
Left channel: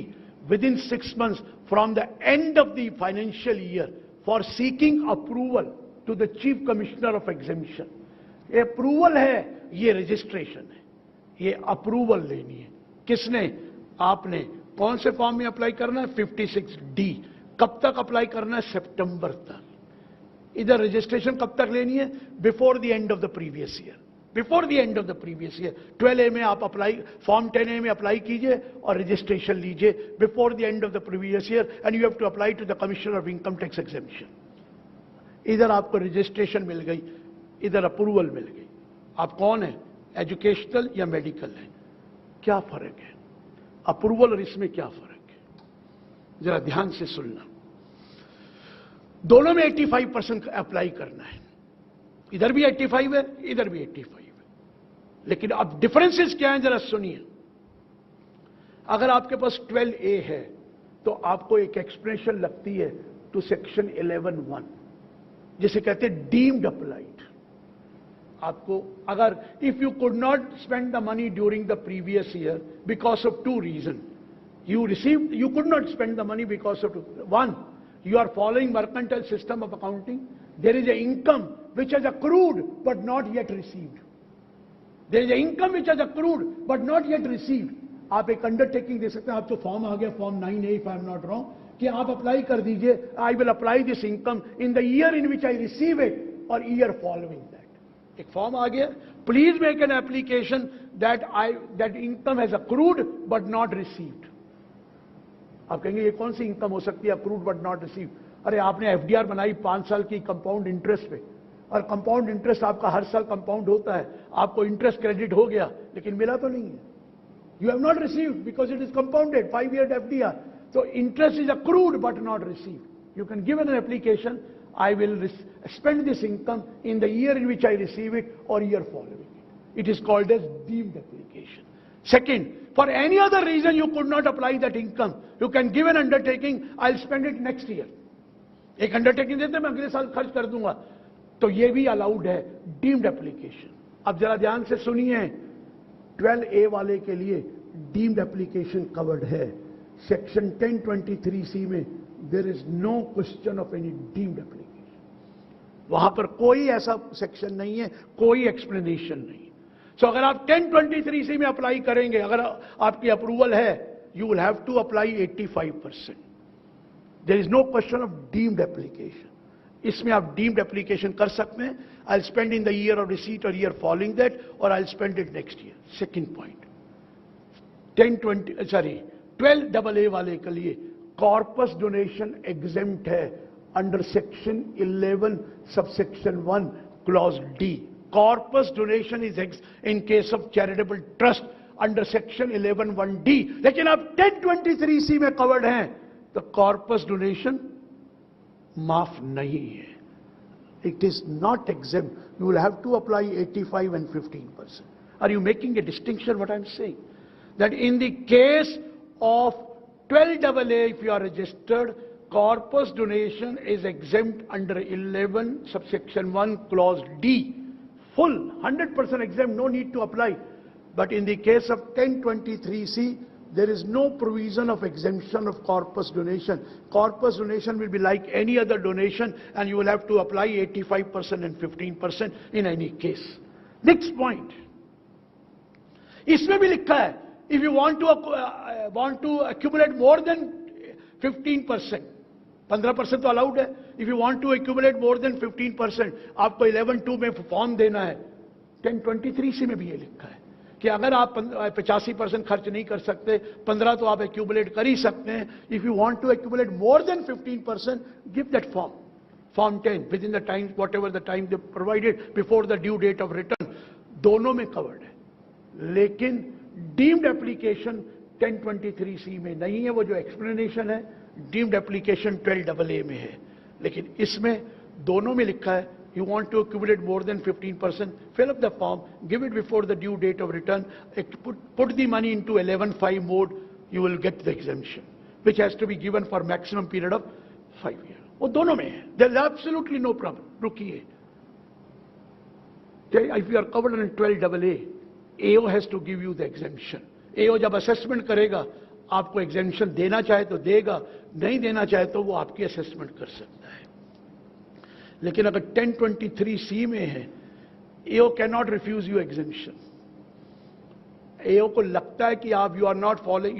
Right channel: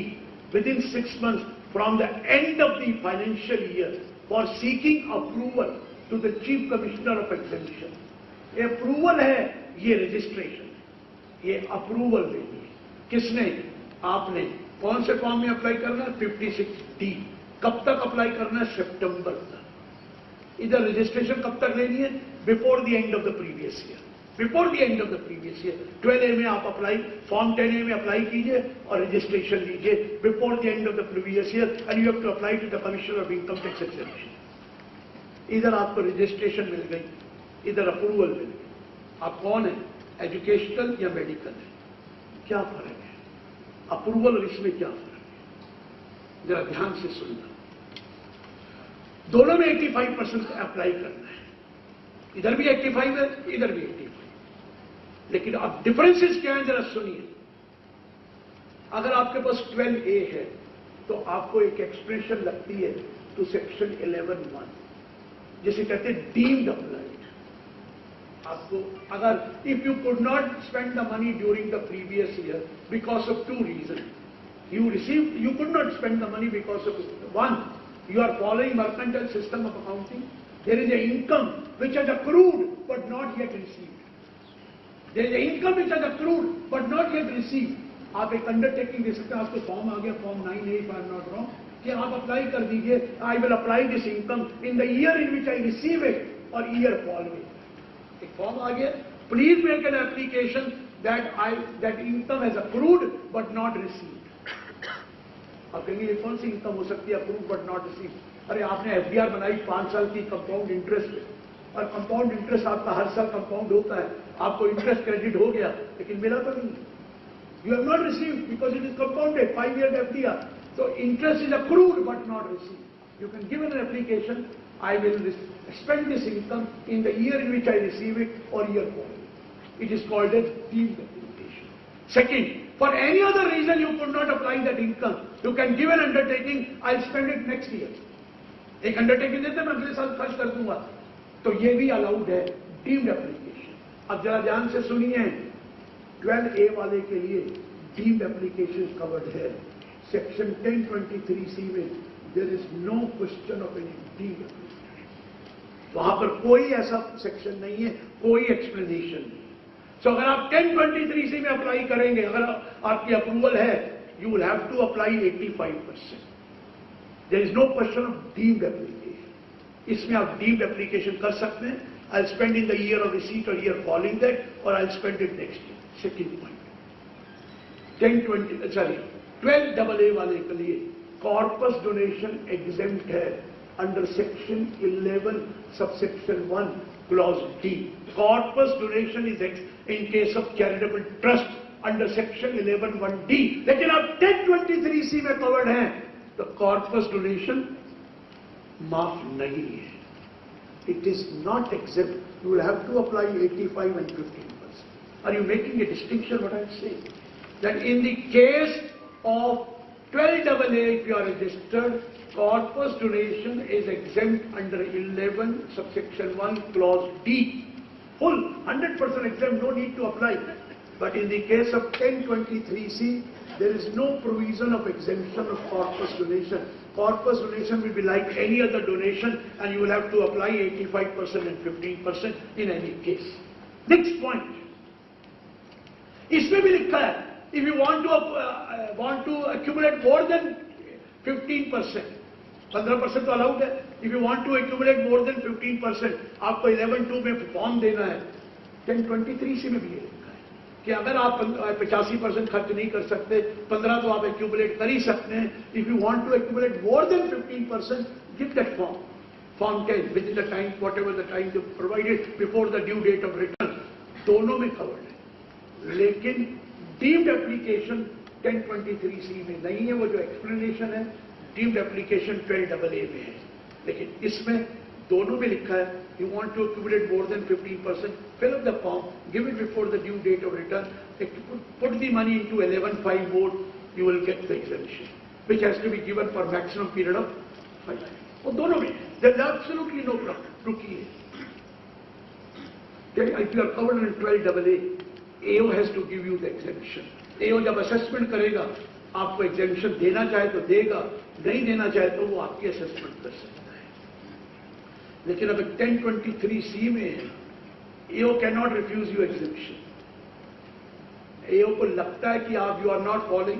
within 6 months from the end of the financial year for seeking approval to the Chief Commissioner of Exemption. ये अप्रूवल है, ये रजिस्ट्रेशन है, ये approval लेनी है. किसने? आपने. कौन से फॉर्म में अप्लाई करना है? 56D. कब तक अप्लाई करना है? सितंबर तक. इधर रजिस्ट्रेशन कब तक लेनी है? Before the end of the previous year. Before the end of the previous year 12A में आप अप्लाई, फॉर्म 10A में अप्लाई कीजिए और रजिस्ट्रेशन लीजिए before the end of the previous year and you have to apply to the commissioner of income tax exemption. इधर आपको registration मिल गई, इधर अप्रूवल मिल गई. आप कौन है? एजुकेशनल या मेडिकल है? क्या फर्क है? अप्रूवल और इसमें क्या फर्क है? जरा ध्यान से सुनना. दोनों में 85% अप्लाई करना है. इधर भी 85 है, इधर भी 85. लेकिन अब डिफरेंसेस क्या है जरा सुनिए. अगर आपके पास 12A है तो आपको एक एक्सप्रेशन लगती है टू सेक्शन 11(1) जिसे कहते हैं डीम्ड अप्लाइड. आपको अगर if you could not spend the money during the previous year because of 2 reasons, you could not spend the money because of 1, you are following mercantile system of accounting. There is an income which has accrued but not yet received. There is an income which has accrued but not yet received. आप एक undertaking दे सकते हैं. आपको form आ गया, form 9A if I am not wrong, कि आप apply कर दीजिए. I will apply this income in the year in which I receive it और ईयर फॉलोइंग. एक फॉर्म आ गया, please make an application that income has accrued but not received. आप कहेंगे ये कौन सी इनकम हो सकती है अक्रूड बट नॉट रिसीव्ड? अरे आपने FDR बनाई 5 साल की कंपाउंड इंटरेस्ट पे, और कंपाउंड इंटरेस्ट आपका हर साल कंपाउंड होता है. आपको इंटरेस्ट क्रेडिट हो गया लेकिन मिला तो नहीं. You have not received because it is compounded 5 years FDR. तो interest is accrued but not received. You can give an application, I will spend this income in the year in which I receive it or year following. It is called a deemed application. Second, for any other reason you could not apply that income, you can give an undertaking, I'll spend it next year. एक undertaking देते मैं अगले साल खर्च कर दूंगा, तो ये भी अलाउड है, डीम्ड एप्लीकेशन. अब जरा ध्यान से सुनिए, 12A वाले के लिए डीम्ड एप्लीकेशन कवर्ड है. सेक्शन 1023C में there is no question of any deemed application. वहां पर कोई ऐसा सेक्शन नहीं है, कोई एक्सप्लेनेशन नहीं. सो अगर आप 1023C में अप्लाई करेंगे, अगर आपकी अप्रूवल है, you will have to apply 85%. There is no question of deemed application. इसमें आप डीम्ड एप्लीकेशन कर सकते हैं. I spend in the year of receipt और ईयर फॉलोइंग दैट, और I spend it next year. Second point, 12AA वाले के लिए कॉर्पस डोनेशन एग्जेम्प्ट है under section 11 subsection 1 clause D. Corpus donation is in case of charitable trust under section 11(1)D. लेकिन अब 1023C में covered हैं, तो कॉर्पस डोनेशन माफ नहीं है. It is not exempt. You will have to apply 85 and 15%. Are you making a distinction what I am saying? That in the case of 12AA, if you are registered, corpus donation is exempt under 11 subsection 1 clause D. Full 100% exempt, no need to apply. But in the case of 1023C, there is no provision of exemption of corpus donation. Corpus donation will be like any other donation, and you will have to apply 85% and 15% in any case. Next point. इसमें भी लिखा है, if you want to accumulate more than 15%, 15% तो allowed है. If you want to accumulate more than 15%, आपको 11(2) में form देना है. 1023C में भी ये लिखा है कि अगर आप 85% खर्च नहीं कर सकते, 15 तो आप एक्यूमुलेट कर ही सकते हैं. If you want to accumulate more than 15%, give that form 10 within the time, whatever the time you provided before the due date of return. दोनों में कवर्ड है. लेकिन डीम्ड एप्लीकेशन 1023C में नहीं है. वो जो एक्सप्लेनेशन है डीम्ड एप्लीकेशन 12AA में है. लेकिन इसमें दोनों में लिखा है, you want to accumulate more than 15%, fill up the form, give it before the due date of return, put the money into 11(5) mode, you will get the exemption. which has to be given for maximum period of 5 years. वो दोनों में there is absolutely no problem. रुकिए, if you are covered in 12AA, AO has to give you the exemption. AO जब assessment करेगा, आपको exemption देना चाहे तो देगा, नहीं देना चाहे तो वो आपकी assessment कर सकता है. लेकिन अगर 1023C में है, AO cannot refuse you exemption. AO को लगता है कि आप you are not following,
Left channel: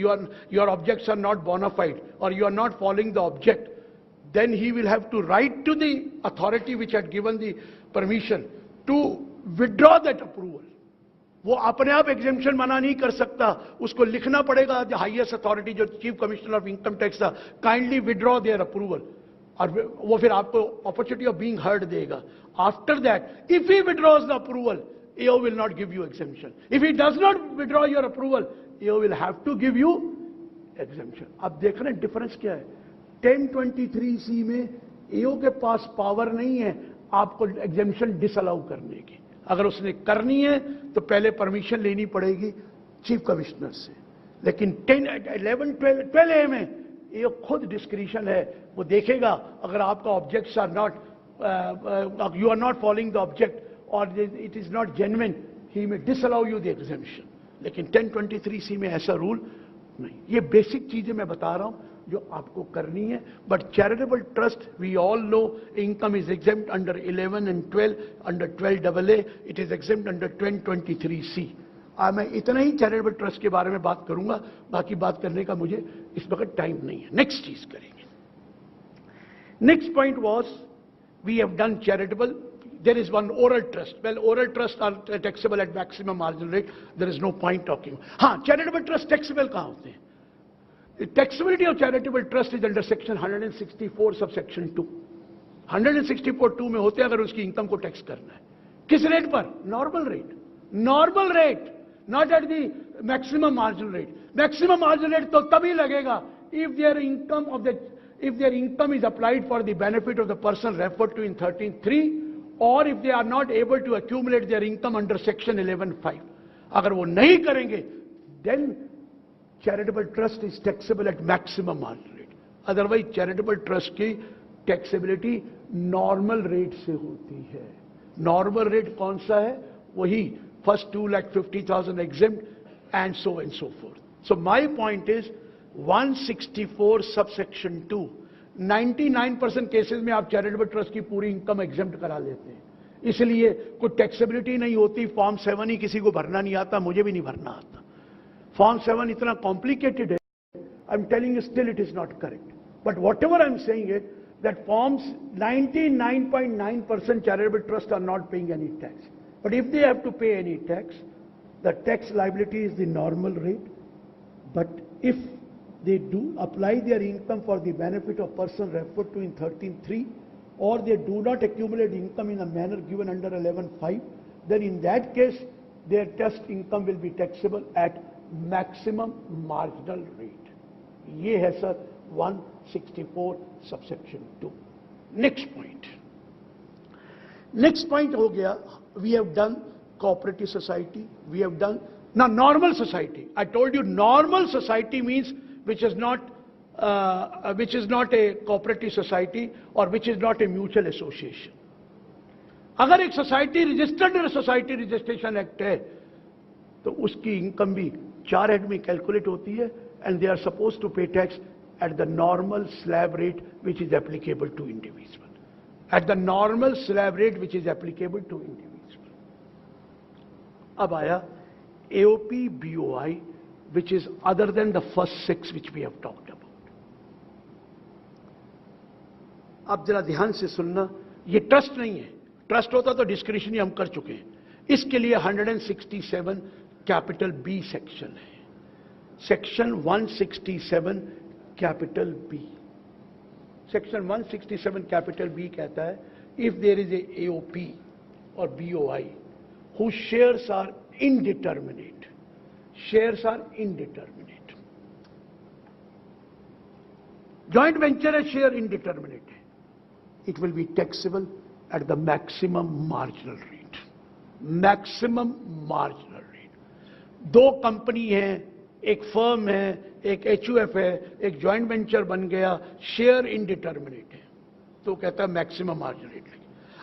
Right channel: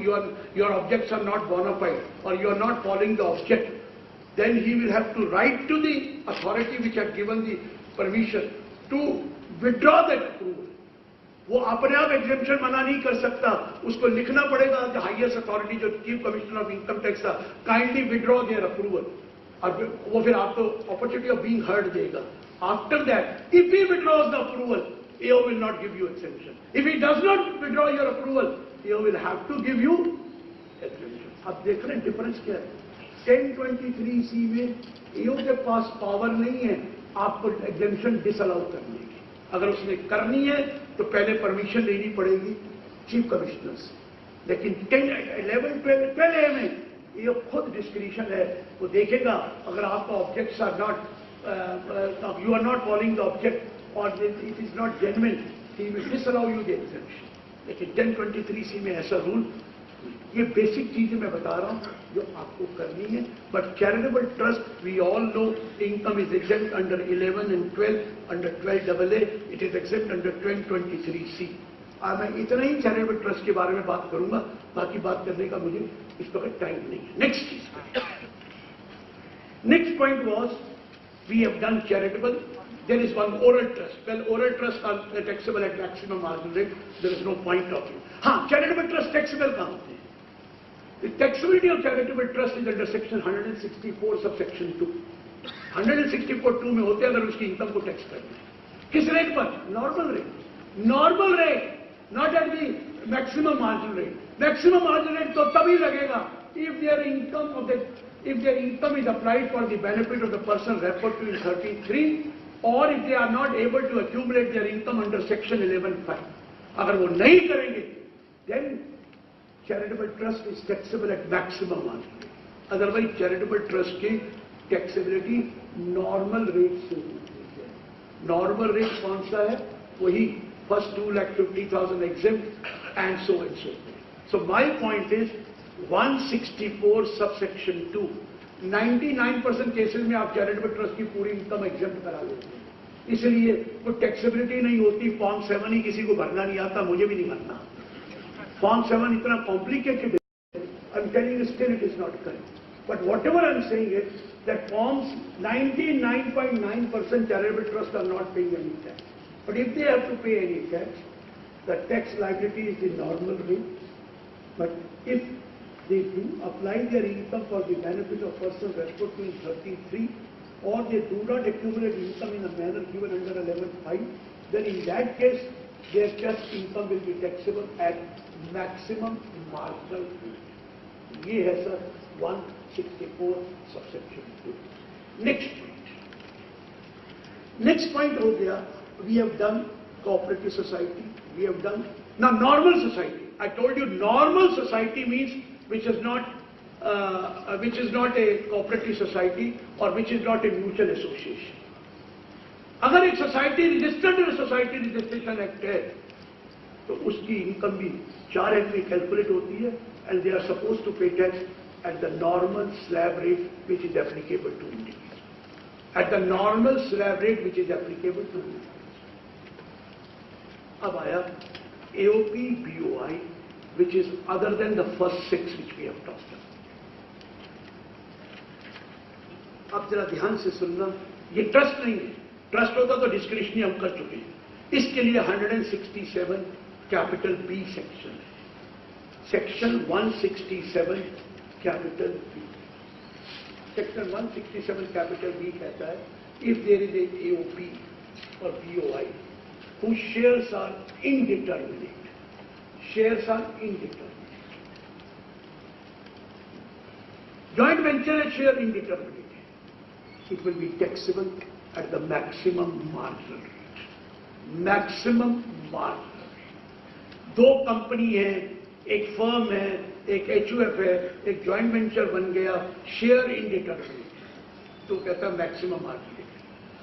your objects are not bona fide or you are not following the object, then he will have to write to the authority which had given the permission to withdraw that approval. वो अपने आप exemption मना नहीं कर सकता, उसको लिखना पड़ेगा the highest authority जो Chief Commissioner of Income Tax था, kindly withdraw their approval. और वो फिर आपको opportunity of being heard देगा. After that, if he withdraws the approval, AO will not give you exemption. If he does not withdraw your approval, AO will have to give you exemption. अब देख रहे हैं difference क्या है? 1023C में AO के पास power नहीं है आपको exemption disallow करने की. अगर उसने करनी है तो पहले परमिशन लेनी पड़ेगी चीफ कमिश्नर से. लेकिन 12A में ये खुद डिस्क्रिशन है, वो देखेगा अगर आपका objects are not, you are not following the object और it is not genuine, he will disallow you the exemption. लेकिन 1023C में ऐसा रूल नहीं. ये बेसिक चीजें मैं बता रहा हूँ जो आपको करनी है. But charitable trust we all know income is exempt under 11 and 12, under 12AA it is exempt under 1023C. आज मैं इतना ही चैरिटेबल ट्रस्ट के बारे में बात करूंगा, बाकी बात करने का मुझे इस वक्त टाइम नहीं है. नेक्स्ट चीज, next point was we have done charitable. There is one oral trust. Well, oral trusts are taxable at maximum marginal rate. There is no point talking. हाँ, charitable trust taxable कहाँ होते हैं? The taxability of charitable trust is under section 164 subsection 2. 164(2) में होते हैं अगर उसकी income को टैक्स करना है. किस रेट पर? Normal rate. Normal rate, not at the maximum marginal rate. Maximum marginal rate तो तभी लगेगा if their income is applied for the benefit of the person referred to in 33, or if they are not able to accumulate their income under section 11(5). अगर वो नहीं करेंगे, then charitable trust is taxable at maximum marginal rate. Otherwise charitable trust की taxability normal rate से होती है. Normal rate कौन सा है? वही first 2,50,000 exempt and so forth. So my point is 164 subsection 2, 99% cases में आप चैरिटेबल ट्रस्ट की पूरी इनकम एग्जेम्प्ट करा लेते हैं. इसलिए कोई टैक्सेबिलिटी नहीं होती. फॉर्म 7 ही किसी को भरना नहीं आता, मुझे भी नहीं भरना. फॉर्म 7 इतना कॉम्प्लिकेटेड है. I am telling you still it is not correct. But whatever I am saying is that forms 99.9% charitable trust are not paying any tax. But if they have to pay any tax, the tax liability is the normal rate. But if they do apply their income for the benefit of person referred to in 33, or they do not accumulate income in a manner given under 11(5), then in that case their tax income will be taxable at maximum marginal rate. ये है sir 164 subsection 2. Next point हो गया. We have done cooperative society. We have done now normal society. I told you normal society means which is not a cooperative society or which is not a mutual association. अगर एक society registered society registration act है तो उसकी income भी 4 act में calculate होती है and they are suppose to pay tax at the normal slab rate which is applicable to individual. At the normal slab rate which is applicable to individual. अब आया AOP BOI, which is other than the first 6 which we have talked about. आप जरा ध्यान से सुनना, ये trust नहीं है. ट्रस्ट होता तो डिस्क्रिशनरी हम कर चुके हैं. इसके लिए 167 कैपिटल बी सेक्शन है. Section 167 capital B. Section 167 capital B कहता है if there is a AOP और BOI whose shares are indeterminate. Shares are indeterminate. Joint venture share indeterminate. It will be taxable at the maximum marginal rate. Maximum marginal rate. 2 company है, एक firm है, एक HUF है, एक joint venture बन गया, share indeterminate है, तो कहता है मैक्सिमम मार्जिन रेट।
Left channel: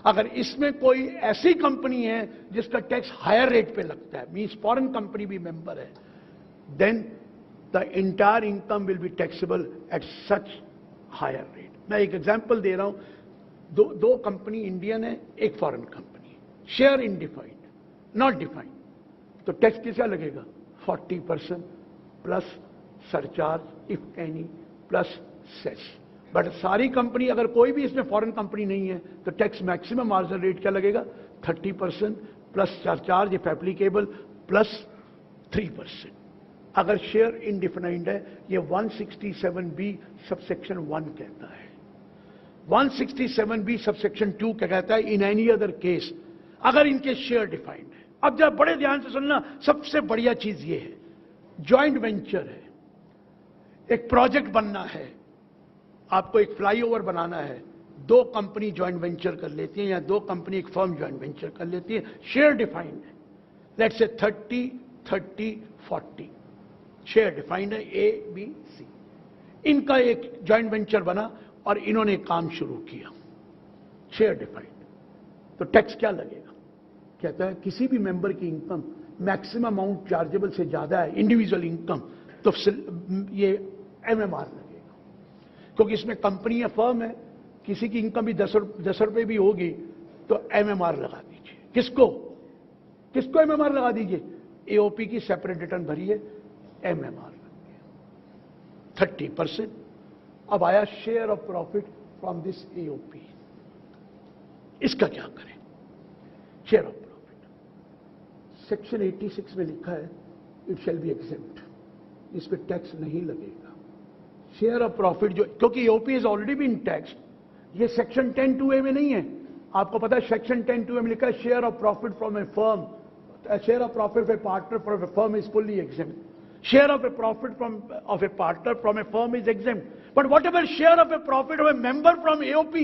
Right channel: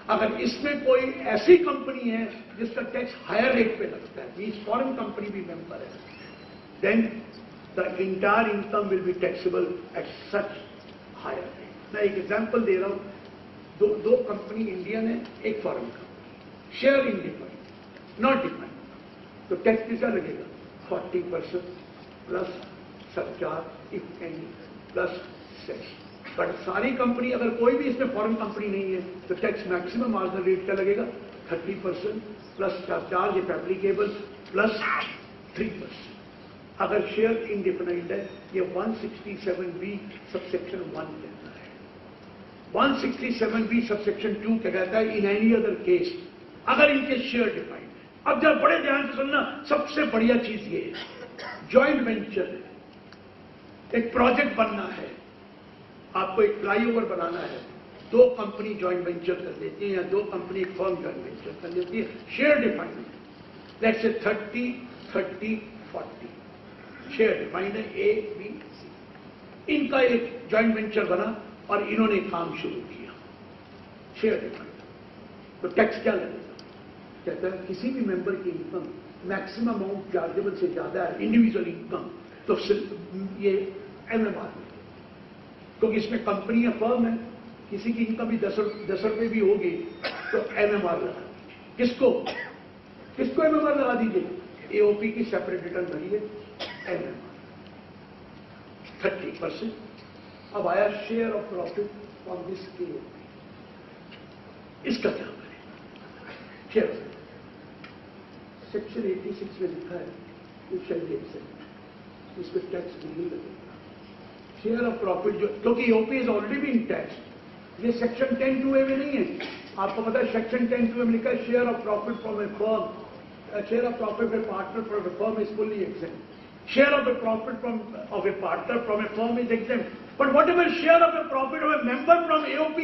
अगर इसमें कोई ऐसी कंपनी है जिसका टैक्स हायर रेट पे लगता है, मीन्स फॉरेन कंपनी भी मेंबर है, then the entire income will be taxable at such higher rate. मैं एक एग्जांपल दे रहा हूं, दो कंपनी इंडियन है, एक foreign company, share independent, not dependent, तो टैक्स कितना लगेगा? 40% plus surcharge if any plus cess. But सारी कंपनी, अगर कोई भी इसमें फॉरेन कंपनी नहीं है, तो टैक्स मैक्सिमम मार्जिनल रेट क्या लगेगा? 30% plus surcharge if applicable plus 3%। अगर शेयर इंडिपेंडेंट है, ये 167B सबसेक्शन 1 कहता है। 167B सबसेक्शन 2 क्या कहता है? इन एनी अदर केस, अगर इनके शेयर डिफाइंड है। अब जब बड़े ध्यान से सुनना, सबसे बढ़िया चीज ये है, जॉइंट वेंचर है, एक प्रोजेक्ट बनना है, आपको एक फ्लाईओवर बनाना है, दो कंपनी जॉइंट वेंचर कर लेती है या दो कंपनी एक फर्म जॉइंट वेंचर कर लेती है, शेयर डिफाइंड है, लेट्स से 30-30-40 शेयर डिफाइंड है, A, B, C। इनका एक जॉइंट वेंचर बना और इन्होंने काम शुरू किया, शेयर डिफाइंड, तो टैक्स क्या लगेगा? कहता है किसी भी मेंबर की इनकम मैक्सिमम अमाउंट चार्जेबल से ज्यादा है, इंडिविजुअल इनकम, तो ये MMR में, क्योंकि इसमें कंपनी या फर्म है, किसी की इनकम भी 10 रुपए भी होगी तो MMR लगा दीजिए। किसको MMR लगा दीजिए? AOP की सेपरेट रिटर्न भरिए, MMR 30%। अब आया share of profit from this AOP, इसका क्या करें? शेयर सेक्शन 86 में लिखा है इट शैल बी एक्सेप्ट, इस पर टैक्स नहीं लगेगा। शेयर ऑफ प्रॉफिट जो, क्योंकि AOP is already being tax, ये सेक्शन 10(2)A में नहीं है। आपको पता है सेक्शन 10(2)A में लिखा है share of profit from A firm, share of profit A partner from A firm is fully exempt, share of A profit of A partner from A firm is exempt, but what ever share of A profit of A member from AOP,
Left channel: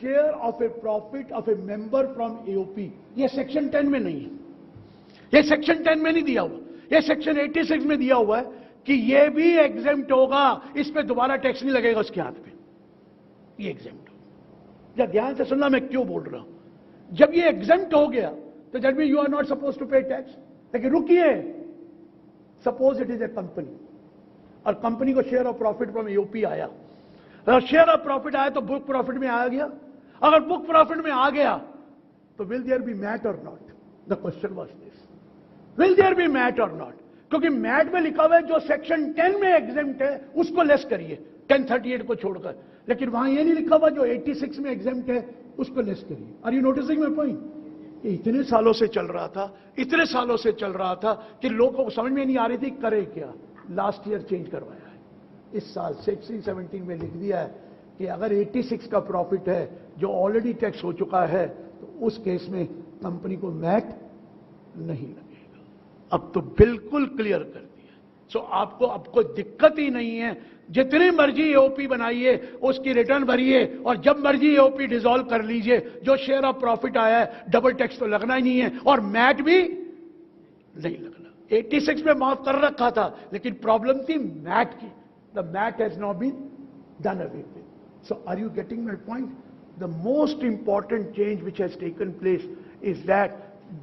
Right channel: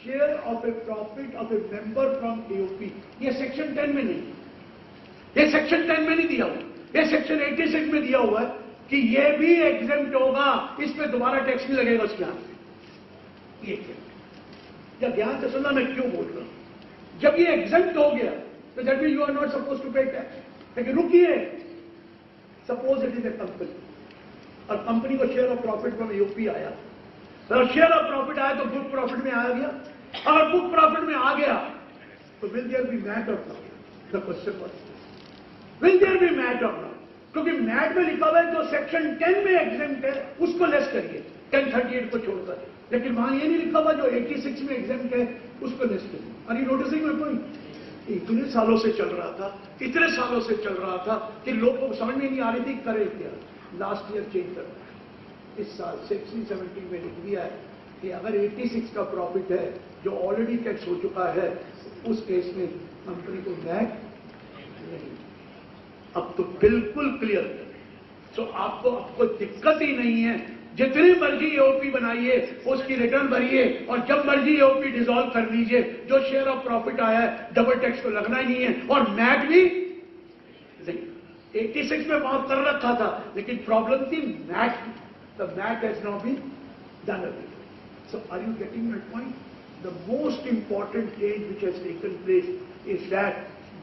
share of A profit of A member from AOP, ये section 10 में नहीं है, ये section 10 में नहीं दिया हुआ, ये सेक्शन 86 में दिया हुआ है कि ये भी एग्जेम्प्ट होगा, इस पे दोबारा टैक्स नहीं लगेगा उसके हाथ में, ये एग्जेम्प्ट। जब ध्यान से सुनना मैं क्यों बोल रहा हूं, जब ये एग्जेम्प्ट हो गया तो that means you are not suppose to pay tax. लेकिन रुकिए, suppose it is a company और कंपनी को share of profit from AOP आया, अगर शेयर ऑफ प्रॉफिट आया तो बुक प्रॉफिट में आ गया, अगर बुक प्रॉफिट में आ गया तो विल देयर बी मैट और not? The question was will there be MAT और नॉट? क्योंकि मैट में लिखा हुआ है जो सेक्शन 10 में एग्जेम्प्ट है उसको लेस करिए, 1038 को छोड़कर, लेकिन वहां ये नहीं लिखा हुआ जो 86 में एग्जेम्प्ट है उसको लेस करिए। Are you noticing my point? इतने सालों से चल रहा था, इतने सालों से चल रहा था कि लोगों को समझ में नहीं आ रही थी करे क्या। लास्ट ईयर चेंज करना है, इस साल 16-17 में लिख दिया है कि अगर 86 का प्रॉफिट है जो ऑलरेडी टैक्स हो चुका है, उस केस में कंपनी को मैट नहीं। अब तो बिल्कुल क्लियर कर, सो आपको दिक्कत ही नहीं है, जितनी मर्जी AOP बनाइए, उसकी रिटर्न भरिए और जब मर्जी AOP डिसॉल्व कर लीजिए, जो शेयर ऑफ प्रॉफिट आया है डबल टैक्स तो लगना ही नहीं है और मैट भी नहीं लगना। 86 में माफ कर रखा था, लेकिन प्रॉब्लम थी मैट की, the MAT has not been done before. So are you getting my point? The most important change which has taken place is that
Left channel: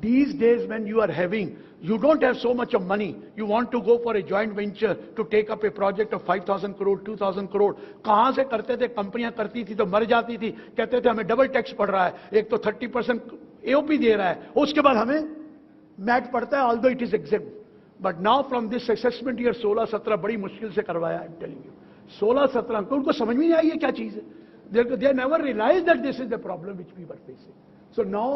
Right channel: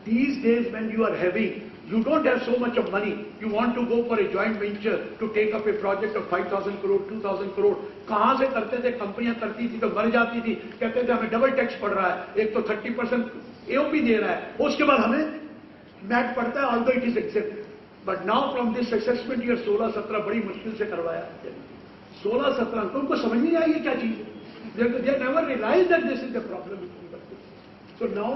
these days when you are having, you don't have so much of money, you want to go for a joint venture to take up a project of 5,000 crore, 2,000 crore, कहां से करते थे? कंपनियां करती थी तो मर जाती थी, कहते थे हमें डबल टैक्स पड़ रहा है, एक तो 30% AOP दे रहा है, उसके बाद हमें मैट पड़ता है, although it is except. But now from this assessment year 16-17 बड़ी मुश्किल से करवाया, 16-17 तो उनको समझ नहीं आई क्या चीज है, they never realized that this is the problem which we were facing. So now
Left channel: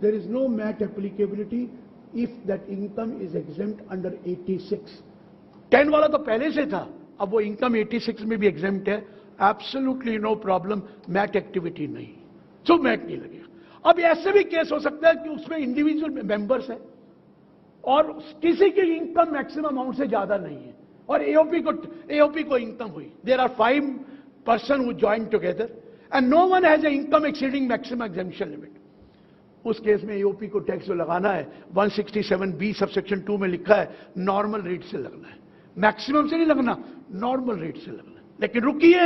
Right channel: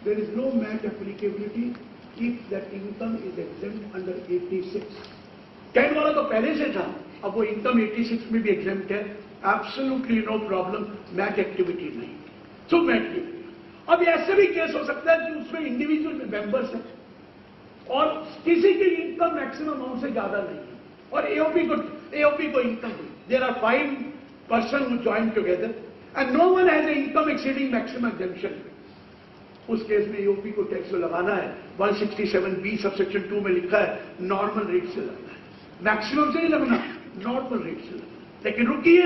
there is no MAT applicability if that income is exempt under 86. 10 वाला तो पहले से था, अब वो इनकम 86 में भी एग्जेम्प्ट है, absolutely no problem, MAT activity नहीं, सो मैट नहीं। अब ऐसे भी केस हो सकता है कि उसमें इंडिविजुअल मेंबर्स हैं और किसी की इनकम मैक्सिमम अमाउंट से ज्यादा नहीं है और AOP को इनकम हुई, there are 5 person who join together and no one has a income exceeding maximum exemption. उस केस में AOP को टैक्स लगाना है, 167B सबसेक्शन 2 में लिखा है नॉर्मल रेट से लगना है। मैक्सिमम से नहीं लगना, नॉर्मल रेट से लगना। लेकिन रुकिए,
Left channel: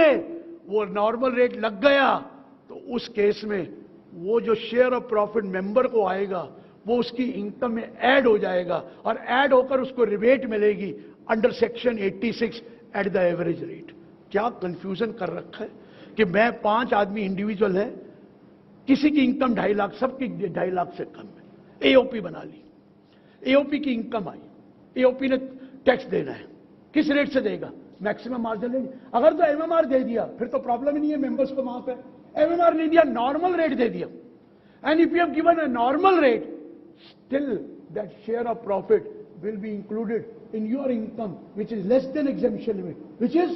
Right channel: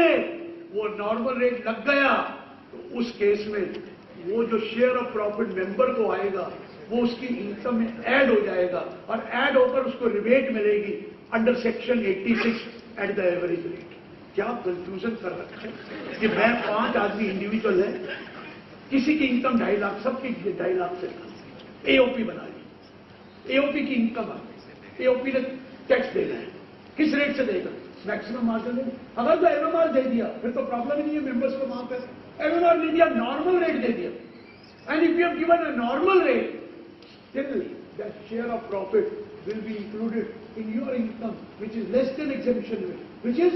वो नॉर्मल रेट लग गया तो उस केस में वो जो शेयर ऑफ प्रॉफिट मेंबर को आएगा वो उसकी इनकम में ऐड हो जाएगा और ऐड होकर उसको रिबेट मिलेगी under section 86 at the average rate. क्या कंफ्यूजन कर रखा है कि मैं 5 आदमी इंडिविजुअल है, किसी की इनकम 2.5 लाख, सबकी 2.5 लाख से कम, एओपी बना ली, एओपी की इनकम आई, एओपी ने टैक्स देना है, किस रेट से देगा? मैक्सिमम मार्जिन में। अगर तो एमएमआर दे दिया फिर तो प्रॉब्लम ही नहीं है मेंबर्स को, वहां पर एमएमआर दे दिया, नॉर्मल रेट दे दिया, and if you have given a normal rate, still that share of profit will be included in your income which is less than exemption limit, which is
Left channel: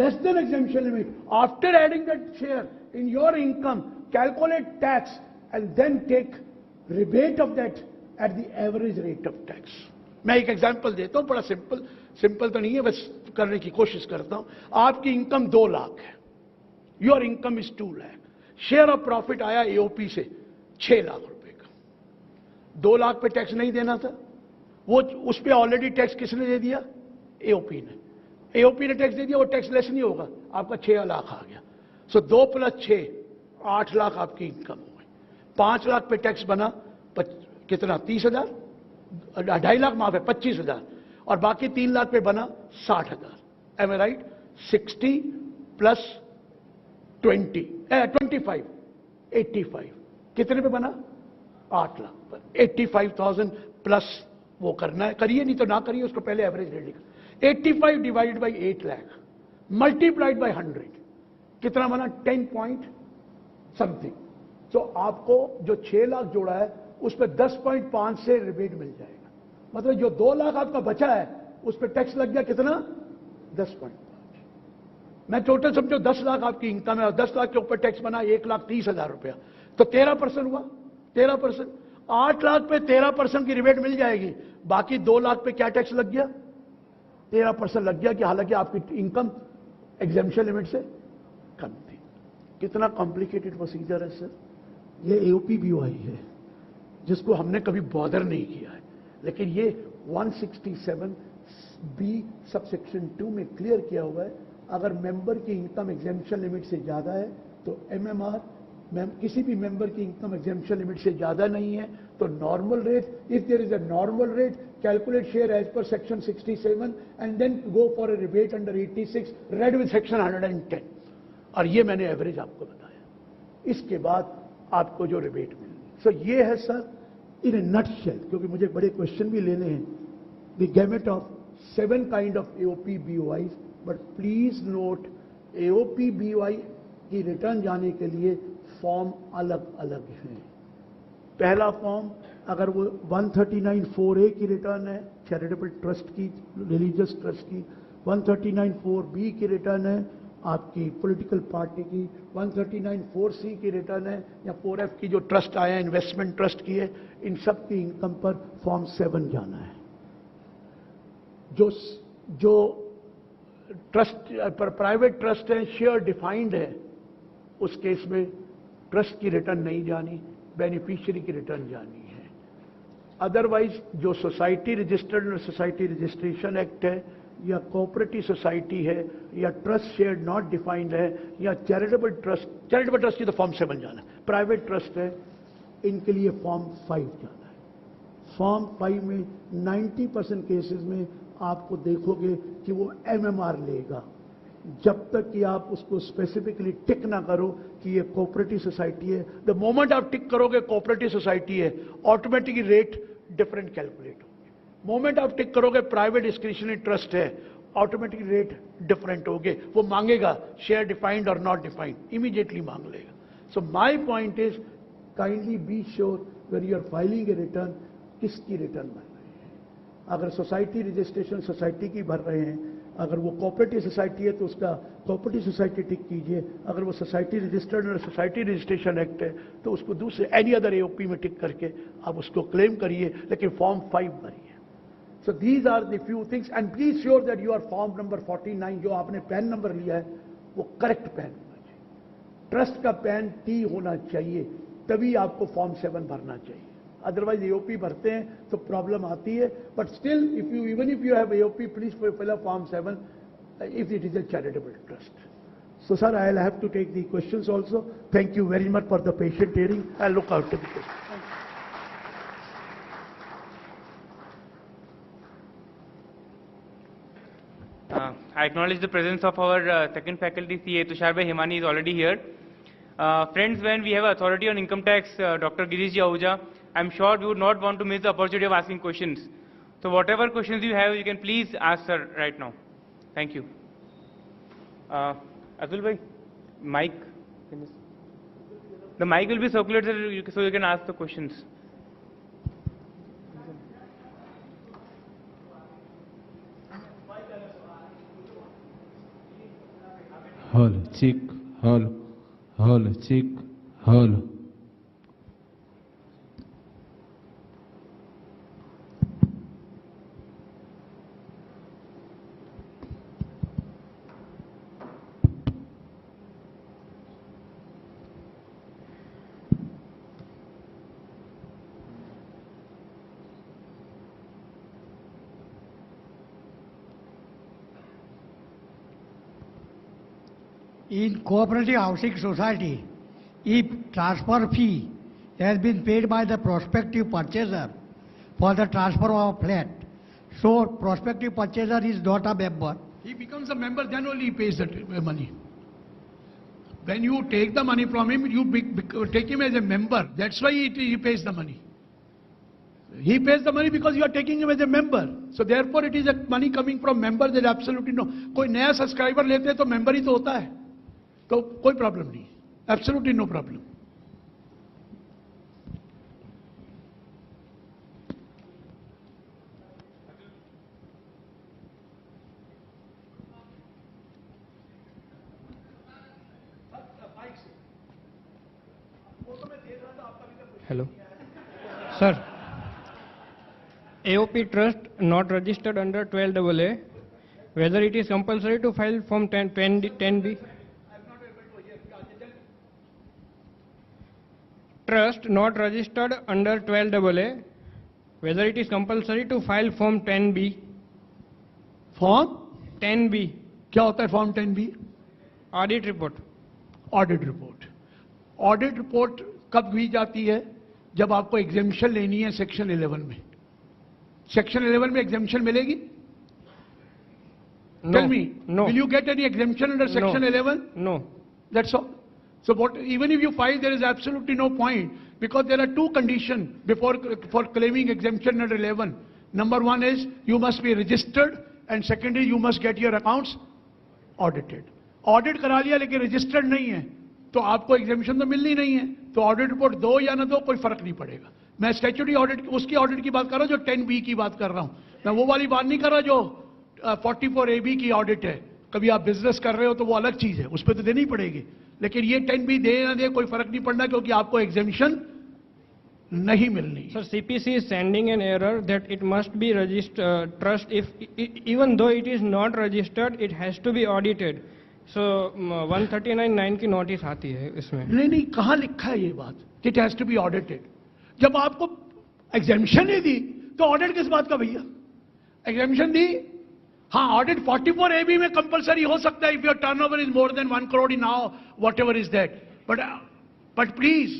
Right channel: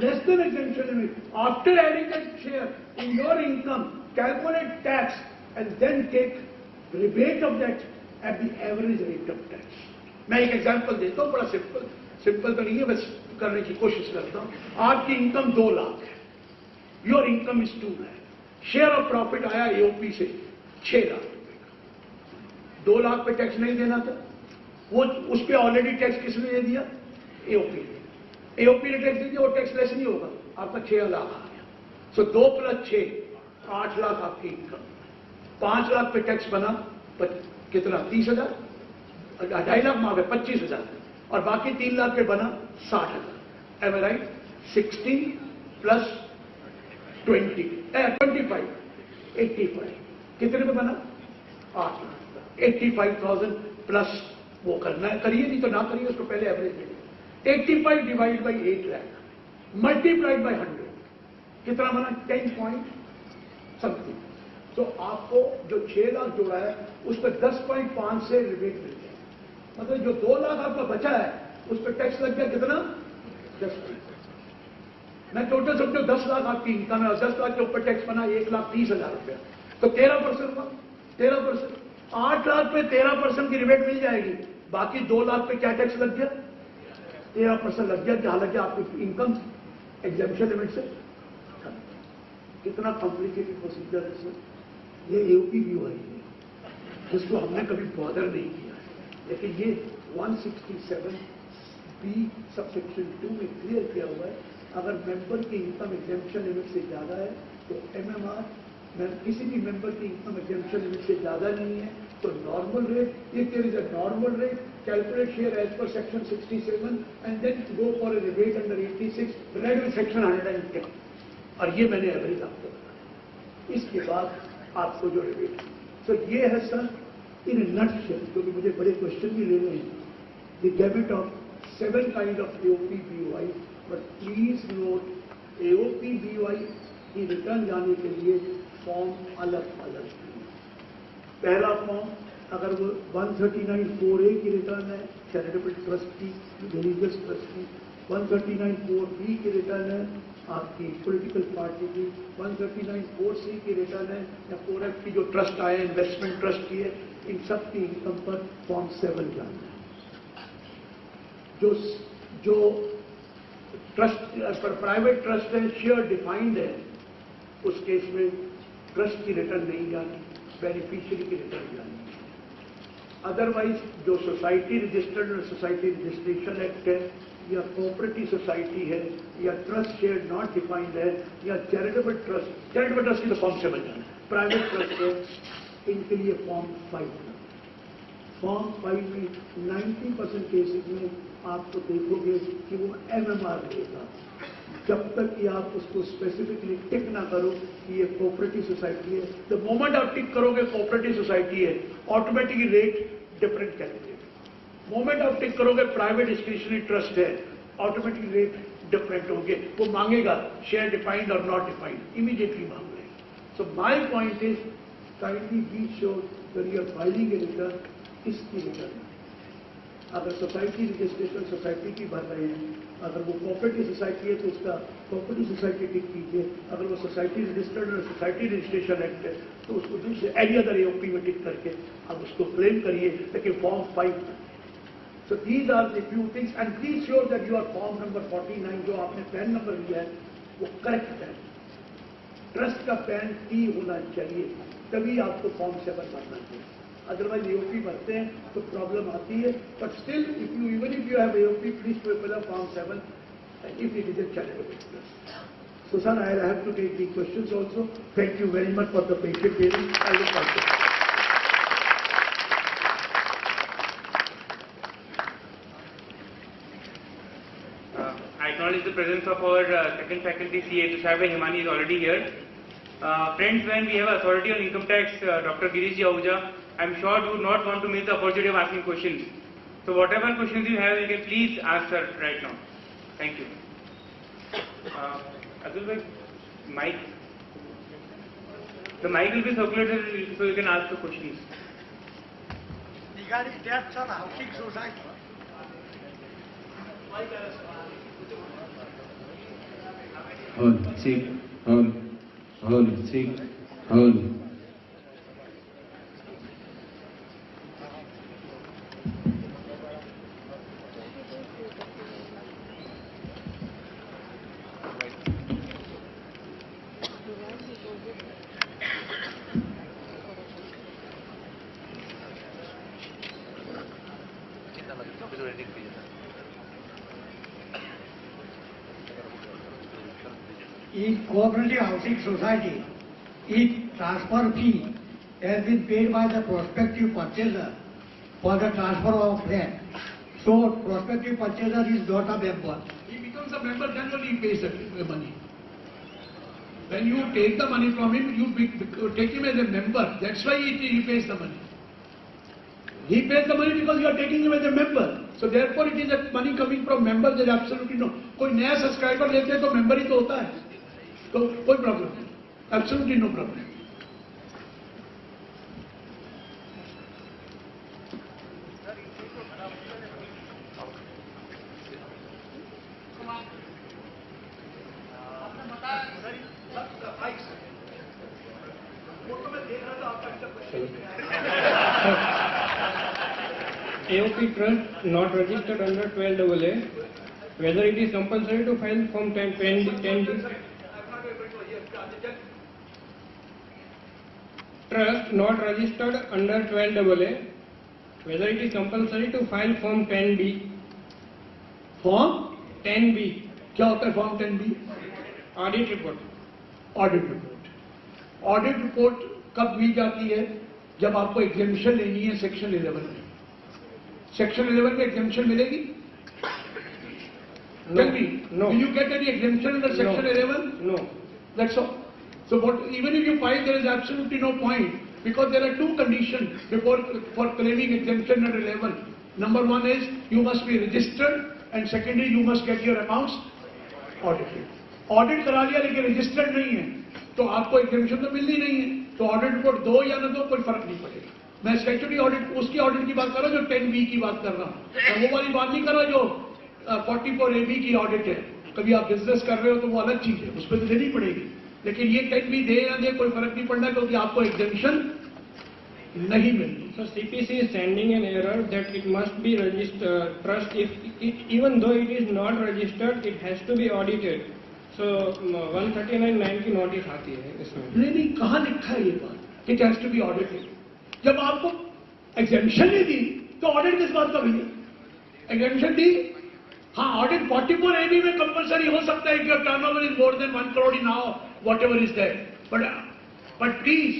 less than exemption limit. After adding that share in your income, calculate tax and then take rebate of that at the average rate of tax. मैं एक example देता हूं, बड़ा simple तो नहीं है, बस करने की कोशिश करता हूं। आपकी इनकम 2 लाख है, your income is 2 lakh, share of profit आया एओपी से 6 लाख, 2 लाख पे टैक्स नहीं देना था, वो उस पे ऑलरेडी टैक्स किसने दे दिया? एओपी ने। एओपी ने टैक्स दे दिया, वो टैक्स लेस नहीं होगा, आपका 6 लाख आ गया। सो 2 + 6 8 लाख आपकी इनकम, 5 लाख पे टैक्स बना कितना? 30,000, 2.5 लाख माफ है 25,000, और बाकी 3 लाख पे बना 60,000। एम आई राइट? 60 + 20 25 85 कितने पे बना? 8 लाख। 85,000 प्लस वो करना है, करिए नहीं तो ना करिए, उसको पहले average they. 85 divide by 8 lakh multiplied by 100 कितना बना? 10 पॉइंट समथिंग। तो आपको जो 6 लाख जोड़ा है उस पर 10.5 से रिबेट मिल जाएगा, मतलब जो 2 लाख आपका बचा है उस पर टैक्स लग गया कितना? 10 पॉइंट। मैं टोटल समझो 10 लाख आपकी इनकम है और 10 लाख के ऊपर टैक्स बना 1,30,000 रुपया, तो 13% हुआ। 13%, 8 लाख पे 13% की रिबेट मिल जाएगी, बाकी 2 लाख पे क्या टैक्स लग गया? 13% लग गया, कि हालांकि आपकी इनकम एग्जेम्पशन लिमिट से कम। कितना कॉम्प्लिकेटेड प्रोसीजर है सर। ये एओपी बीओआई है जिसको हमने कभी बॉदर नहीं किया है, लेकिन ये 167B सबसेक्शन 2 में क्लियर किया हुआ है, अगर मेंबर की इनकम एग्जेम्पशन लिमिट से ज्यादा है तो एमएमआर, किसी भी मेंबर की इनकम एग्जेम्पशन लिमिट से ज्यादा नहीं है तो normal rate, if there is a normal rate, calculate share as per section 67 and then go for a rebate under 86 read in section 110, और ये मैंने एवरेज आपको बताया। इसके बाद आपको जो रिबेट, सर ये है सर इन नटशेल, क्योंकि मुझे बड़े क्वेश्चन भी लेने हैं, the gamete of 7 kind of AOP BOI, but please note AOP BOI की रिटर्न जाने के लिए फॉर्म अलग अलग है। पहला फॉर्म अगर वो 139(4)A की रिटर्न है चैरिटेबल ट्रस्ट की, रिलीजियस ट्रस्ट की, 139(4)B की रिटर्न है आपकी पॉलिटिकल पार्टी की, 139(4)C की रिटर्न है या 4F की जो ट्रस्ट आया इन्वेस्टमेंट ट्रस्ट की है, इन सब की इनकम पर फॉर्म 7 जाना है। जो ट्रस्ट प्राइवेट ट्रस्ट है, शेयर डिफाइंड है, उस केस में ट्रस्ट की रिटर्न नहीं जानी, बेनिफिशियरी की रिटर्न जानी है। अदरवाइज जो सोसाइटी रजिस्टर्ड और सोसाइटी रजिस्ट्रेशन एक्ट है, या कोऑपरेटिव सोसाइटी है, या ट्रस्ट शेयर नॉट डिफाइंड है, या चैरिटेबल ट्रस्ट की तो फॉर्म 7 जाना है। प्राइवेट ट्रस्ट है, इनके लिए फॉर्म 5 जाना है। फॉर्म 5 में 90% केसेस में आपको देखोगे कि वो एमएमआर लेगा, जब तक कि आप उसको स्पेसिफिकली टिक ना करो कि ये कोऑपरेटिव सोसाइटी है। द मोमेंट आप टिक करोगे कोऑपरेटिव सोसाइटी है, automatically rate different calculate. Moment आप टिक करोगे प्राइवेट डिस्क्रिशनरी ट्रस्ट है, ऑटोमेटिक रेट डिफरेंट होंगे, वो मांगेगा शेयर डिफाइंड और नॉट डिफाइंड, इमीडिएटली मांग लेगा। So my point is kindly be sure that you are filing a return, किसकी रिटर्न। अगर सोसाइटी रजिस्ट्रेशन सोसाइटी की भर रहे हैं, अगर वो कोऑपरेटिव सोसाइटी है तो उसका कोऑपरेटिव सोसाइटी टिक कीजिए, अगर वो सोसाइटी रजिस्टर्ड और सोसाइटी रजिस्ट्रेशन एक्ट है तो उसको दूसरे एनी अदर एओपी में टिक करके आप उसको क्लेम करिए, लेकिन फॉर्म 5 बनिए। So these are the few things and be sure that your form number 49 जो आपने पैन नंबर लिया है वो करेक्ट पैन, ट्रस्ट का पैन T होना चाहिए, तभी आपको फॉर्म 7 भरना चाहिए। अदरवाइज एओपी भरते हैं तो प्रॉब्लम आती है. But still even if you have AOP, please fill up form 7 if it is a charitable trust. So sir, I will have to take the questions also. Thank you very much for the patient hearing. I look forward to it. I acknowledge the presence of our second faculty, CA Tusharbai Himani is already here. Friends, when we have authority on income tax, Dr. Girish Ahuja, I am sure you would not want to miss the opportunity of asking questions. So whatever questions you have, you can please ask her right now. Thank you. Abdul bhai, mic. The mic will be circulated so you can ask the questions. Regarding debts on housing society. Hold, cheek, hold, cheek, hold. In cooperative housing society, if transfer fee has been paid by the prospective purchaser for the transfer of flat, so prospective purchaser is not a member. He becomes a member, then only he pays the money. When you take the money from him, you take him as a member. That's why he pays the money. He pays the money because you are taking him as a member. So therefore it is a money coming from member. There is absolutely no. कोई नया subscriber लेते हैं तो member ही तो होता है. तो कोई प्रॉब्लम नहीं. Absolutely no problem. Hello. Sir, AOP trust not registered under 12AA, whether it is compulsory to file Form 10D. Trust not registered under 12AA, whether it is compulsory to file Form 10B. Form 10B. क्या होता है Form 10B? Audit report. Audit report. Audit report कब ली जाती है? जब आपको exemption लेनी है सेक्शन 11 में. सेक्शन 11 में एग्जेम्पशन मिलेगी? No. Tell me, No. will you get any exemption under section No. 11? No. That's all. So what, even if you file, there is absolutely no point, because there are two conditions for claiming exemption under 11. Number one is you must be registered, and secondly you must get your accounts audited. Audit करा लिया लेकिन registered नहीं है, तो आपको exemption तो मिलनी नहीं है. तो audit report दो या न दो कोई फर्क नहीं पड़ेगा. मैं statutory audit उसकी audit की बात कर रहा हूँ जो 10B की बात कर रहा हूँ. मैं वो वाली बात नहीं कर रहा जो 44AB की ऑडिट है. कभी आप बिजनेस कर रहे हो तो वो अलग चीज है, उस पर तो देनी पड़ेगी. लेकिन ये 10B दे ना दे कोई फर्क नहीं पड़ना क्योंकि आपको एग्जेम्पशन नहीं मिलनी. So CPC is sending an error that it must be registered trust even though it is not registered, it has to be audited. So 139(9) की नोटिस आती है इसमें. नहीं कहाँ लिखा है ये बात कि it has to be audited? जब आपको एग्जेम्पशन ही दी तो ऑडिट किस बात का भैया? एग्जेम्पशन दी, हाँ ऑडिट 44AB में कंपलसरी हो सकता है if your turnover is more than 1 crore in now whatever is there, but please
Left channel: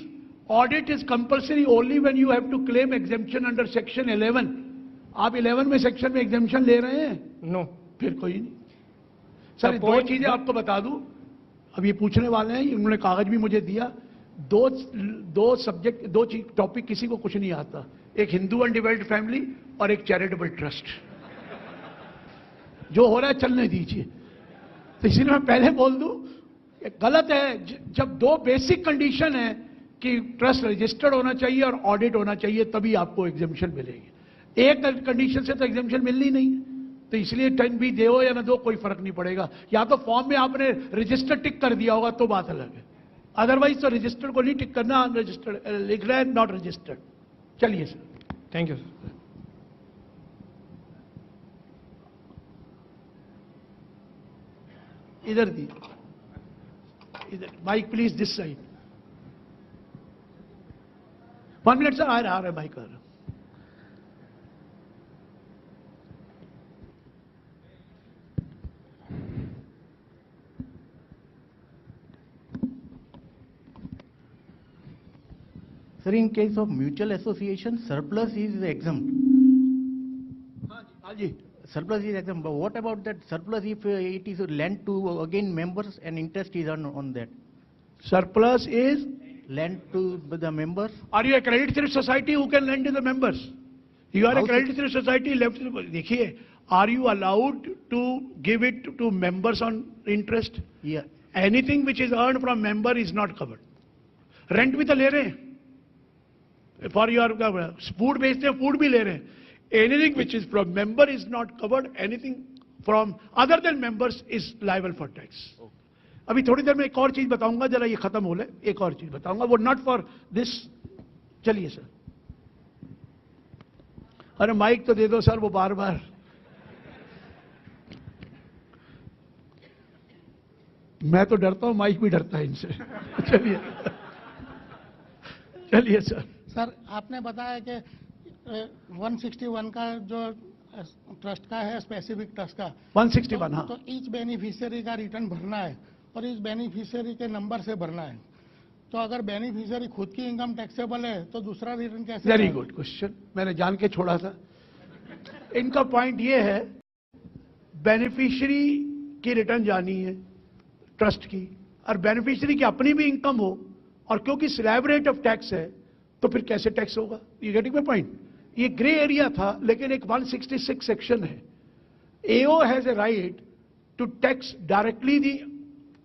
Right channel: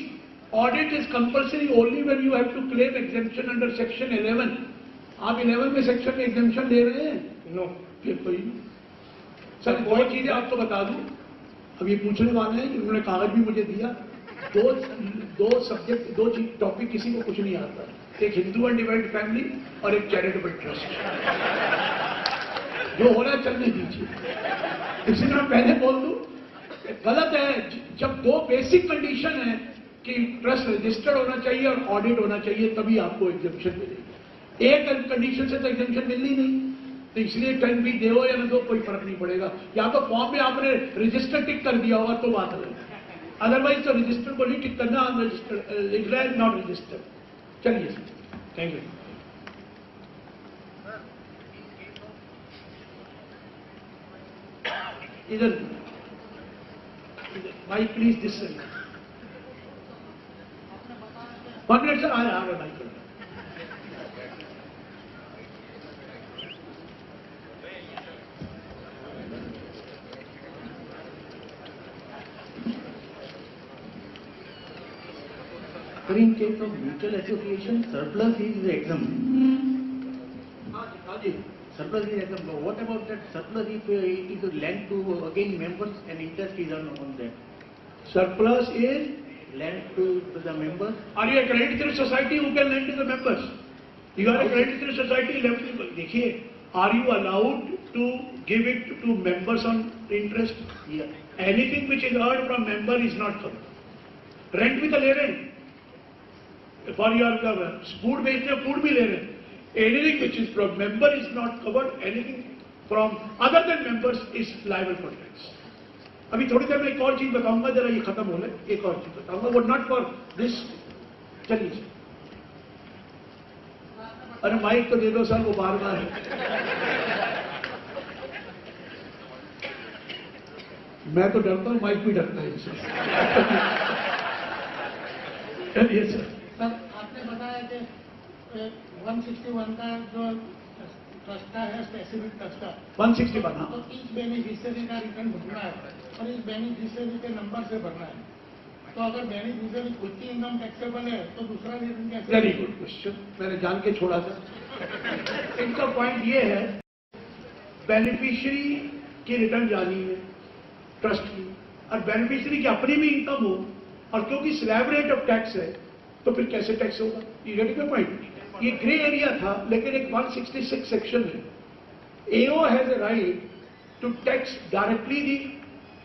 audit is compulsory only when you have to claim exemption under section 11. आप 11 में सेक्शन में exemption ले रहे हैं? No. फिर कोई सर दो चीजें आपको बता दूं. अब ये पूछने वाले हैं, उन्होंने कागज भी मुझे दिया. दो सब्जेक्ट, दो टॉपिक किसी को कुछ नहीं आता. एक हिंदू अनडिवाइडेड फैमिली और एक चैरिटेबल ट्रस्ट. जो हो रहा है चलने दीजिए. इसी में पहले बोल दूं, गलत है. जब दो बेसिक कंडीशन है कि ट्रस्ट रजिस्टर्ड होना चाहिए और ऑडिट होना चाहिए तभी आपको एग्जेम्पशन मिलेगी. एक कंडीशन से तो एग्जेम्पशन मिलनी नहीं. तो इसलिए 10B दो या न दो कोई फर्क नहीं पड़ेगा. या तो फॉर्म में आपने रजिस्टर टिक कर दिया होगा तो बात अलग है. अदरवाइज तो रजिस्टर को नहीं टिक करना, रजिस्टर लिख रहा है नॉट रजिस्टर्ड. चलिए सर. Thank you. इधर mike please this side. 1 minute sir, आ रहे भाई कर। So in case of mutual association, surplus is exempt. Surplus is exempt. But what about that surplus if it is lent to again members and interest is earned on that? Surplus is, Lent to the members. are you a credit society who can lend to the members? You are a credit society left. देखिए, are you allowed to give it to members on interest? Yeah. Anything which is earned from member is not covered. Rent भी तो ले रहे हैं. For your food बेचते हैं, food भी ले रहे हैं. Anything which is from member is not covered. Anything from other than members is liable for tax. अभी थोड़ी देर में एक और चीज बताऊंगा, जरा ये खत्म हो जाए, एक और चीज बताऊंगा, वो नॉट फॉर दिस. चलिए सर. अरे माइक तो दे दो सर, वो बार बार. मैं तो डरता हूँ, माइक भी डरता है इनसे. चलिए सर. सर, आपने बताया कि 161 का जो ट्रस्ट का है, स्पेसिफिक ट्रस्ट का 161, हाँ. तो ईच बेनिफिशियरी का रिटर्न भरना है और इस बेनिफिशियरी के नंबर से भरना है. तो अगर बेनिफिशियरी खुद की इनकम टैक्सेबल है तो दूसरा रिटर्न कैसे? वेरी गुड क्वेश्चन, मैंने जान के छोड़ा था. इनका पॉइंट ये है, बेनिफिशियरी की रिटर्न जानी है ट्रस्ट की, और बेनिफिशियरी की अपनी भी इनकम हो, और क्योंकि स्लैब रेट ऑफ टैक्स है तो फिर कैसे टैक्स होगा? ये गेटिंग माय पॉइंट. ये ग्रे एरिया था, लेकिन एक 166 सेक्शन है. AO has a right to tax directly the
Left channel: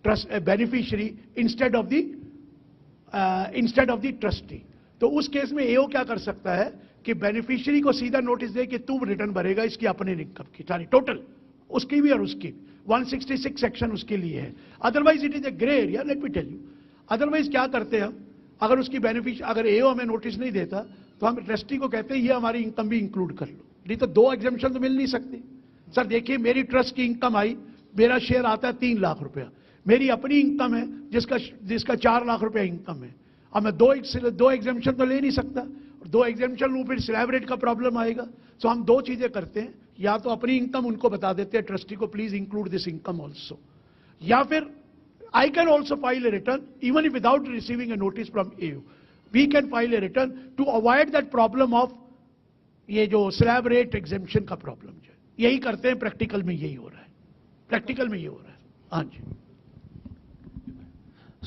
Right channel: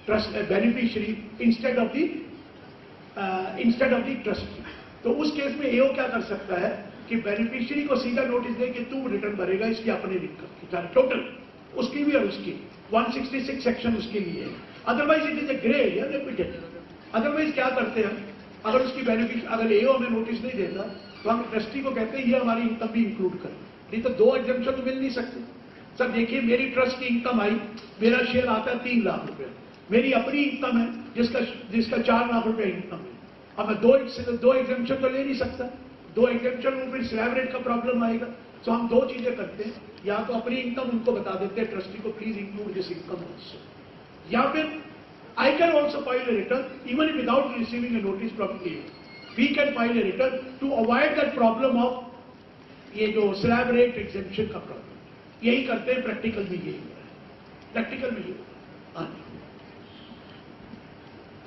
trust beneficiary instead of the trustee. तो उस केस में AO क्या कर सकता है कि बेनिफिशियरी को सीधा नोटिस दे कि तू रिटर्न भरेगा इसकी अपने इनकम की, टोटल उसकी भी और उसकी. 166 सेक्शन उसके लिए है. Otherwise it is a grey area, let me tell you. Otherwise क्या करते हैं, अगर उसकी बेनिफिट, अगर AO हमें नोटिस नहीं देता तो हम ट्रस्टी को कहते हैं ये हमारी इनकम भी इंक्लूड कर. नहीं तो 2 एग्जम्पशन तो मिल नहीं सकते. सर देखिए, मेरी ट्रस्ट की इनकम आई, मेरा शेयर आता है 3 लाख रुपए, मेरी अपनी इनकम है जिसका 4 लाख रुपए इनकम है. अब मैं 2 एग्जम्पशन तो ले नहीं सकता. 2 एग्जम्पशन में फिर स्लैब रेट का प्रॉब्लम आएगा. तो हम 2 चीजें करते हैं, या तो अपनी इनकम उनको बता देते हैं ट्रस्टी को, please include this income also, या फिर I can also file a return even if without receiving a notice from AO. We can file a return to avoid that problem of ये जो slab rate exemption का problem. यही करते हैं, practical में यही हो रहा है. प्रैक्टिकल में ये हो रहा है.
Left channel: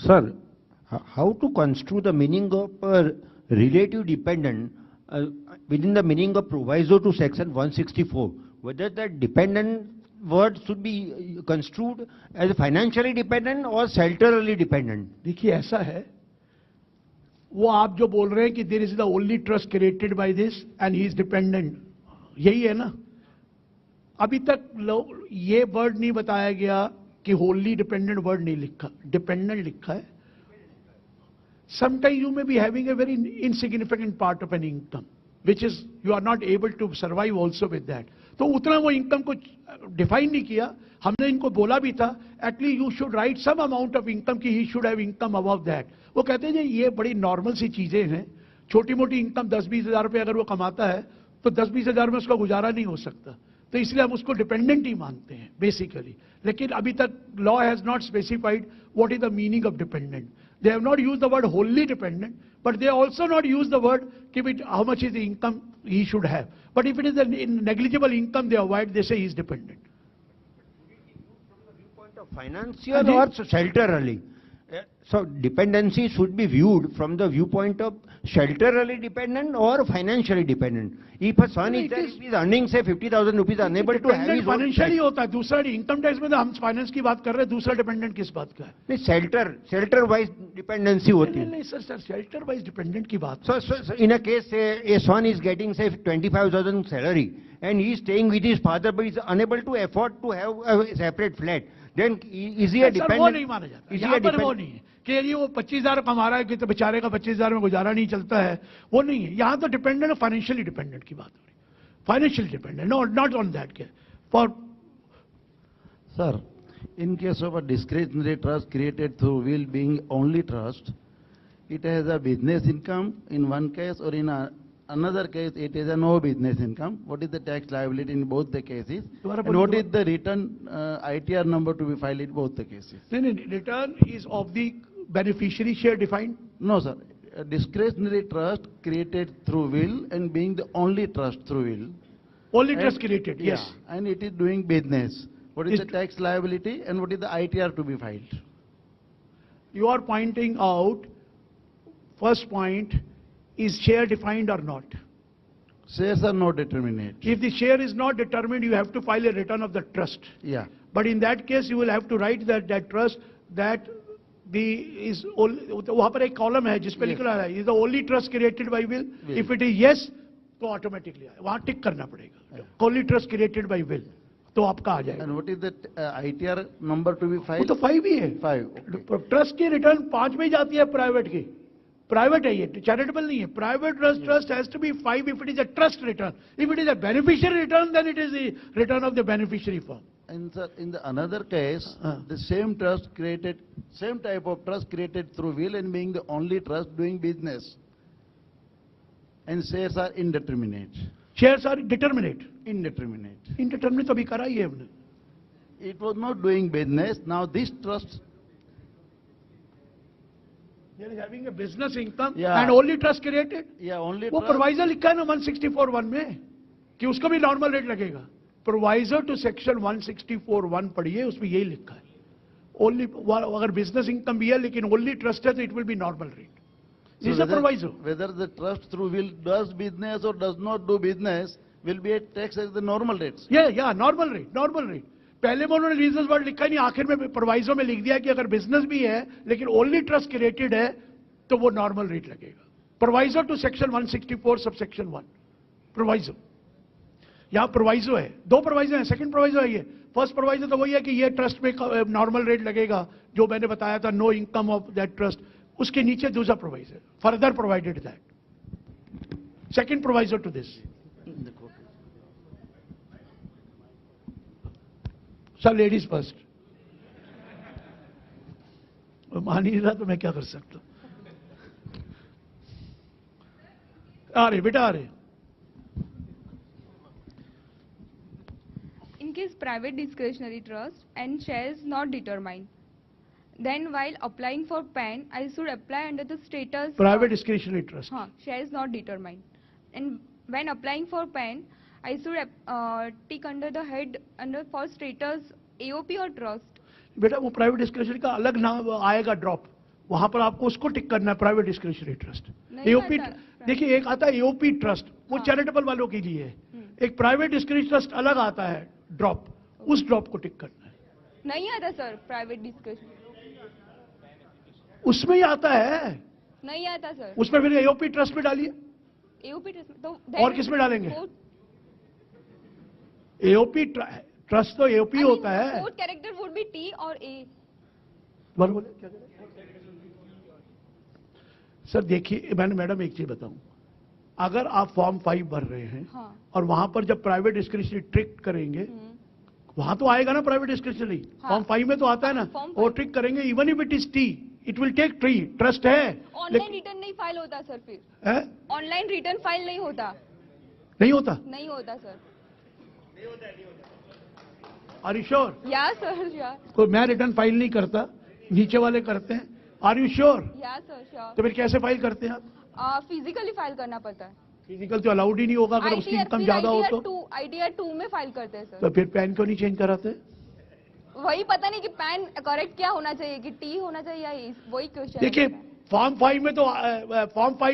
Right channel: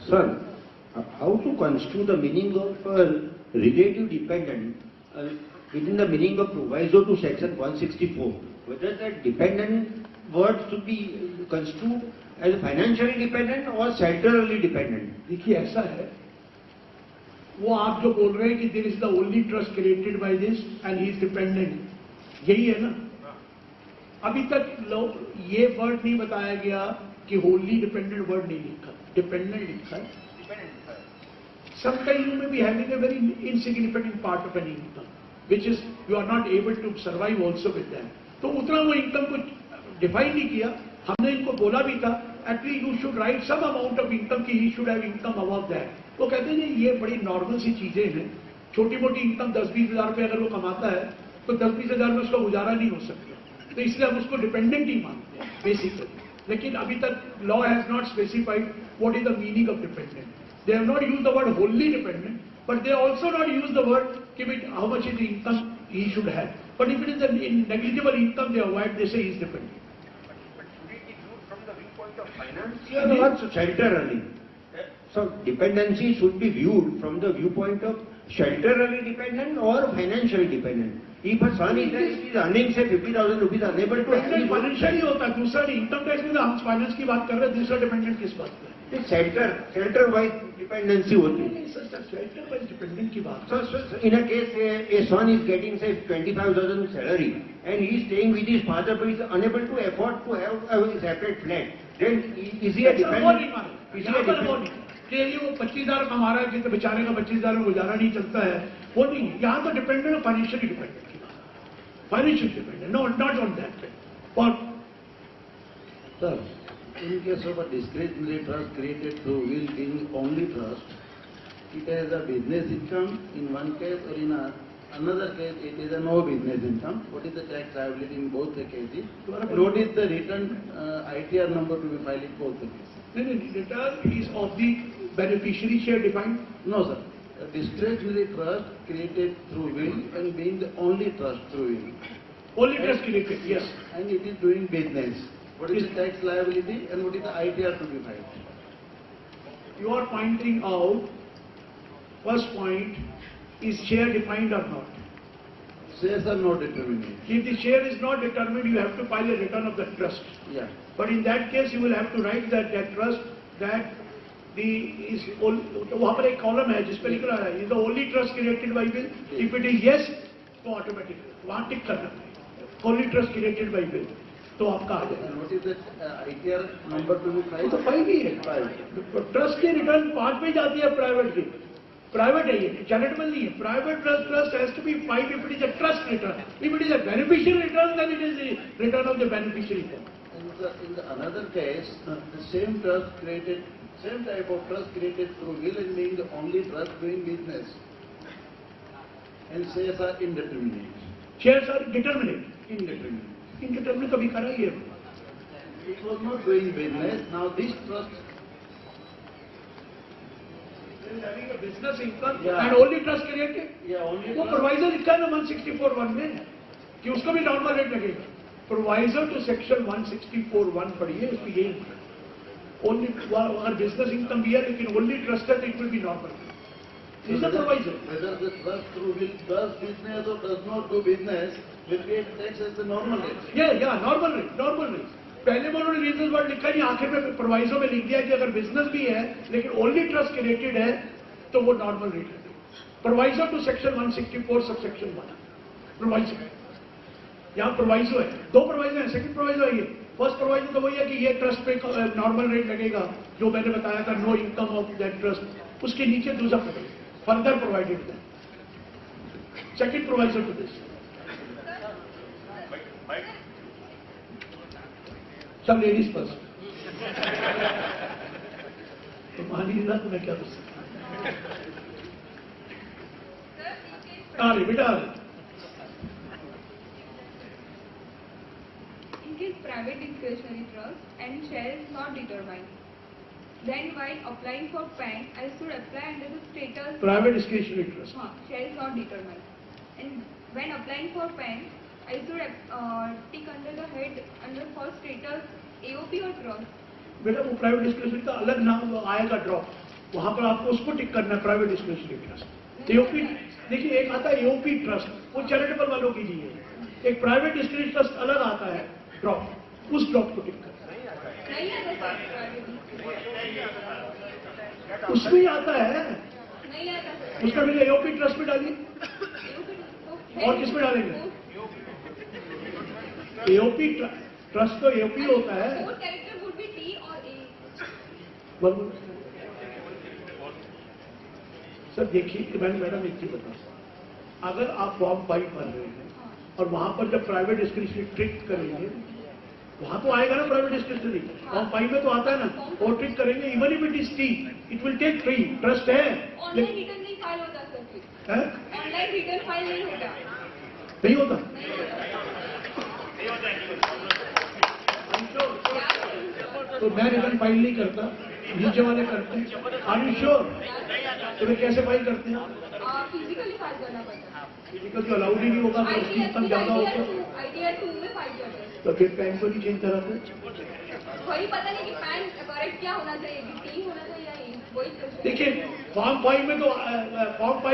Sir, how to construe the meaning of relative dependent within the meaning of proviso to section 164? Whether that dependent word should be construed as financially dependent or shelterally dependent? देखिए ऐसा है, वो आप जो बोल रहे हैं कि there is the only trust created by this and he is dependent, यही है ना. अभी तक ये वर्ड नहीं बताया गया कि होली डिपेंडेंट वर्ड नहीं लिखा, डिपेंडेंट लिखा है. Sometimes you may be having a very insignificant part of an income, which is you are not able to survive also with that. तो उतना वो इनकम को डिफाइन नहीं किया. हमने इनको बोला भी था, at least you should write some amount of income की he should have income above that. वो कहते हैं ये बड़ी नॉर्मल सी चीजें हैं, छोटी मोटी इनकम 10-20 हज़ार रुपये अगर वो कमाता है तो 10-20 हज़ार में उसका गुजारा नहीं हो सकता. तो इसलिए हम उसको डिपेंडेंट ही मानते हैं बेसिकली. लेकिन अभी तक law has not specified what is the meaning of dependent. They have not used the word wholly dependent, but they also not used the word how much is the income he should have. But if it is a negligible income, they avoid, they say he is dependent. Financial or shelterly? So dependency should be viewed from the viewpoint of shelterly dependent or financially dependent. If a son is earning say 50,000 rupees, unable to have financial ही होता है. दूसरा income tax में तो हम finance की बात कर रहे हैं, दूसरा डिपेंडेंट किस बात का है? shelter wise dependency होती है. नहीं सर, शेल्टर वाइज डिपेंडेंट की बात. So in a case a son is getting say 25,000 salary and he is staying with his father but is unable to afford to have a separate flat, then is he a dependent? Is he a dependent? कि वो 25,000 कमा रहा है कि तो बेचारे का 25,000 में गुजारा नहीं चलता है, वो नहीं है. यहाँ तो डिपेंडेंट फाइनेंशियली डिपेंडेंट की बात, financially dependent, not on that. For Sir, in case of a discretionary trust created through will being only trust, it has a business income in one case, or in another case it is a no business income. What is the tax liability in both the cases? And what is the return ITR number to be filed in both the cases? Return is of the beneficiary share defined? No, sir. A discretionary trust created through will and being the only trust through will. Only trust created, yes. And it is doing business. What is the tax liability and what is the ITR to be filed? You are pointing out, first point, is share defined or not? Shares are not determined. If the share is not determined, you have to file a return of the trust. Yeah. But in that case, you will have to write that trust that वहाँ पर एक column है जिसपे लिख रहा है, is the only trust created by will. If it is yes, तो automatic वहाँ टिक करना पड़ेगा. Only trust created by will. तो आपका आ जाएगा. And what is that ITR number to be filed? वो तो 5 ही है. 5. ट्रस्ट की रिटर्न 5 में जाती है प्राइवेट की. प्राइवेट है ये, चैरिटेबल नहीं है. Private trust has to be filed if it is a trust return. If it is a beneficiary return, then it is the return of the beneficiary form. And in the another case, the same trust created, same type of trust created through will and being the only trust doing business. And shares are indeterminate. Shares are determinate. Indeterminate. Indeterminate तो अभी करा ही है. It was not doing business. Now this trust. Having a business income Yeah. and only trust created. Yeah, only. वो प्रोवाइजर लिखा है ना 164(1) में कि उसको भी नॉर्मल रेट लगेगा. प्रोवाइजर टू सेक्शन 164(1) पढ़िए, उसमें यही लिखा है. ओनली अगर बिजनेस इनकम भी है लेकिन ओनली ट्रस्ट है तो it will be normal. This is प्रोवाइजर. Whether the trust through will does business or does not do business will be taxed as the normal rate. या नॉर्मल रेट. पहले में उन्होंने regional word लिखा नहीं, आखिर में प्रोवाइजर में लिख दिया कि अगर बिजनेस भी है लेकिन ओनली ट्रस्ट क्रिएटेड है तो वो नॉर्मल रेट लगेगा. प्रोवाइजर टू सेक्शन 164 सब सेक्शन 1. प्रोवाइजर यहाँ प्रोवाइजर है, 2 प्रोवाइजर है. सेकंड प्रोवाइजर है ये. फर्स्ट प्रोवाइजर तो वही है कि ये ट्रस्ट में नॉर्मल रेट लगेगा जो मैंने बताया था, no income of that trust. उसके नीचे दूसरा प्रोवाइजर फर्दर प्रोवाइडेड है. Second proviso to this. सब लेडीज फर्स्ट. मान ही था तो मैं क्या कर सकता. आ रही बेटा आ रही. In case private discretionary trust and shares not determined, then while applying for PAN, I should apply under the status private discretionary trust. shares not determined. And when applying for PAN, I should tick under the head under for status AOP or trust. बेटा वो private discretionary का अलग नाम आएगा drop, वहां पर आपको उसको टिक करना है. Private discretionary trust AOP. देखिए एक आता है एओपी ट्रस्ट, वो चैरिटेबल वालों के लिए है. एक प्राइवेट डिस्क्रिशनरी ट्रस्ट अलग आता है ड्रॉप, उस ड्रॉप को टिक करना. नहीं आता सर प्राइवेट डिस्क्रिशनरी. उसमें ही आता है. नहीं आता सर. उसमें फिर एओपी ट्रस्ट में डालिए. और किस में डालेंगे? एओपी ट्रस्ट तो एओपी होता है. Fourth character would be T or A. Sir देखिए मैडम एक चीज बताओ, अगर आप फॉर्म 5 भर रहे हैं और वहां पर जब प्राइवेट डिस्क्रिशनरी ट्रिक करेंगे वहां तो आएगा ना प्राइवेट डिस्क्रिशनरी. फॉर्म 5 में तो आता है ना, वो ट्रिक करेंगे. Even if it is T it will take 3. Trust है. ऑनलाइन रिटर्न नहीं फाइल होता सर. फिर ऑनलाइन रिटर्न फाइल नहीं होता. नहीं होता. नहीं होता. Are you sure? Yes, sir. तो मैं रिटर्न फाइल नहीं करता, नीचे वाले करते हैं. Are you sure? तो फिर कैसे फाइल करते हैं? फिजिकली फाइल करना पड़ता है. फिजिकल तो अलाउड ही नहीं होगा तो उसकी इनकम ज्यादा हो तो. ITR 2 में फाइल करते हैं. तो फिर पैन को नहीं चेंज कराते. वही पता नहीं कि पैन करेक्ट क्या होना चाहिए, कि टी होना चाहिए या ई. वही क्वेश्चन. देखिए फॉर्म 5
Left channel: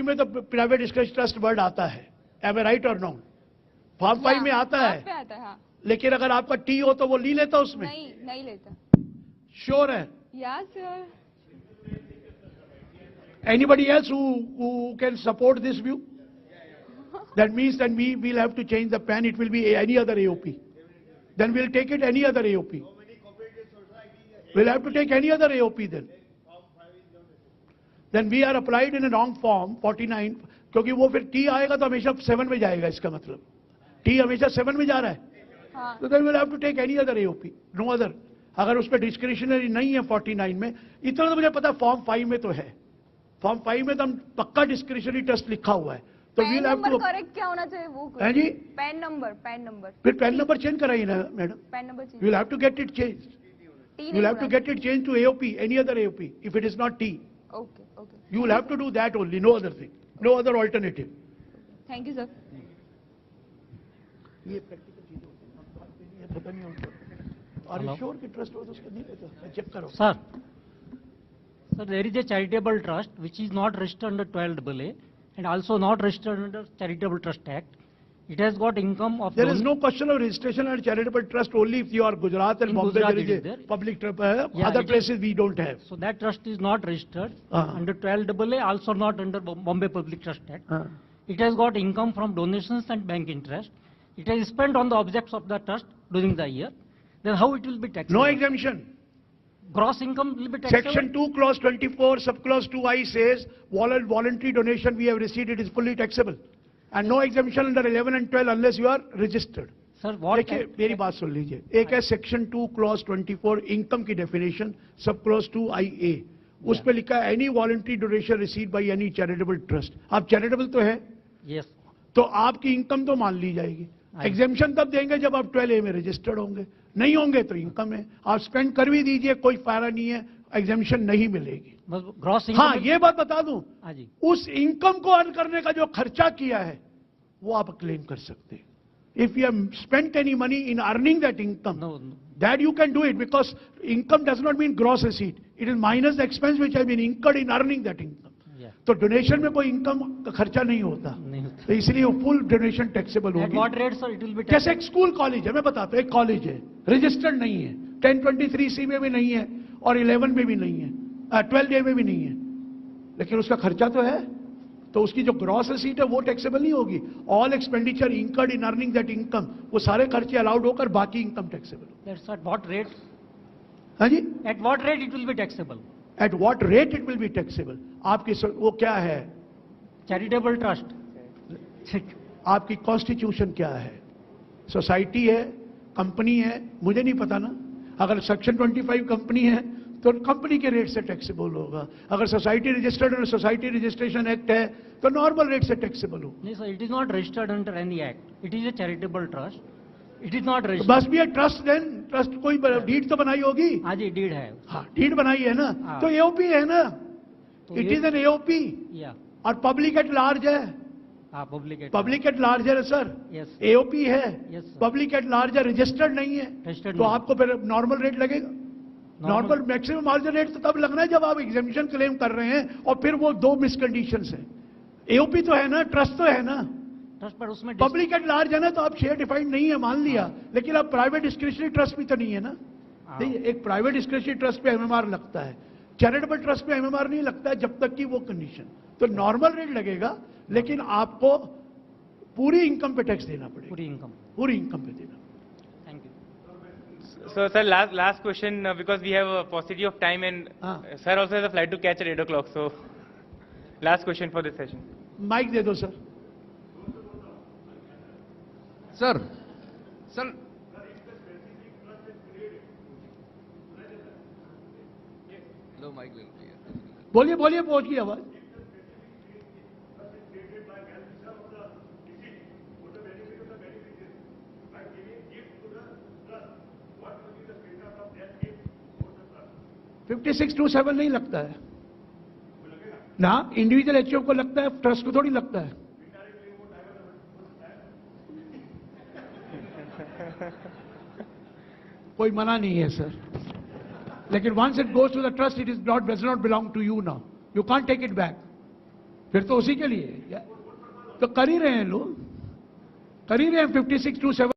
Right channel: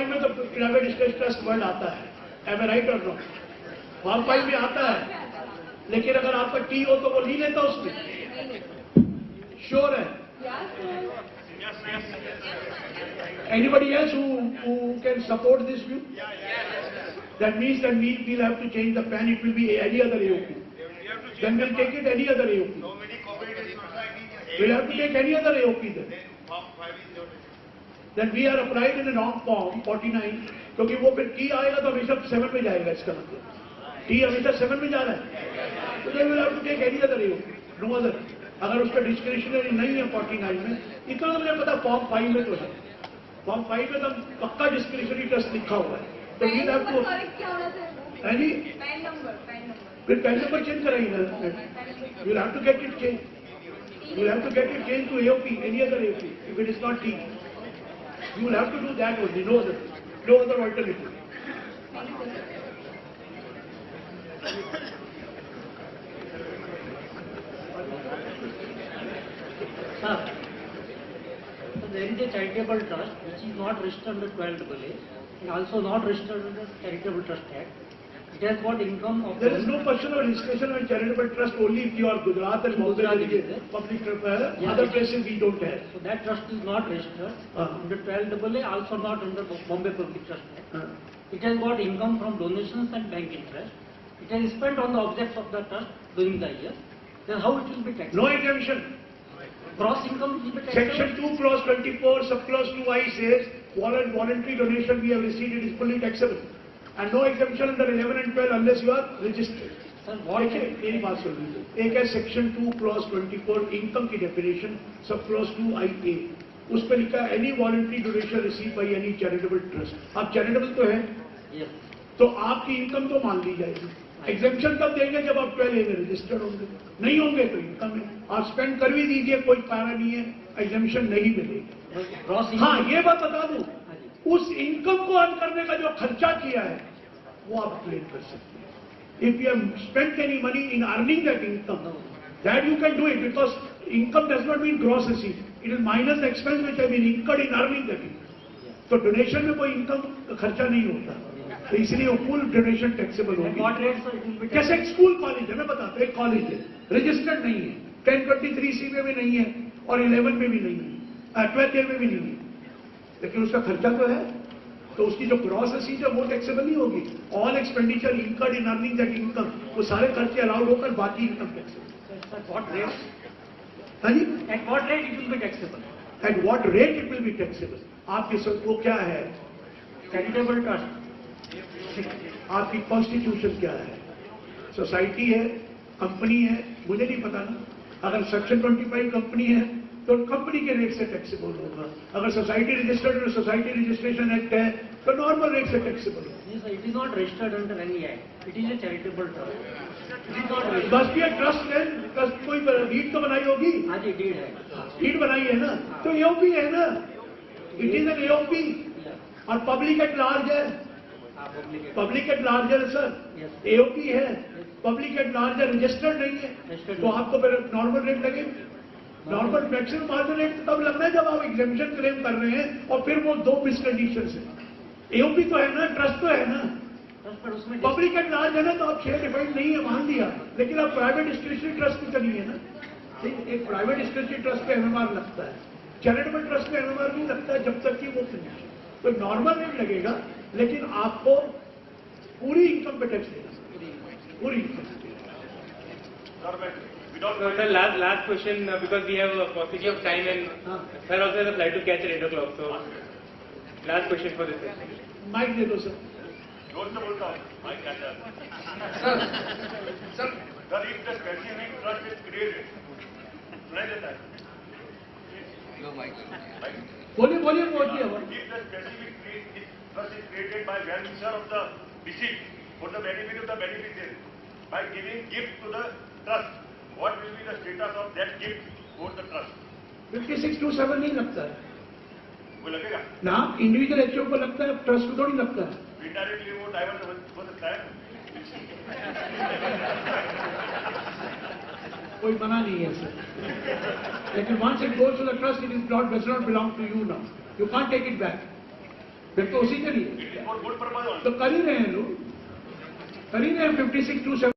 में तो प्राइवेट ट्रस्ट वर्ड आता है. एम आई राइट और नो? फॉर्म 5 में आता है, लेकिन अगर आपका टी हो तो वो नहीं लेता उसमें. श्योर है? Anybody else who can support this view? That means that we will have to change the PAN. It will be any other AOP. Then we'll take it any other AOP. We'll have to take any other AOP then. Then we are applied in a wrong form 49, क्योंकि वो फिर T आएगा तो हमेशा 7 में जाएगा. इसका मतलब T हमेशा 7 में जा रहा है, तो then we'll have to take any other AOP. No other. अगर उसका डिस्क्रिशनरी नहीं है 49 में, इतना तो मुझे पता फॉर्म 5 में तो है. फॉर्म 5 में तो पक्का डिस्क्रिशनरी ट्रस्ट लिखा हुआ है, तो PAN we'll have number to correct क्या होना चाहिए वो? है जी, पैन नंबर फिर पैन नंबर चेंज कराइए ना, PAN number we'll have to get it change, we'll have to get it change to AOP, any other AOP, if it is not T. You will have to do that only, no other alternative. Thank you sir. Sir, so there is a charitable trust which is not registered under 12AA and also not registered under Charitable Trust Act. It has got income of... There is no question of registration on charitable trust only if you are Gujarat and Bombay, Gujarat it is, public Yeah, other yes. places we don't have. So that trust is not registered under 12AA, also not under Bombay Public Trust Act. It has got income from donations and bank interest. It has spent on the objects of the trust during the year. Then how it will be taxed? No exemption. Gross income will be taxed. Section 2 clause 24 subclause 2I says voluntary donation we have received, it is fully taxable. And no exemption under 11 and 12 unless you are registered. Sir, what? देखिए मेरी बात सुन लीजिए, एक है section 2 clause 24 income की definition, sub clause 2IA, उस पे लिखा है any voluntary donation receive by any charitable trust. आप चैरिटेबल तो है, Yes. तो आपकी इनकम तो मान ली जाएगी. एग्जेम्पशन तब देंगे जब आप 12A में रजिस्टर्ड होंगे, नहीं होंगे तो इनकम है. आप स्पेंड कर भी दीजिए, कोई पैरा नहीं है, एग्जेम्पशन नहीं मिलेगी. हाँ ये बात बता दूं, उस इनकम को अर्न करने का जो खर्चा किया है वो आप क्लेम कर सकते हैं. If you have spent any money in earning that income, that you can do it because income does not mean gross receipt. It is minus the expense which have been incurred in earning that income. तो donation में कोई income का खर्चा नहीं होता, तो इसलिए वो फुल डोनेशन टैक्सेबल होगी. जैसे एक स्कूल कॉलेज है, मैं बताता हूँ, एक कॉलेज है रजिस्टर्ड नहीं है, 1023C में भी नहीं है और 11 में भी नहीं है, 12A में भी नहीं है, लेकिन उसका खर्चा तो है, तो उसकी जो ग्रॉस रिसीट है वो टैक्सेबल नहीं होगी. All expenditure incurred in earning that income, वो सारे खर्चे अलाउड होकर बाकी इनकम टैक्सेबल. What rate? हाँ जी, At what rate it will be taxable? At what rate it will be taxable. आपकी वो क्या है, Charitable trust. आपकी कॉन्स्टिट्यूशन क्या है, सोसाइटी है, कंपनी है, मुझे नहीं पता ना. अगर सेक्शन 25 कंपनी है तो कंपनी के रेट से टैक्सेबल होगा. अगर society registered society registration act है तो नॉर्मल रेट से टैक्सेबल होगा. Yes, sir, it is not registered under any act. It is a charitable trust. It is not registered. बस भी ट्रस्ट है, ट्रस्ट कोई डीड तो बनाई होगी. हाँ जी, डीड है. डीड बनाई है ना, तो AOP है ना, इट इज एन AOP. और पब्लिक एट लार्ज है, पब्लिक एट लार्ज है सर, AOP है, पब्लिक एट लार्ज है, रजिस्टर्ड नहीं है, तो आपको फिर नॉर्मल रेट लगेगा. नॉर्मल मैक्सिमम मार्जिन रेट तब लगना है जब आप एग्जेम्पशन क्लेम कर रहे हैं, और फिर वो दो मिसकंडीशन है. AOP तो है ना, ट्रस्ट तो है ना, पब्लिक एट लार्ज है ना, तो आप शेयर डिफाइंड नहीं है मान लिया, लेकिन आप प्राइवेट डिस्क्रिशनरी ट्रस्ट भी तो नहीं है ना. एक प्राइवेट डिस्क्रिशनरी ट्रस्ट पे MMR लगता है, चैरिटेबल ट्रस्ट पे MMR नहीं लगता है जब तक कि वो कंडीशन. तो नॉर्मल रेट लगेगा, लेकिन आपको पूरी इनकम पे टैक्स देना सर, पूरी इनकम पे. So sir, last question because we have a paucity of time and sir also has a flight to catch at 8 o'clock. So last question for this session. Mike दे दो sir. Sir, sir, if the specific trust is created, सुनाई देता है? बोलिए बोलिए बोल दिया. If the specific trust is created by well-wisher of the deceased for the benefit of the beneficiary by giving gift to the trust, what will be the status of that gift for the trust? 5627 नहीं लगता है वो लगेगा ना, individual HO को लगता है, trust को थोड़ी लगता है. इनडायरेक्टली वो डाइवर्ट हो सकता है. कोई मना नहीं है सर, लेकिन once it goes to the trust it is not, does not belong to you now, you can't take it back. फिर तो उसी के लिए तो कर ही रहे हैं लोग, कर ही रहे हैं 5627